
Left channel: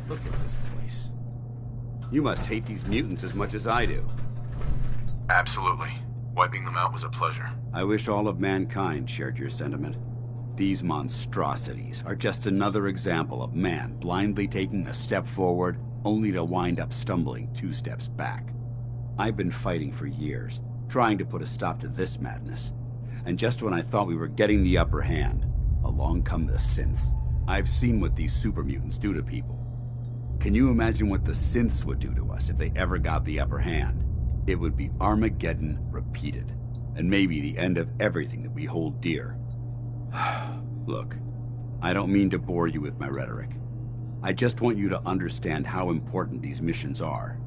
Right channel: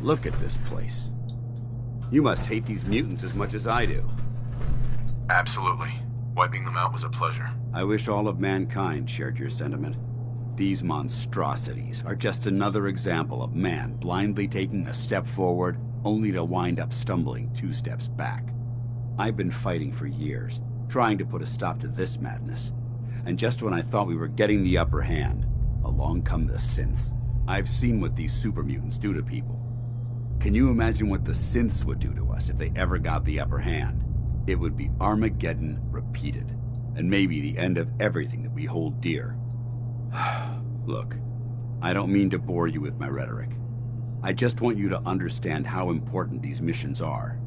Look at this place. You must hate these mutants as much as I do. Absolutely. Wiping them out was a pleasure. I wish all of mankind shared your sentiment. These monstrosities are just another example of man blindly taking a step forward, only to wind up stumbling 2 steps back. I've been fighting for years, trying to put a stop to this madness. And just when I thought we were getting the upper hand, along come the synths. I've seen what these super mutants do to people. Can you imagine what the synths would do to us if they ever got the upper hand? It would be Armageddon repeated, and maybe the end of everything that we hold dear. Look, I don't mean to bore you with my rhetoric. I just want you to understand how important these missions are.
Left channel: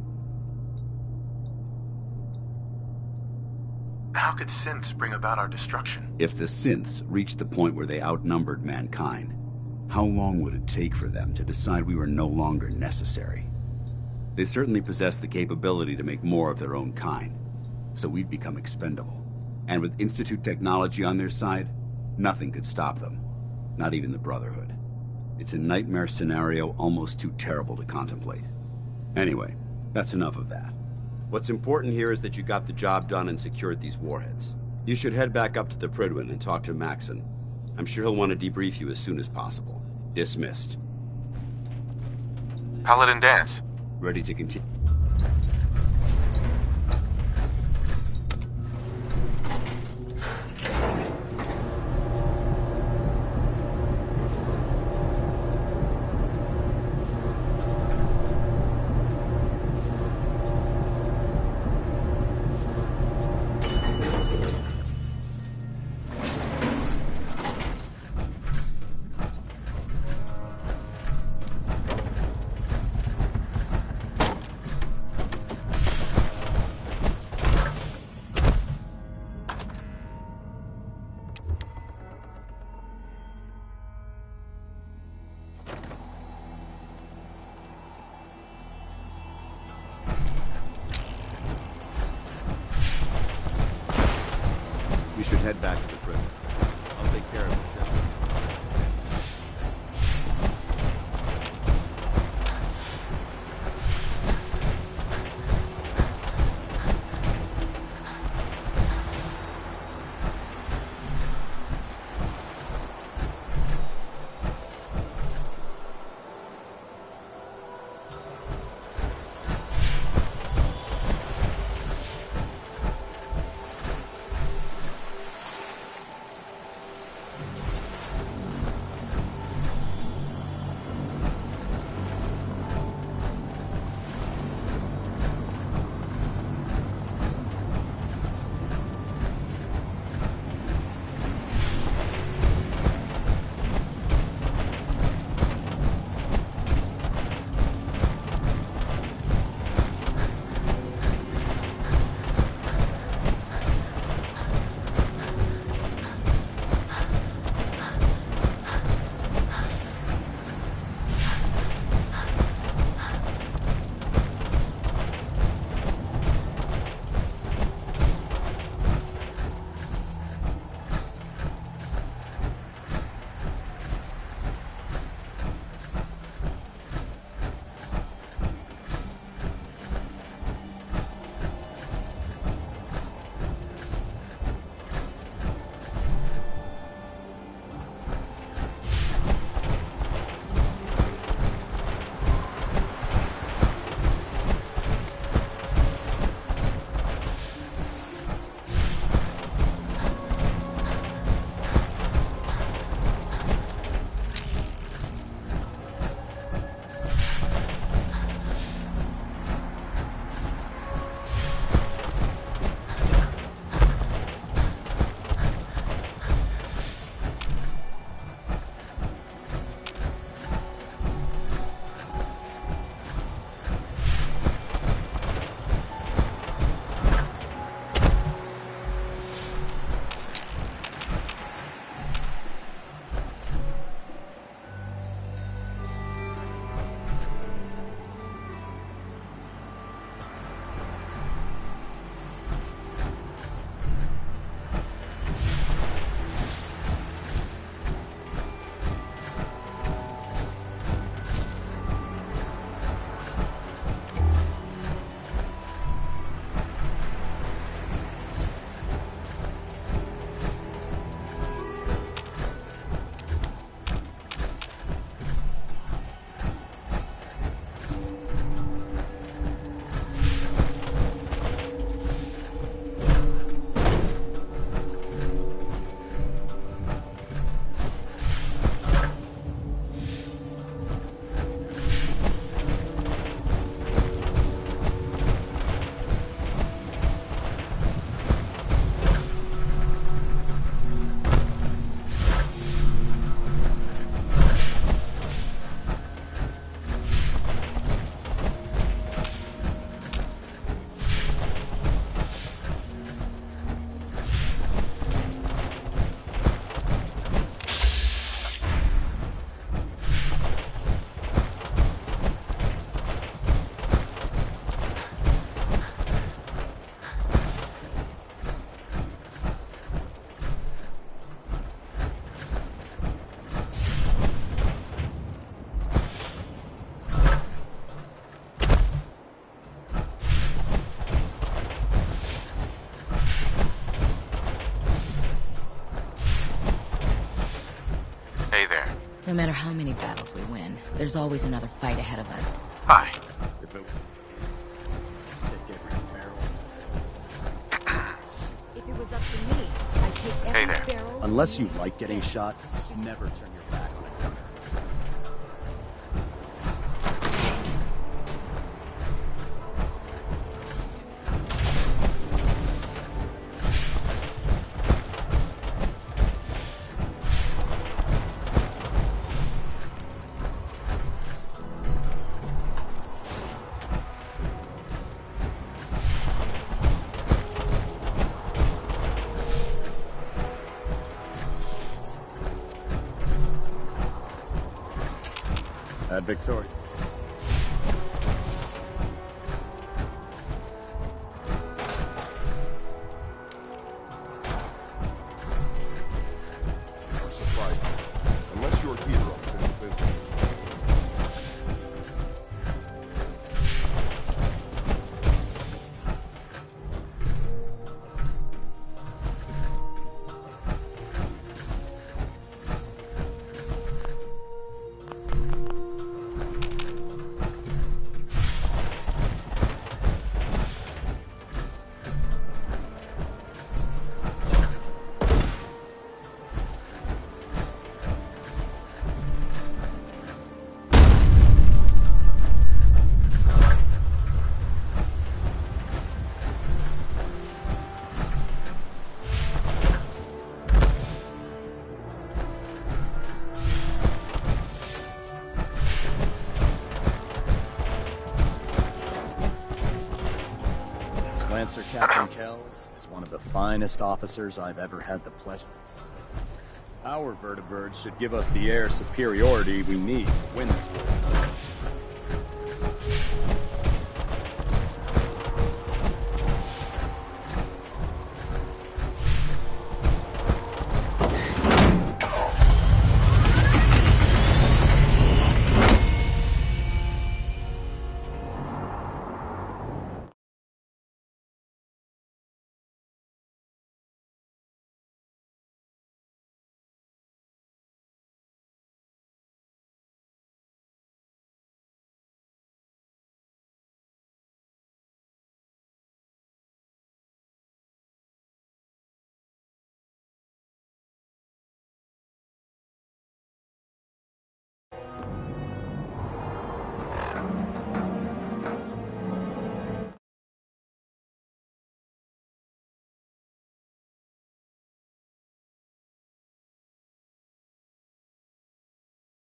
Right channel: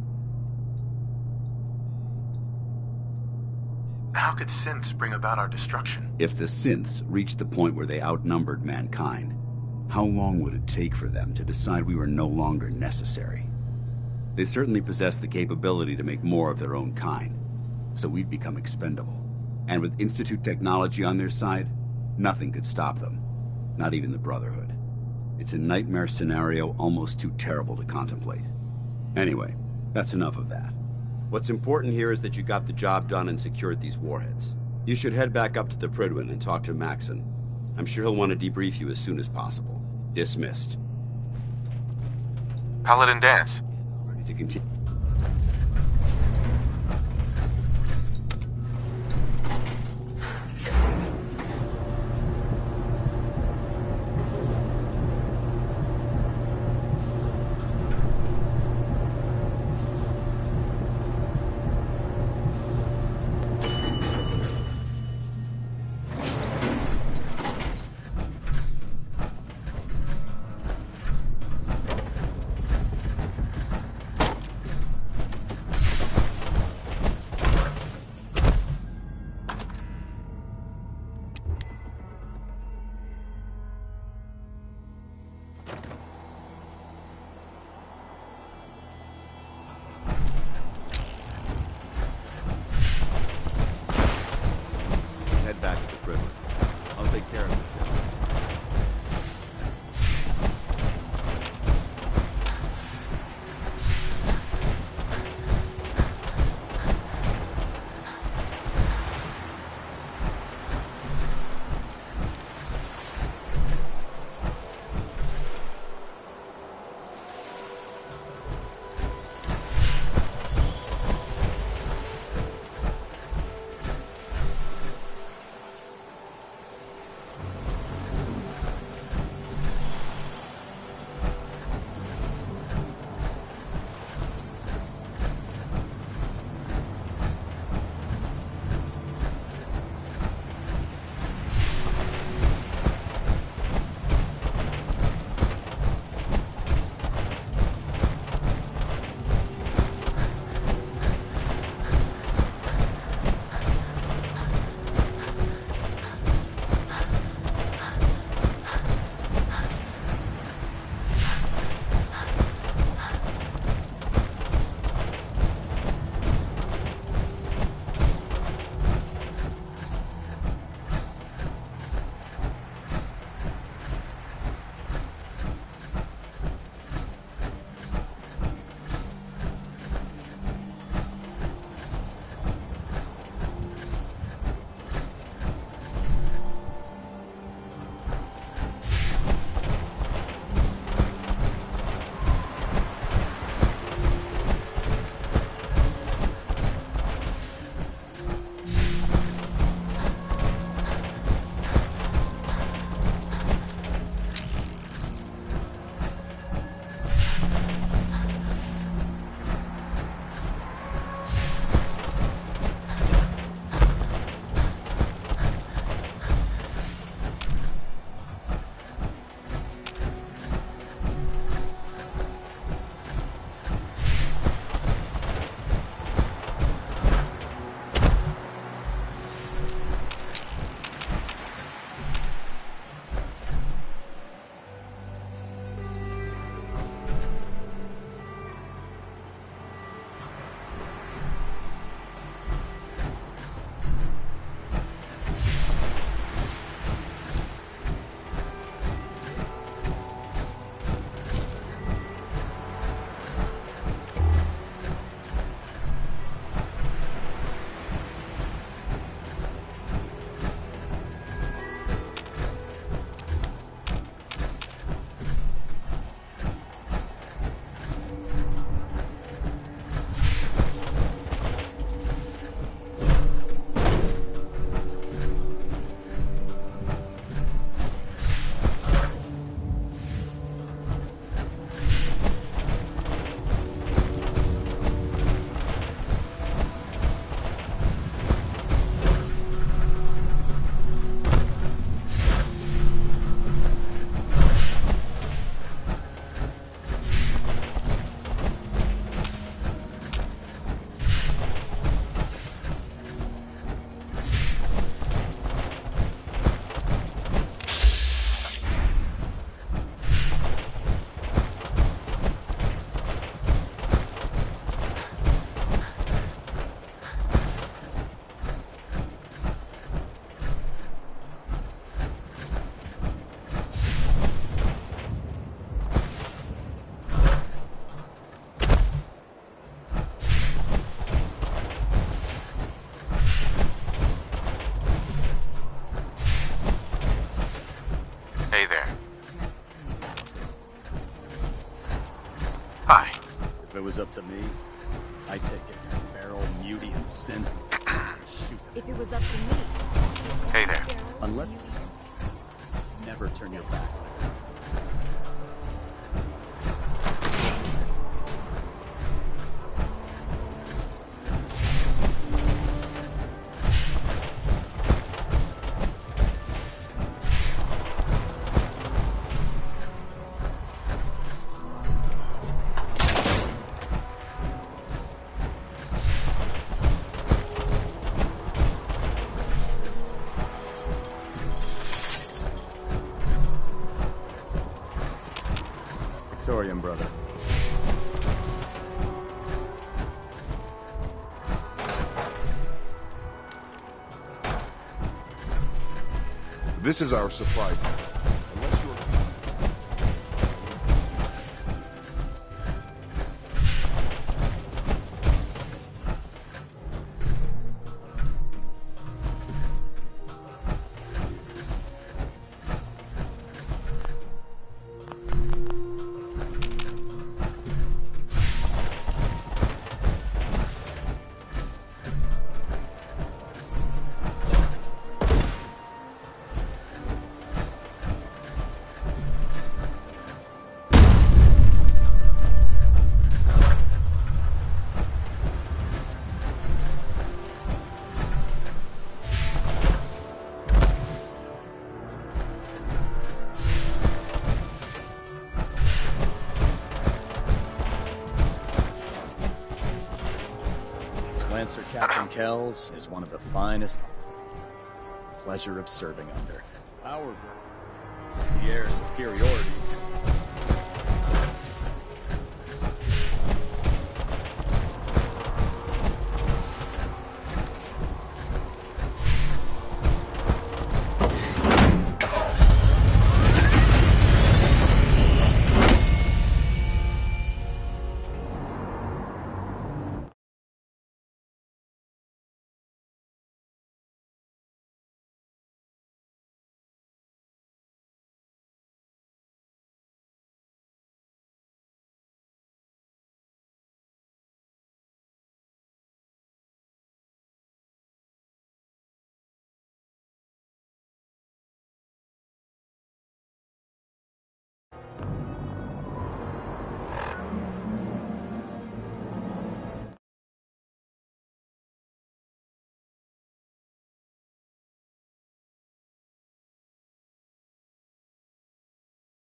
How could synths bring about our destruction? If the synths reached the point where they outnumbered mankind, how long would it take for them to decide we were no longer necessary? They certainly possess the capability to make more of their own kind, so we'd become expendable. And with Institute technology on their side, nothing could stop them, not even the Brotherhood. It's a nightmare scenario almost too terrible to contemplate. Anyway, that's enough of that. What's important here is that you got the job done and secured these warheads. You should head back up to the Prydwen and talk to Maxon. I'm sure he'll want to debrief you as soon as possible. Dismissed. Paladin Dance. Ready to continue. head back to the prison. I'll take care of the shell. No matter how many battles we win, there's always another fight ahead of us. Hi. If it was up to me, I'd take every barrel, beauty, and sin. If it was up to me, I'd take every barrel... Unless you like getting shot, never turn your back on a gunner. Victorian, brother. This is our supply point. Unless you're here. Lancer Captain Kells is one of the finest officers I've ever had the pleasure of serving under. Our vertibirds should give us the air superiority we need to win this war.